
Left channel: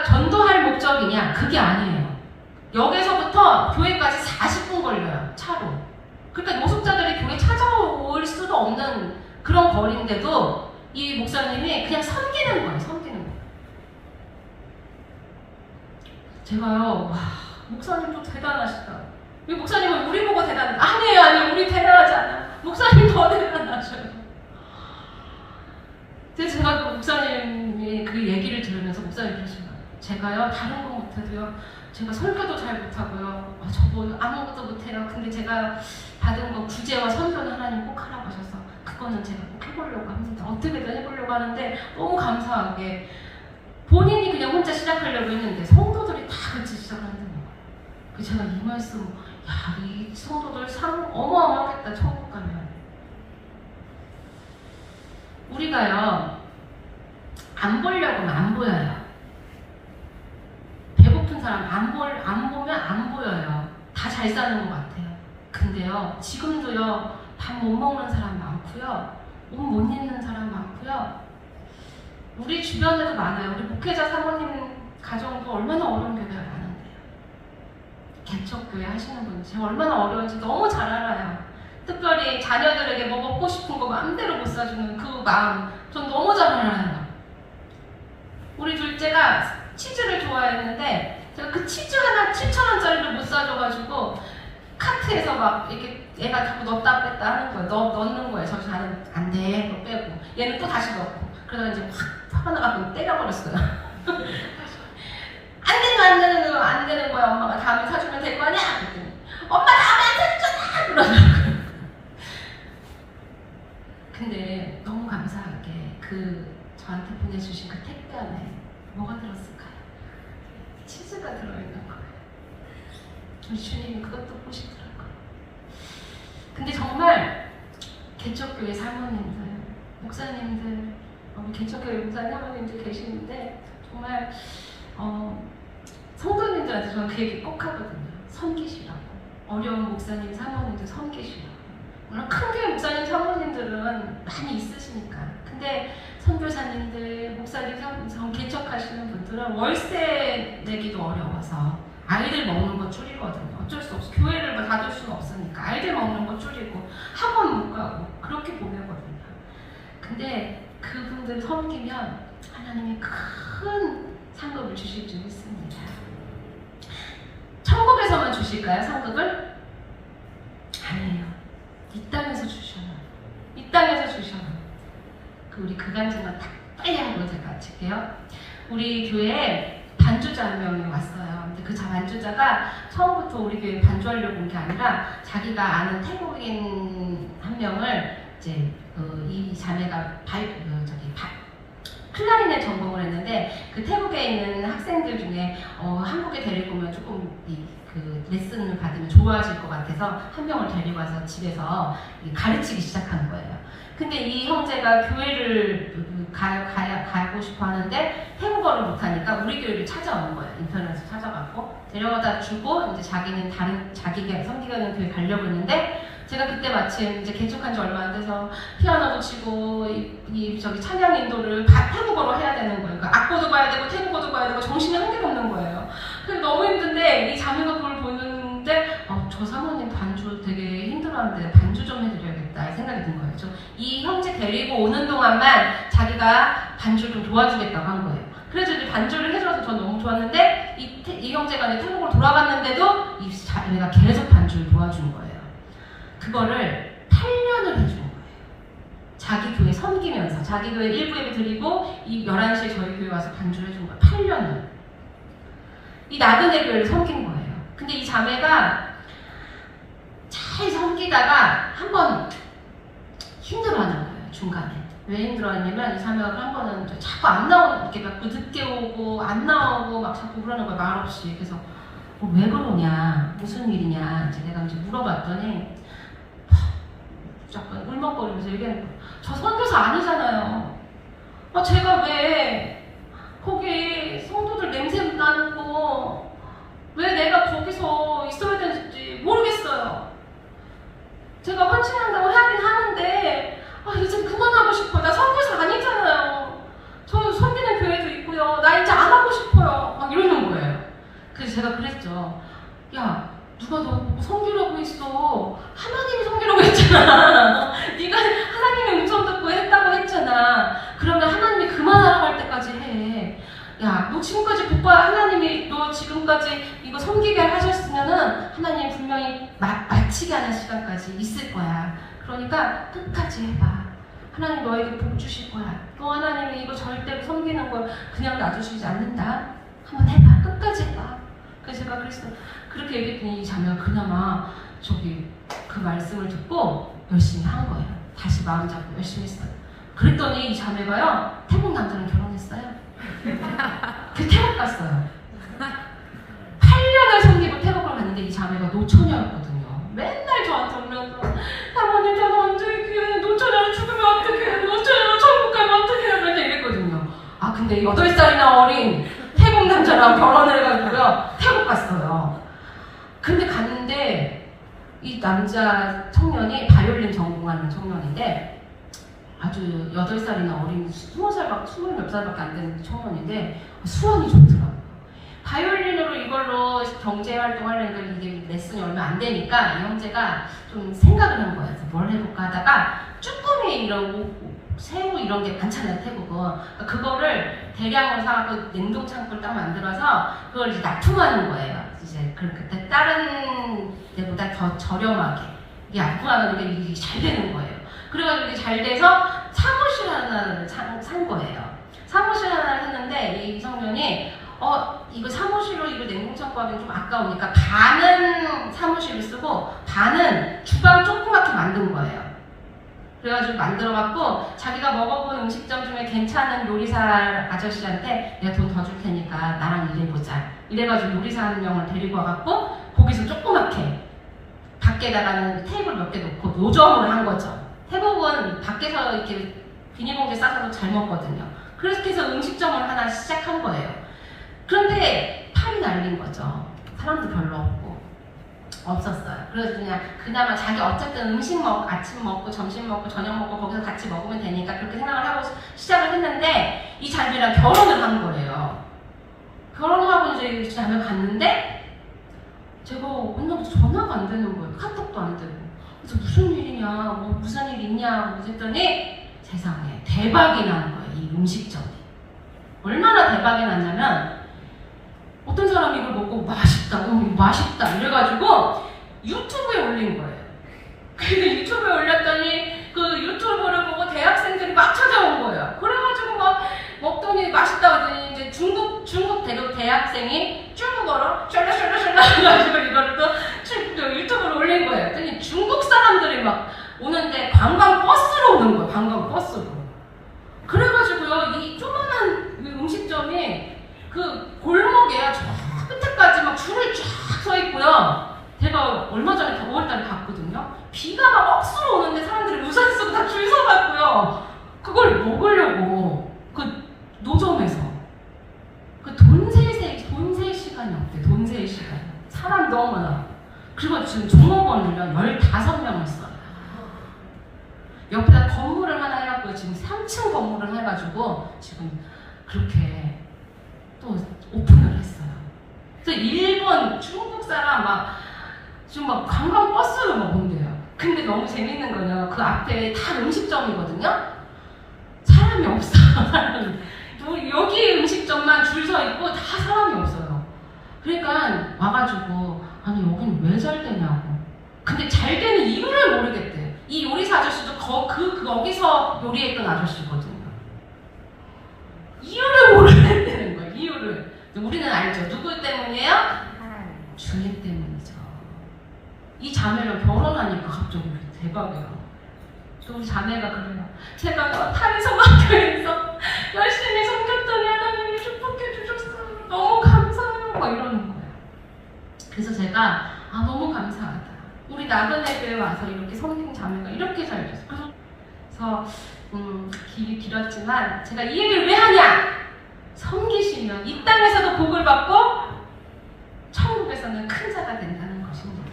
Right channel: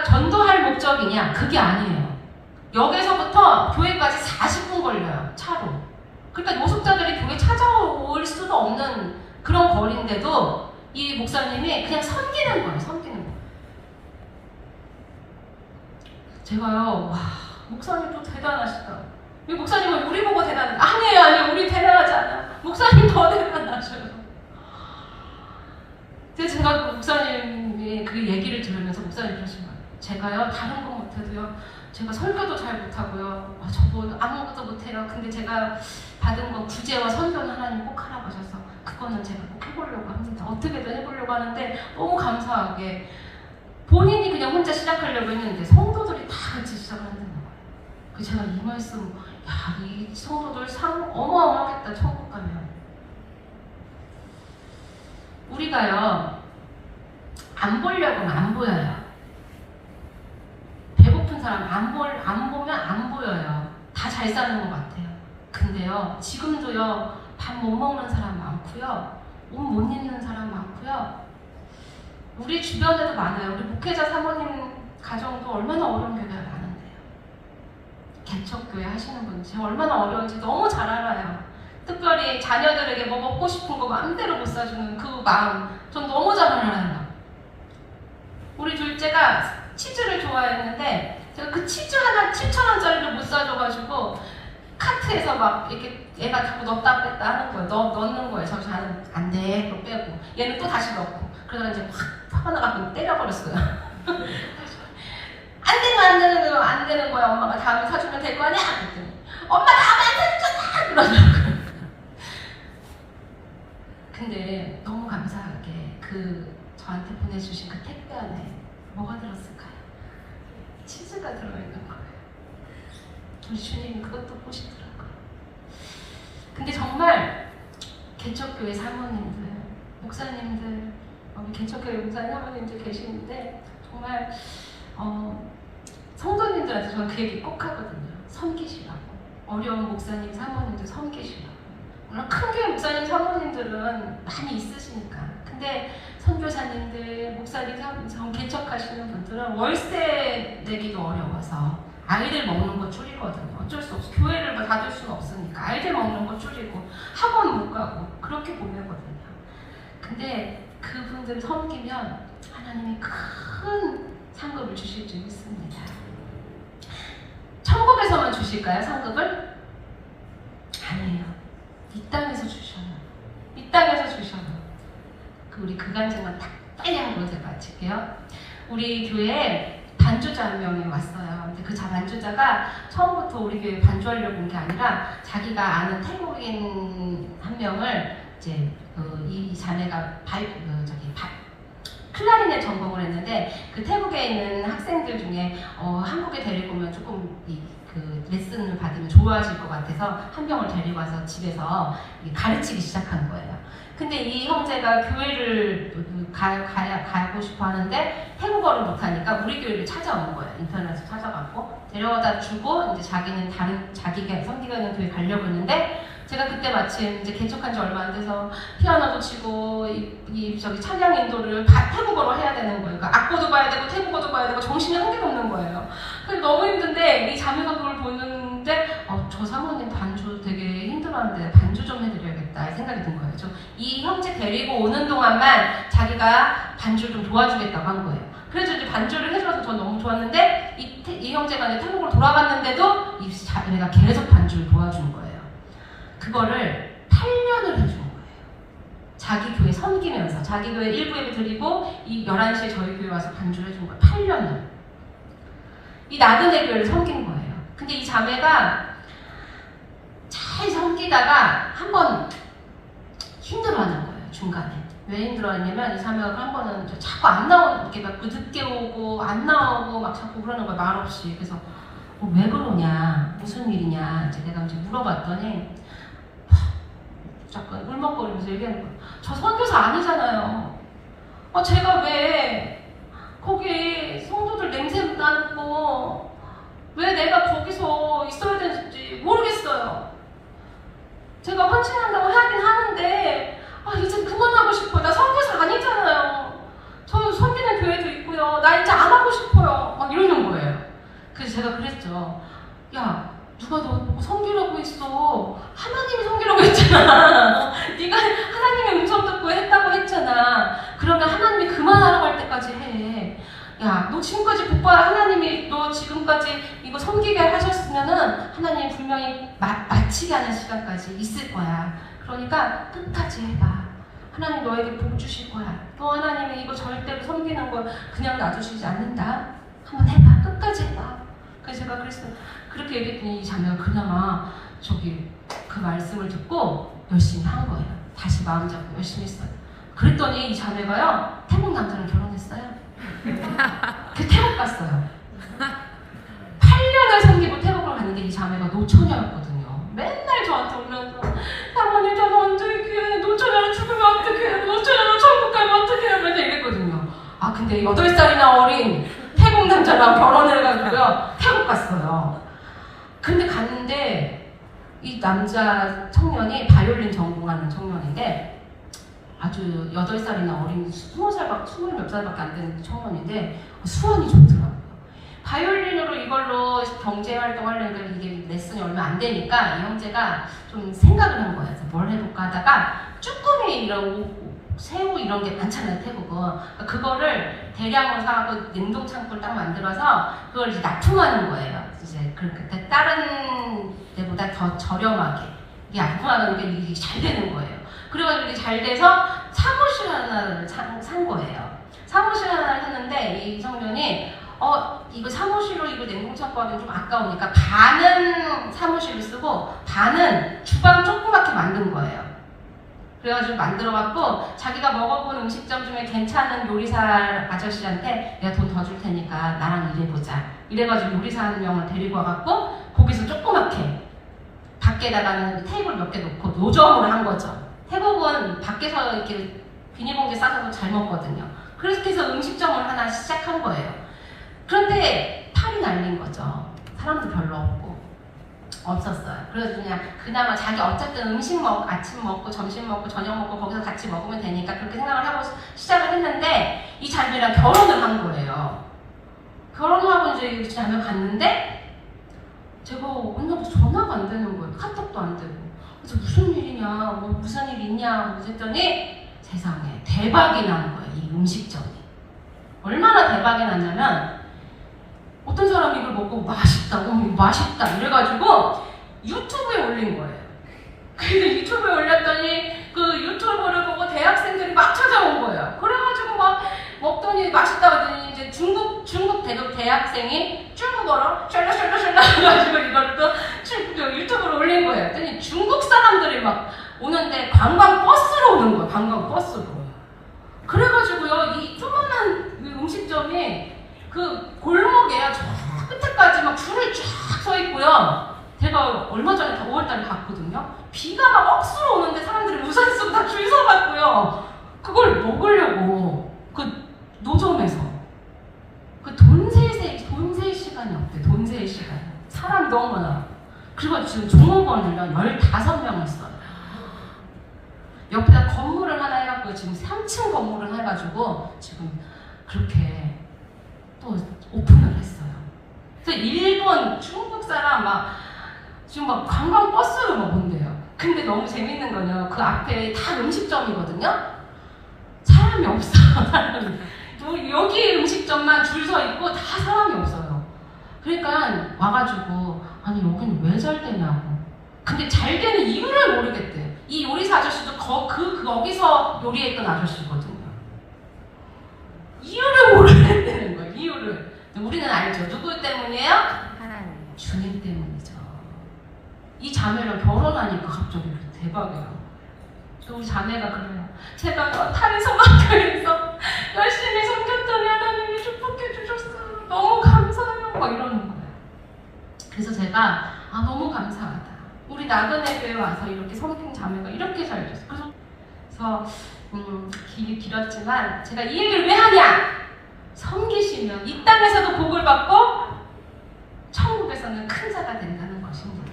전도할 목적이냐? 그게 아니에요. 역에서부터 교회까지 40분 걸려요. 차로. 그러니까 노숙자들이 교회 찾아올 수도 없는 그런 거리인데도 이 목사님이 그냥 섬기는 거예요. 제가요, 와, 목사님 또 대단하시다. 이 목사님은 우리 보고 대단해. 아니에요. 우리 대단하지 않아. 목사님 더 대단하셔요. 근데 제가 목사님의 그 얘기를 들으면서 목사님 그러시면 제가요, 다른 거 못해도요, 제가 설교도 잘 못하고요. 저도 아무것도 못해요. 근데 제가 받은 거 구제와 선교는 하나님 꼭 하라고 하셔서 그거는 제가 꼭 해보려고 합니다. 어떻게든 해보려고 하는데 너무 감사하게 본인이 그냥 혼자 시작하려고 했는데 성도들이 다 같이 시작하는 거예요. 그래서 제가 이 말씀, 이 성도들 어마어마하겠다. 천국 가면. 우리가요, 안 보려고 하면 안 보여요. 배고픈 사람 안 보면 안 보여요. 다 잘 사는 것 같아요. 근데요, 지금도요, 밥 못 먹는 사람 많고요. 옷 못 입는 사람 많고요. 우리 주변에도 많아요. 우리 목회자 사모님 가정도 얼마나 어려운 교회가 많은데요. 개척교회 하시는 분들 제가 얼마나 어려운지 너무 잘 알아요. 특별히 자녀들에게 뭐 먹고 싶은 거 마음대로 못 사주는 그 마음 전 너무 잘 알아요. 우리 둘째가 치즈를 좋아했는데 제가 그 치즈 하나 7,000원짜리를 못 사줘가지고 카트에서 막 이렇게 얘가 자꾸 넣었다 뺐다 하는 거예요. 넣는 거예요. 저 자는 안 돼. 또 빼고 얘는 또 다시 넣고 그러다 이제 확 화나가지고 때려버렸어요. 안 되는 거야. 엄마가 다음에 사주면 될 거 아니야? 그랬더니 엄마 다음에 안 사줬잖아! 그러더라고요. 근데 너무 감사하게 저한테 보내주신 그 택배 안에 뭐가 들었을까요? 치즈가 들어있는 거예요. 주님이 그것도 보시더라고요. 근데 정말 개척교회 사모님들, 목사님들, 개척교회 목사님 사모님들 계시는데 정말 성도님들한테 저는 그 얘기 꼭 하거든요. 섬기시라고. 어려운 목사님, 사모님들 섬기시라고. 물론 큰 교회 목사님, 사모님들은 많이 있으시니까. 근데 선교사님들, 목사님, 사모님, 개척하시는 분들은 월세 내기도 어려워서 아이들 먹는 거 줄이거든요. 어쩔 수 없어. 교회를 닫을 수는 없으니까 아이들 먹는 거 줄이고 학원 못 가고 그렇게 보내거든요. 근데 그분들 섬기면 하나님이 큰 상급을 주실 줄 믿습니다. 천국에서만 주실까요? 상급을? 아니에요. 이 땅에서 주셔요. 이 땅에서 주셔요. 우리 그간증은 딱 빨리 하고 제가 마칠게요. 우리 교회에 반주자 한 명이 왔어요. 근데 그 반주자가 처음부터 우리 교회에 반주하려고 온 게 아니라 자기가 아는 태국인 한 명을 이제 이 자매가 클라리넷 전공을 했는데 그 태국에 있는 학생들 중에 한국에 데리고 오면 조금 그 레슨을 받으면 좋아하실 것 같아서 한 명을 데리고 와서 집에서 가르치기 시작한 거예요. 근데 이 형제가 교회를 가고 싶어 하는데 태국어를 한국어를 못하니까 우리 교회를 찾아온 거예요. 인터넷에서 찾아갖고 데려다 주고 이제 자기는 다른 자기가 성기가 있는 교회 가려고 했는데 제가 그때 마침 이제 개척한 지 얼마 안 돼서 피아노도 치고 저기 찬양 인도를 태국어로 해야 되는 거예요. 그러니까 악보도 봐야 되고 태국어도 봐야 되고 정신이 한 개도 없는 거예요. 그래서 너무 힘든데 이 자매가 그걸 보는데 저 사모님 반주 되게 힘들어하는데 반주 좀 해드려야겠다 생각이 든 거예요. 이 형제 데리고 오는 동안만 자기가 반주 좀 도와주겠다고 한 거예요. 그래서 이제 반주를 해줘서 전 너무 좋았는데 이 형제가 이제 태국으로 돌아갔는데도 이 자매가 계속 반주를 도와준 거예요. 그거를 8년을 해준 거예요. 자기 교회 섬기면서 자기 교회 일부 예배 드리고 이 11시에 저희 교회 와서 반주를 해준 거예요. 8년을. 이 나그네 교회를 섬긴 거예요. 근데 이 자매가 잘 섬기다가 한번 힘들어하는 거예요. 중간에. 왜 힘들어했냐면 이 자매가 한 번은 자꾸 안 나오는 이렇게 막 늦게 오고 안 나오고 막 자꾸 그러는 거예요. 말없이. 그래서 왜 그러냐 무슨 일이냐 이제 내가 이제 물어봤더니 약간 울먹거리면서 얘기하는 거예요. 저 선교사 아니잖아요. 제가 왜 거기 성도들 냄새 나고 왜 내가 거기서 있어야 되는지 모르겠어요. 제가 헌신한다고 하긴 하는데 이제 그만하고 싶어요. 나 선교사 아니잖아요. 저 섬기는 교회도 있고요. 나 이제 안 하고 싶어요. 막 이러는 거예요. 그래서 제가 그랬죠. 야, 누가 너 보고 섬기라고 했어. 하나님이 섬기라고 했잖아. 네가 하나님의 음성 듣고 했다고 했잖아. 그러면 하나님이 그만하라고 할 때까지 해. 야, 너 지금까지 못 봐야 하나님이 너 지금까지 이거 섬기게 하셨으면은 하나님이 분명히 마치게 하는 시간까지 있을 거야. 그러니까 끝까지 해봐. 하나님 너에게 복 주실 거야. 너 하나님이 이거 절대로 섬기는 걸 그냥 놔두시지 않는다. 한번 해봐. 끝까지 해봐. 그래서 제가 그랬어요. 그렇게 얘기했더니 이 자매가 그나마 그 말씀을 듣고 열심히 한 거예요. 다시 마음 잡고 열심히 했어요. 그랬더니 이 자매가요, 태국 남자랑 결혼했어요. 그 태국 갔어요. 8년을 섬기고 태국을 갔는데 이 자매가 노처녀였거든요. 맨날 저한테 오면서 사모님 저 완전히 귀에 노처녀로 죽으면 어떡해, 노처녀로 천국 가면 어떡해 맨날 이랬거든요. 근데 8살이나 어린 태국 남자랑 결혼을 해가지고요 태국 갔어요. 근데 갔는데 이 남자 청년이 바이올린 전공하는 청년인데 아주 8살이나 어린 20몇 살밖에 안 되는 청년인데 수원이 좋더라고요. 바이올린으로 이걸로 경제활동 하려니까 이게 레슨이 얼마 안 되니까 이 형제가 좀 생각을 한 거예요. 뭘 해볼까 하다가 쭈꾸미 이런 새우 이런 게 많잖아요, 태국은. 그거를 대량으로 사고 냉동창고를 딱 만들어서 그걸 이제 납품하는 거예요. 이제 그때 다른 데보다 더 저렴하게 이게 납품하는 게 이게 잘 되는 거예요. 그래가지고 이게 잘 돼서 사무실 하나를 산 거예요. 사무실 하나를 샀는데 이 청년이 이거 사무실로 이거 냉동창고 하기엔 좀 아까우니까 반은 사무실을 쓰고 반은 주방 조그맣게 만든 거예요. 그래가지고 만들어갖고 자기가 먹어본 음식점 중에 괜찮은 요리사 아저씨한테 내가 돈 더 줄 테니까 나랑 일해보자. 이래가지고 요리사 한 명을 데리고 와갖고 거기서 조그맣게 밖에다가는 테이블 몇 개 놓고 노점으로 한 거죠. 태국은 밖에서 이렇게 비닐봉지 싸서 잘 먹거든요. 그래서 음식점을 하나 시작한 거예요. 그런데 팔이 날린 거죠. 사람도 별로 없었어요. 그래서 그냥 그나마 자기 어쨌든 음식 아침 먹고 점심 먹고 저녁 먹고 거기서 같이 먹으면 되니까 그렇게 생각을 하고 시작을 했는데 이 자매랑 결혼을 한 거예요. 결혼을 하고 이제 이 자매 갔는데 제가 언제부터 전화가 안 되는 거예요. 카톡도 안 되고. 그래서 무슨 일이냐, 무슨 일 있냐 했더니 세상에 대박이 난 거예요. 이 음식점이. 얼마나 대박이 났냐면 어떤 사람이 이걸 먹고 맛있다 이래가지고 유튜브에 올린 거예요. 근데 유튜브에 올렸더니 그 유튜브를 보고 대학생들이 막 찾아온 거예요. 그래가지고 막 먹더니 맛있다 하더니 이제 중국 대학생이 중국어로 셜라셜라셜라 해가지고 이걸 또 유튜브로 올린 거예요. 그랬더니 중국 사람들이 막 오는데 관광버스로 오는 거예요. 관광버스로. 그래가지고요 이 조그만한 음식점이 그 골목에 저 끝에까지 막 줄을 쫙 서 있고요. 제가 얼마 전에 5월달에 갔거든요. 비가 막 억수로 오는데 사람들이 우산 쓰고 다 줄 서갖고요. 그걸 먹으려고 그 노점에서 사람 너무 많아. 그리고 지금 종업원이면 15명을 써요. 옆에다 건물을 하나 해갖고 지금 3층 건물을 해가지고 지금 그렇게 또 오픈을 했어요. 또 일본, 중국 사람 막 지금 막 관광 버스를 막 온대요. 근데 너무 재밌는 거는 그 앞에 다 음식점이거든요. 사람이 없어요. 여기 음식점만 줄 서 있고 다 사람이 없어요. 그러니까 와가지고 아니 여기는 왜 잘 되냐고. 근데 잘 되는 이유를 모르겠대. 이 요리사 아저씨도 거기서 요리했던 아저씨거든요. 이유를 모르겠다는 거예요. 이유를. 우리는 알죠. 누구 때문이에요? 주님 때문이죠. 이 자매랑 결혼하니까 갑자기 대박이에요. 우리 자매가 그래요. 제가 타리소마교에서 열심히 섬겼더니 하나님이 축복해 주셨어요. 너무 감사해요. 막 이러는 거예요. 그래서 제가 너무 감사하다. 우리 나그네 교회 와서 이렇게 섬긴 자매가 이렇게 잘 됐어요. 그래서 길이 길었지만 제가 이 얘기를 왜 하냐? 섬기시면 이 땅에서도 복을 받고 천국에서는 큰 자가 된다는 것입니다.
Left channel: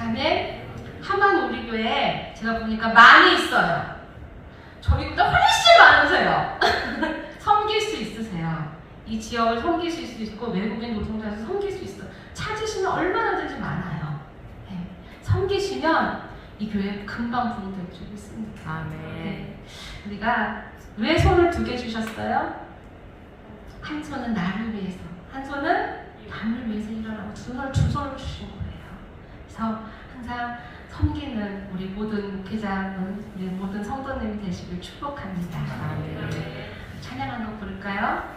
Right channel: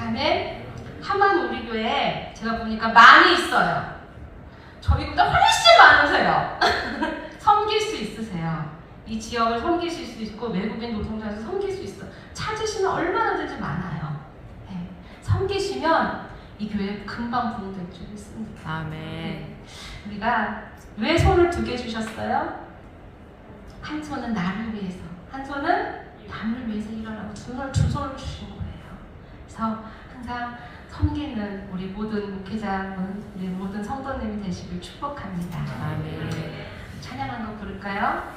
아멘. 하만 우리 교회에 제가 보니까 많이 있어요. 저희보다 훨씬 많으세요. 섬길 수 있으세요. 이 지역을 섬길 수 있고 외국인 노동자에서 섬길 수 있어. 찾으시면 얼마나든지 많아요. 네. 섬기시면 이 교회 금방 부흥될 줄 믿습니다. 아멘. 우리가 왜 손을 2개 주셨어요? 한 손은 나를 위해서, 한 손은 남을 위해서 일어나고 두 손을 주신 거예요. 그래서 항상 섬기는 우리 모든 목회자, 우리 모든 성도님이 되시길 축복합니다. 찬양 한 곡 부를까요?